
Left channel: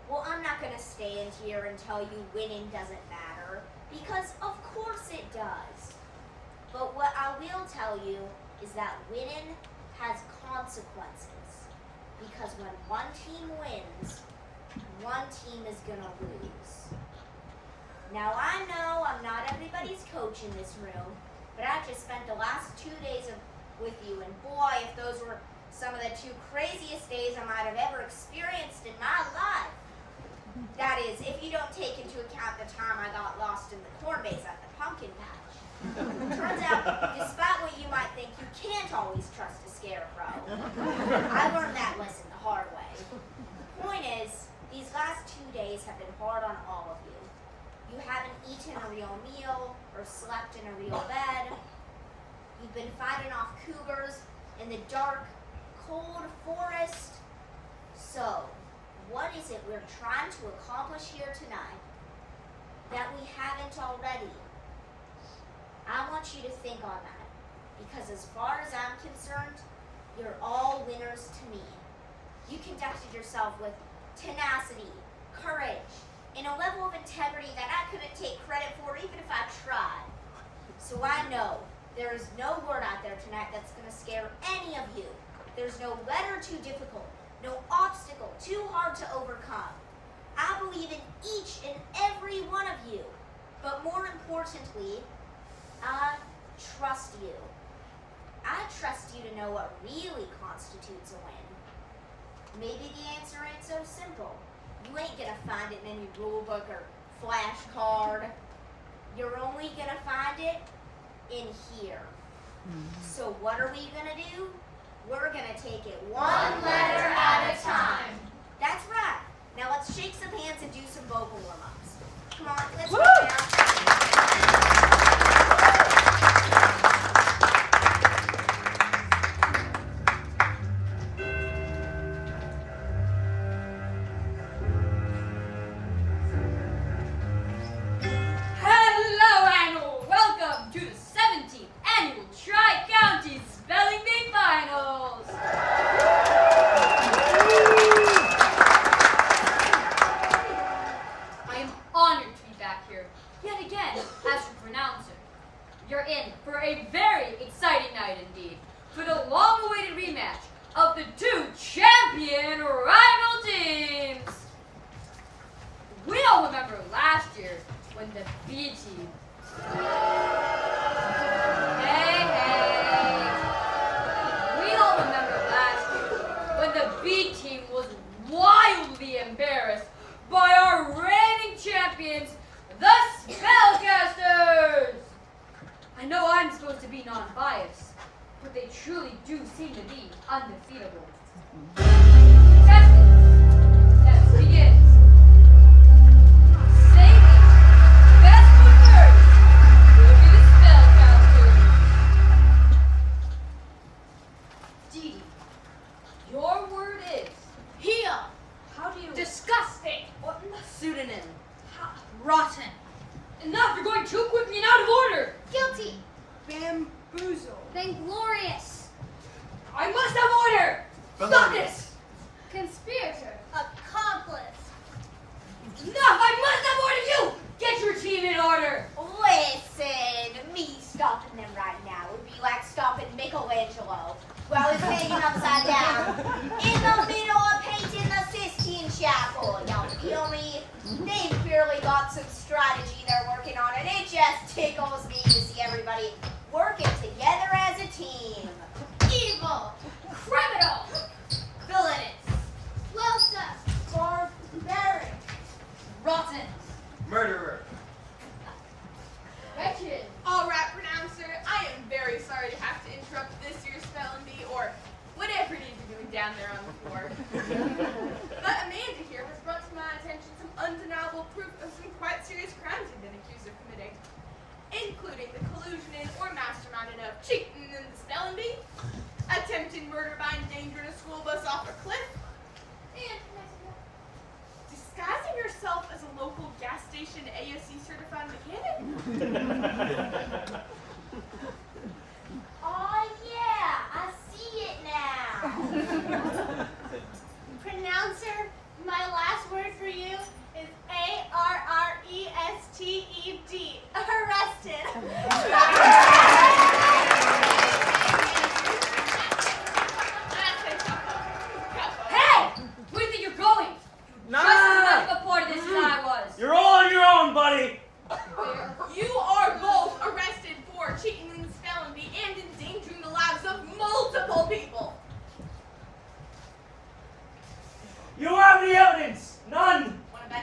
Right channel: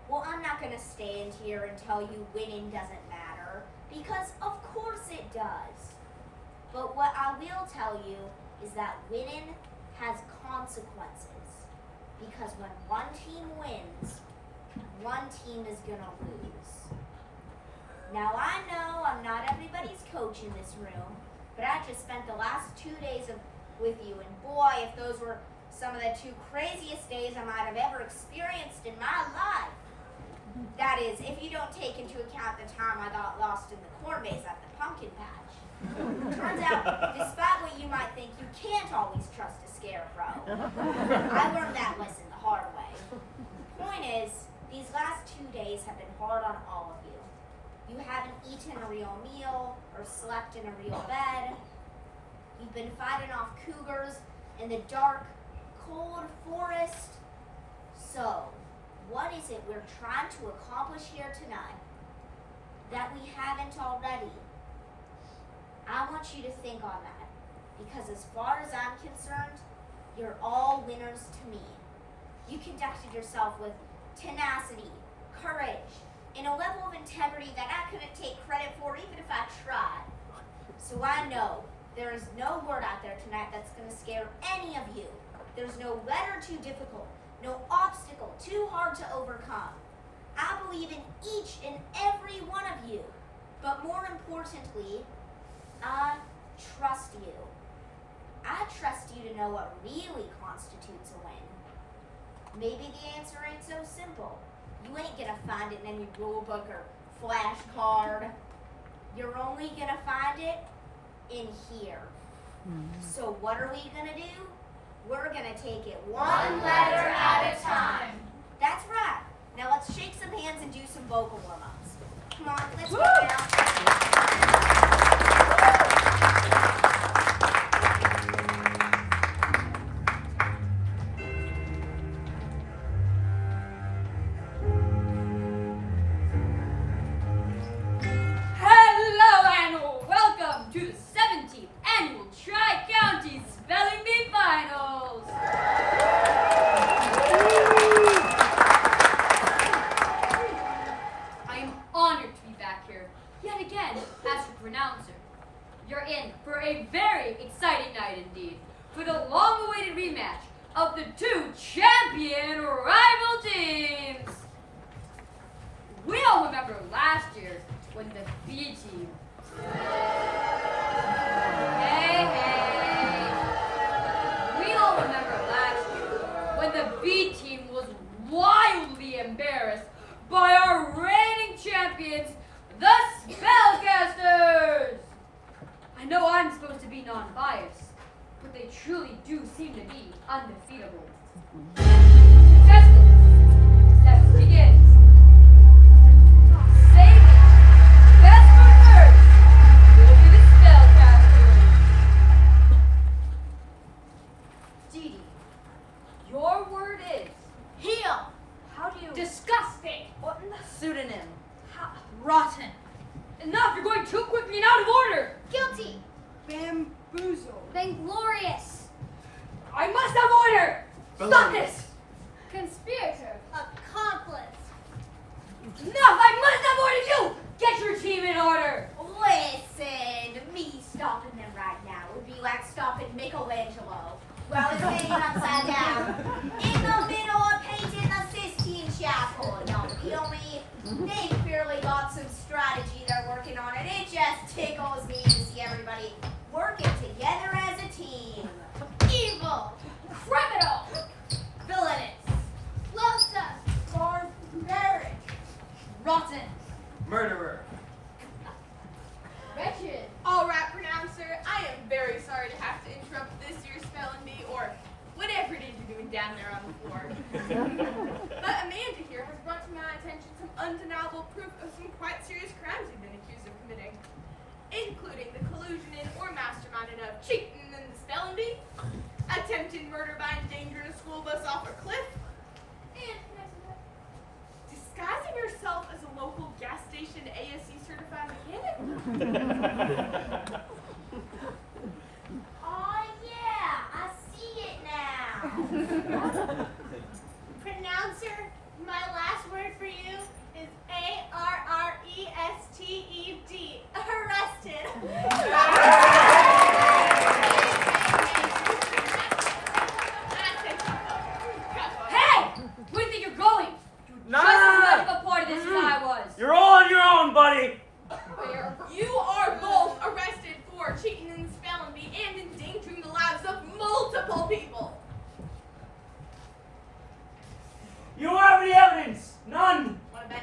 Well, I'm not going to stand here and tell you winning doesn't matter, because of course it does. But what I will tell you is that winning has consequences. Because when one team wins, one team is going to lose. Now I know I'm not everybody's coach in this room, but I just spent the last 2 days with you, and boy, if those were some of the 2 craziest days I might have ever experienced in my life. That is, if you don't take into account the time I got lost in the corn maze at the pumpkin patch. Turns out, despite what you might think, you can't always trust a scarecrow. I learned that lesson the hard way. The point is, these last 2 days have been hard on all of you. You haven't eaten a real meal or slept in a real bed. You've been fighting off cougars in the dark, cold forest. So, what is it we're trying to accomplish here tonight that we haven't already? I want you to think on that, because as far as I'm concerned, you're all winners to me. You conducted yourself with tenacity, courage, and a level of integrity that I couldn't take credit for even if I tried. So I know there is no word out there tonight that's going to scare any of you. There's no letter too difficult, no obstacle too hard to overcome. I believe in each and every one of you. But more importantly, I trust you. I trust you to know what really constitutes a win. Maybe the answer ain't so simple. You ain't gonna find it in any rule book or flashcard. You're only gonna find it in here. So what are we gonna do? We're gonna take it one letter at a time. That's right. Now let's shake some hands and do some vocal warm-ups. Come on, let's go now. Hello and welcome to the 17th Annual Tri-County Spelling Bee Finals! I am honored to be back here, yet again, as your pronouncer. You're in for a very exciting night indeed, for the long-awaited rematch of the 2 champion rival teams! We all remember last year when the B team... Hey! We all remember last year when the B team was wildly embarrassed by our reigning champions, the Spellcasters! I know I'm supposed to be non-biased, but they truly do seem to be undefeatable. Contestants, let's begin. Your word is Heel. how do you Disgusting. Pseudonym. rotten? Enough! You're going too quickly and out of order. Guilty. Bamboozle. Vainglorious. I must have order. Stop Felonious. this! Conspirator. Accomplice. Enough! I must have ordered you. Get your team in order. Listen, me stopping them right now would be like stopping Michelangelo while he's hanging upside down in the middle of painting the Sistine Chapel. Y'all feel me? They've clearly got some strategy they're working on, and it just tickles me to see everybody working together as a team. Evil. Criminal. Villainous. Losa. Barbaric. Rotten. Murderer. Wretched. All right, pronouncer, I am very sorry to have to interrupt this year's spelling bee, or whatever it is you're doing down there on the floor. But Amanda here has brought to my attention some undeniable proof of some quite serious crimes you've been accused of committing, including the collusion in or masterminding of cheating in the spelling bee, attempted murder by endangering a school bus off a cliff, And disguising yourself as a local gas station ASE certified mechanic. Oh yeah, I see it now. Pronouncer, my last word for you is ARRESTED. Arrested. Hey! Where do you think you're going? Nah. Just as much of a part of this as I was. You're all on your own, buddy. You are both arrested for cheating in the spelling bee and endangering the lives of multiple people. You don't have any evidence. None. Wanna bet?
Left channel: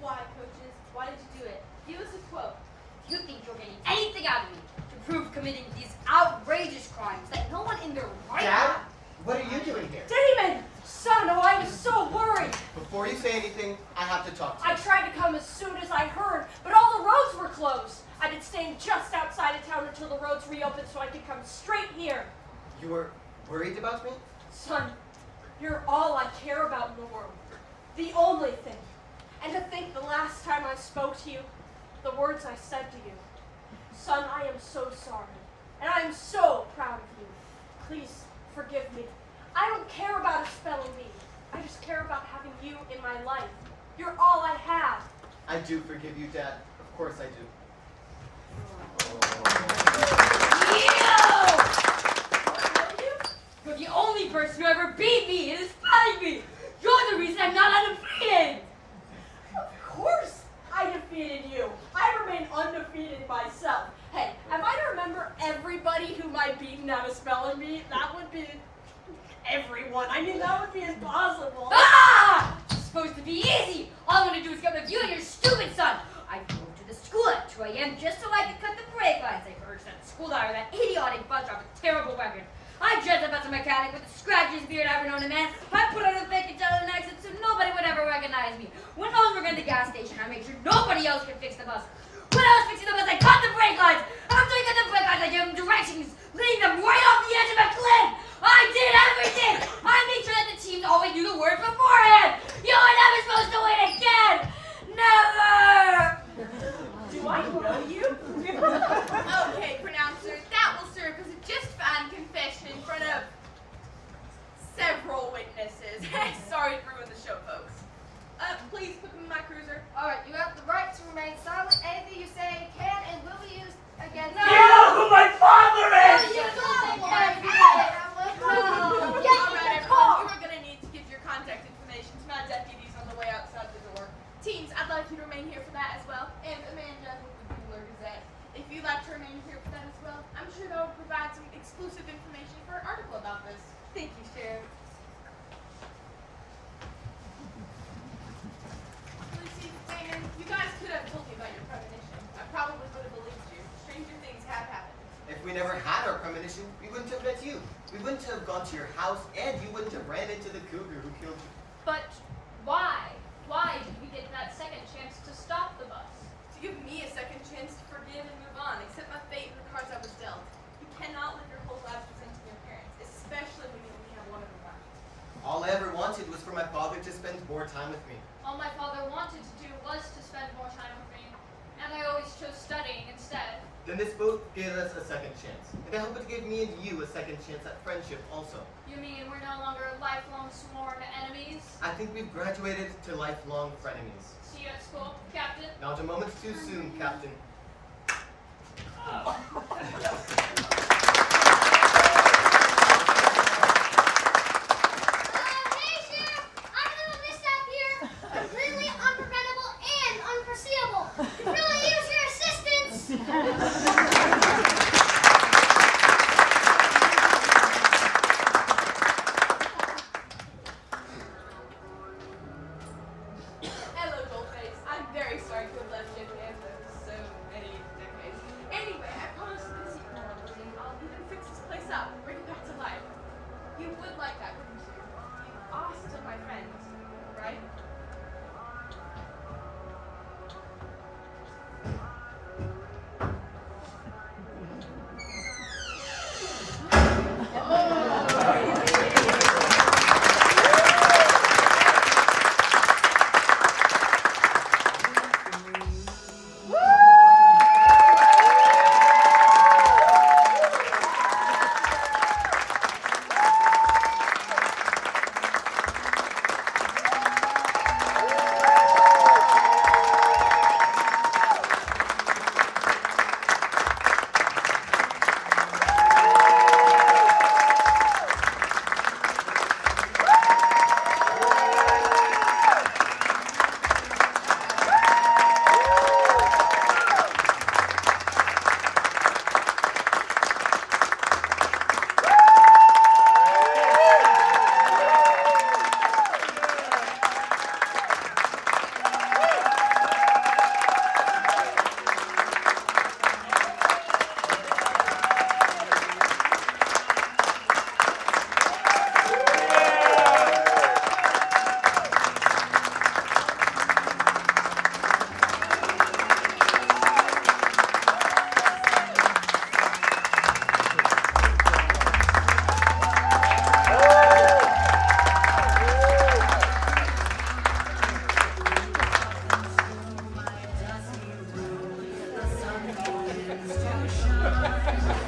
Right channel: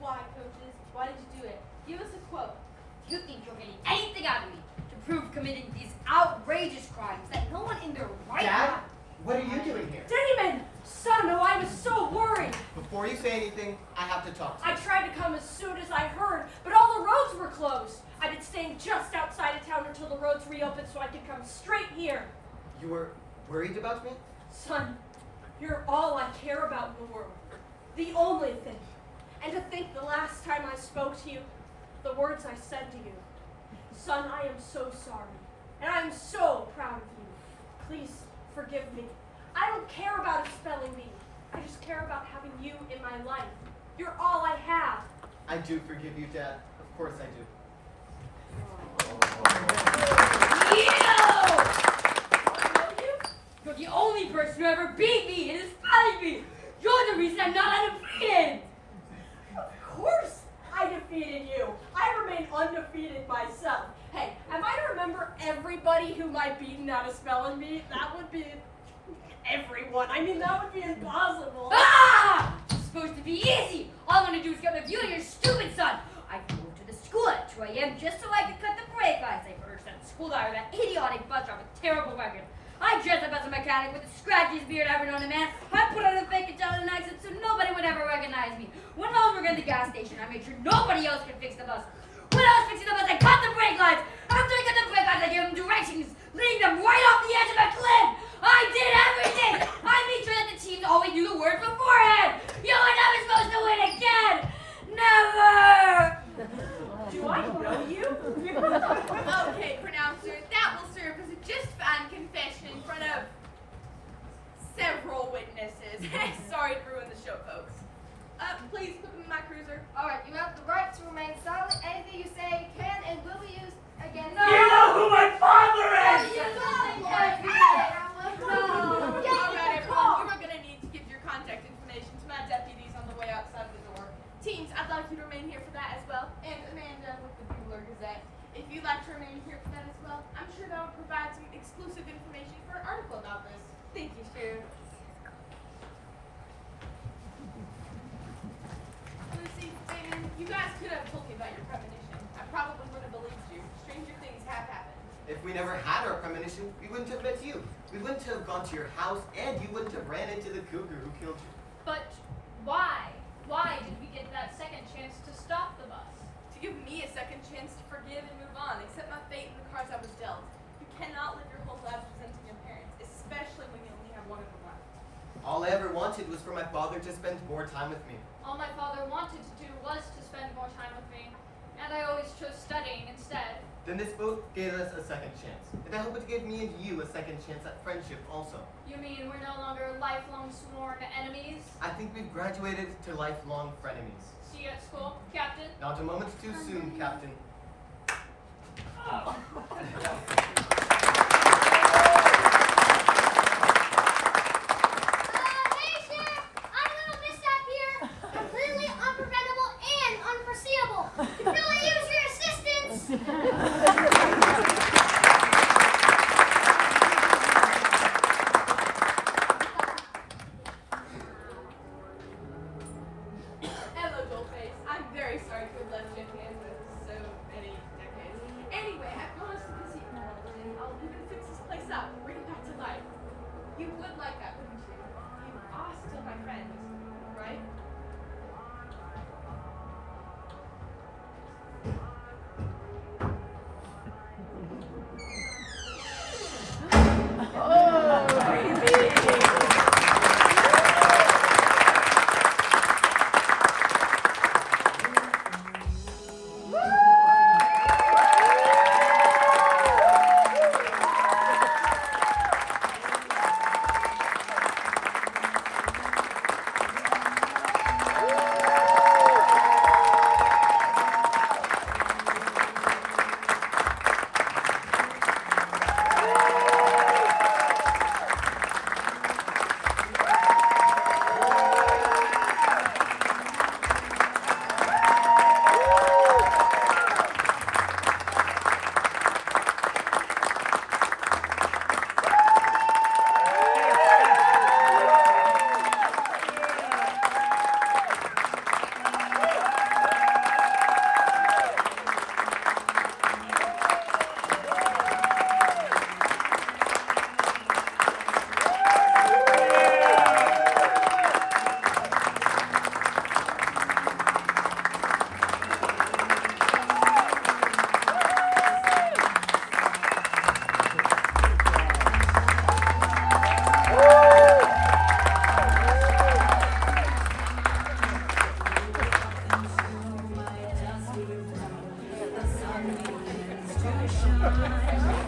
Why, coaches? Why did you do it? Give us a quote. You think you're getting anything out of me to prove committing these outrageous crimes that no one in their right Dad, mind. what are you doing here? Damon! Son, oh, I was so worried. Before you say anything, I have to talk to you. I tried to come as soon as I heard, but all the roads were closed. I've been staying just outside of town until the roads reopened so I could come straight here. You were worried about me? Son, you're all I care about in the world. The only thing. And to think the last time I spoke to you, the words I said to you. Son, I am so sorry. And I am so proud of you. Please forgive me. I don't care about a spelling bee. I just care about having you in my life. You're all I have. I do forgive you, Dad. Of course I do. You're the only person who ever beat me in a spelling bee. You're the reason I'm not undefeated. Of course I defeated you. I remain undefeated myself. Hey, am I to remember everybody whom I beaten at a spelling bee? That would be everyone. I mean, that would be impossible. Ah! It's supposed to be easy. All I want to do is get with you and your stupid son. I drove to the school at 2 a.m. just so I could cut the brake lights. I first at the school diary that idiotic bus driver with terrible record. I dressed up as a mechanic with a scratchy beard I've known a man. I put on a fake Italian accent so nobody would ever recognize me. When I was working at the gas station, I made sure nobody else could fix the bus. When I was fixing the bus, I cut the brake lights. After I cut the brake lights, I gave them directions, leading them right off the edge of a cliff. I did everything. I made sure that the teams always knew the words beforehand. You were never supposed to win again. Never. Do I know you? Okay, pronouncer, that will serve as a just fine confession in front of several witnesses. Sorry to ruin the show, folks. Please put them in my cruiser. all right, you have the right to remain silent. Anything you say can and will be used against You know who my father is! Alright, everyone, you are going to need to give your contact information to my deputies on the way outside the door. Teams, I'd like you to remain here for that as well. And Amanda with the Bueller Gazette. If you'd like to remain here for that as well, I'm sure that would provide some exclusive information for an article about this. Thank you, Sheriff. Lucy, Damon, you guys could have told me about your premonition. I probably would have believed you. Stranger things have happened. If we never had our premonition, we wouldn't have met you. We wouldn't have gone to your house, and you wouldn't have ran into the cougar who killed you. But why? Why did we get that second chance to stop the bus? To give me a second chance to forgive and move on, accept my fate and the cards I was dealt. You cannot live your whole life resenting your parents, especially when you only have one of them left. All I ever wanted was for my father to spend more time with me. All my father wanted to do was to spend more time with me, and I always chose studying instead. Then this boat gave us a second chance. And I hope it gave me and you a second chance at friendship also. You mean we're no longer lifelong sworn enemies? I think we've graduated to lifelong frenemies. See you at school, Captain? Not a moment too soon, Captain. Hey, Sheriff! I have a little mishap here. Completely unpreventable and unforeseeable. Could really use your assistance. Hello, Dollface. I'm very sorry to have left you at the end of so many decades. Anyway, I promise to visit you more often. I'll even fix this place up and bring it back to life. You would like that, wouldn't you? You are still my friend, right? begins to shine.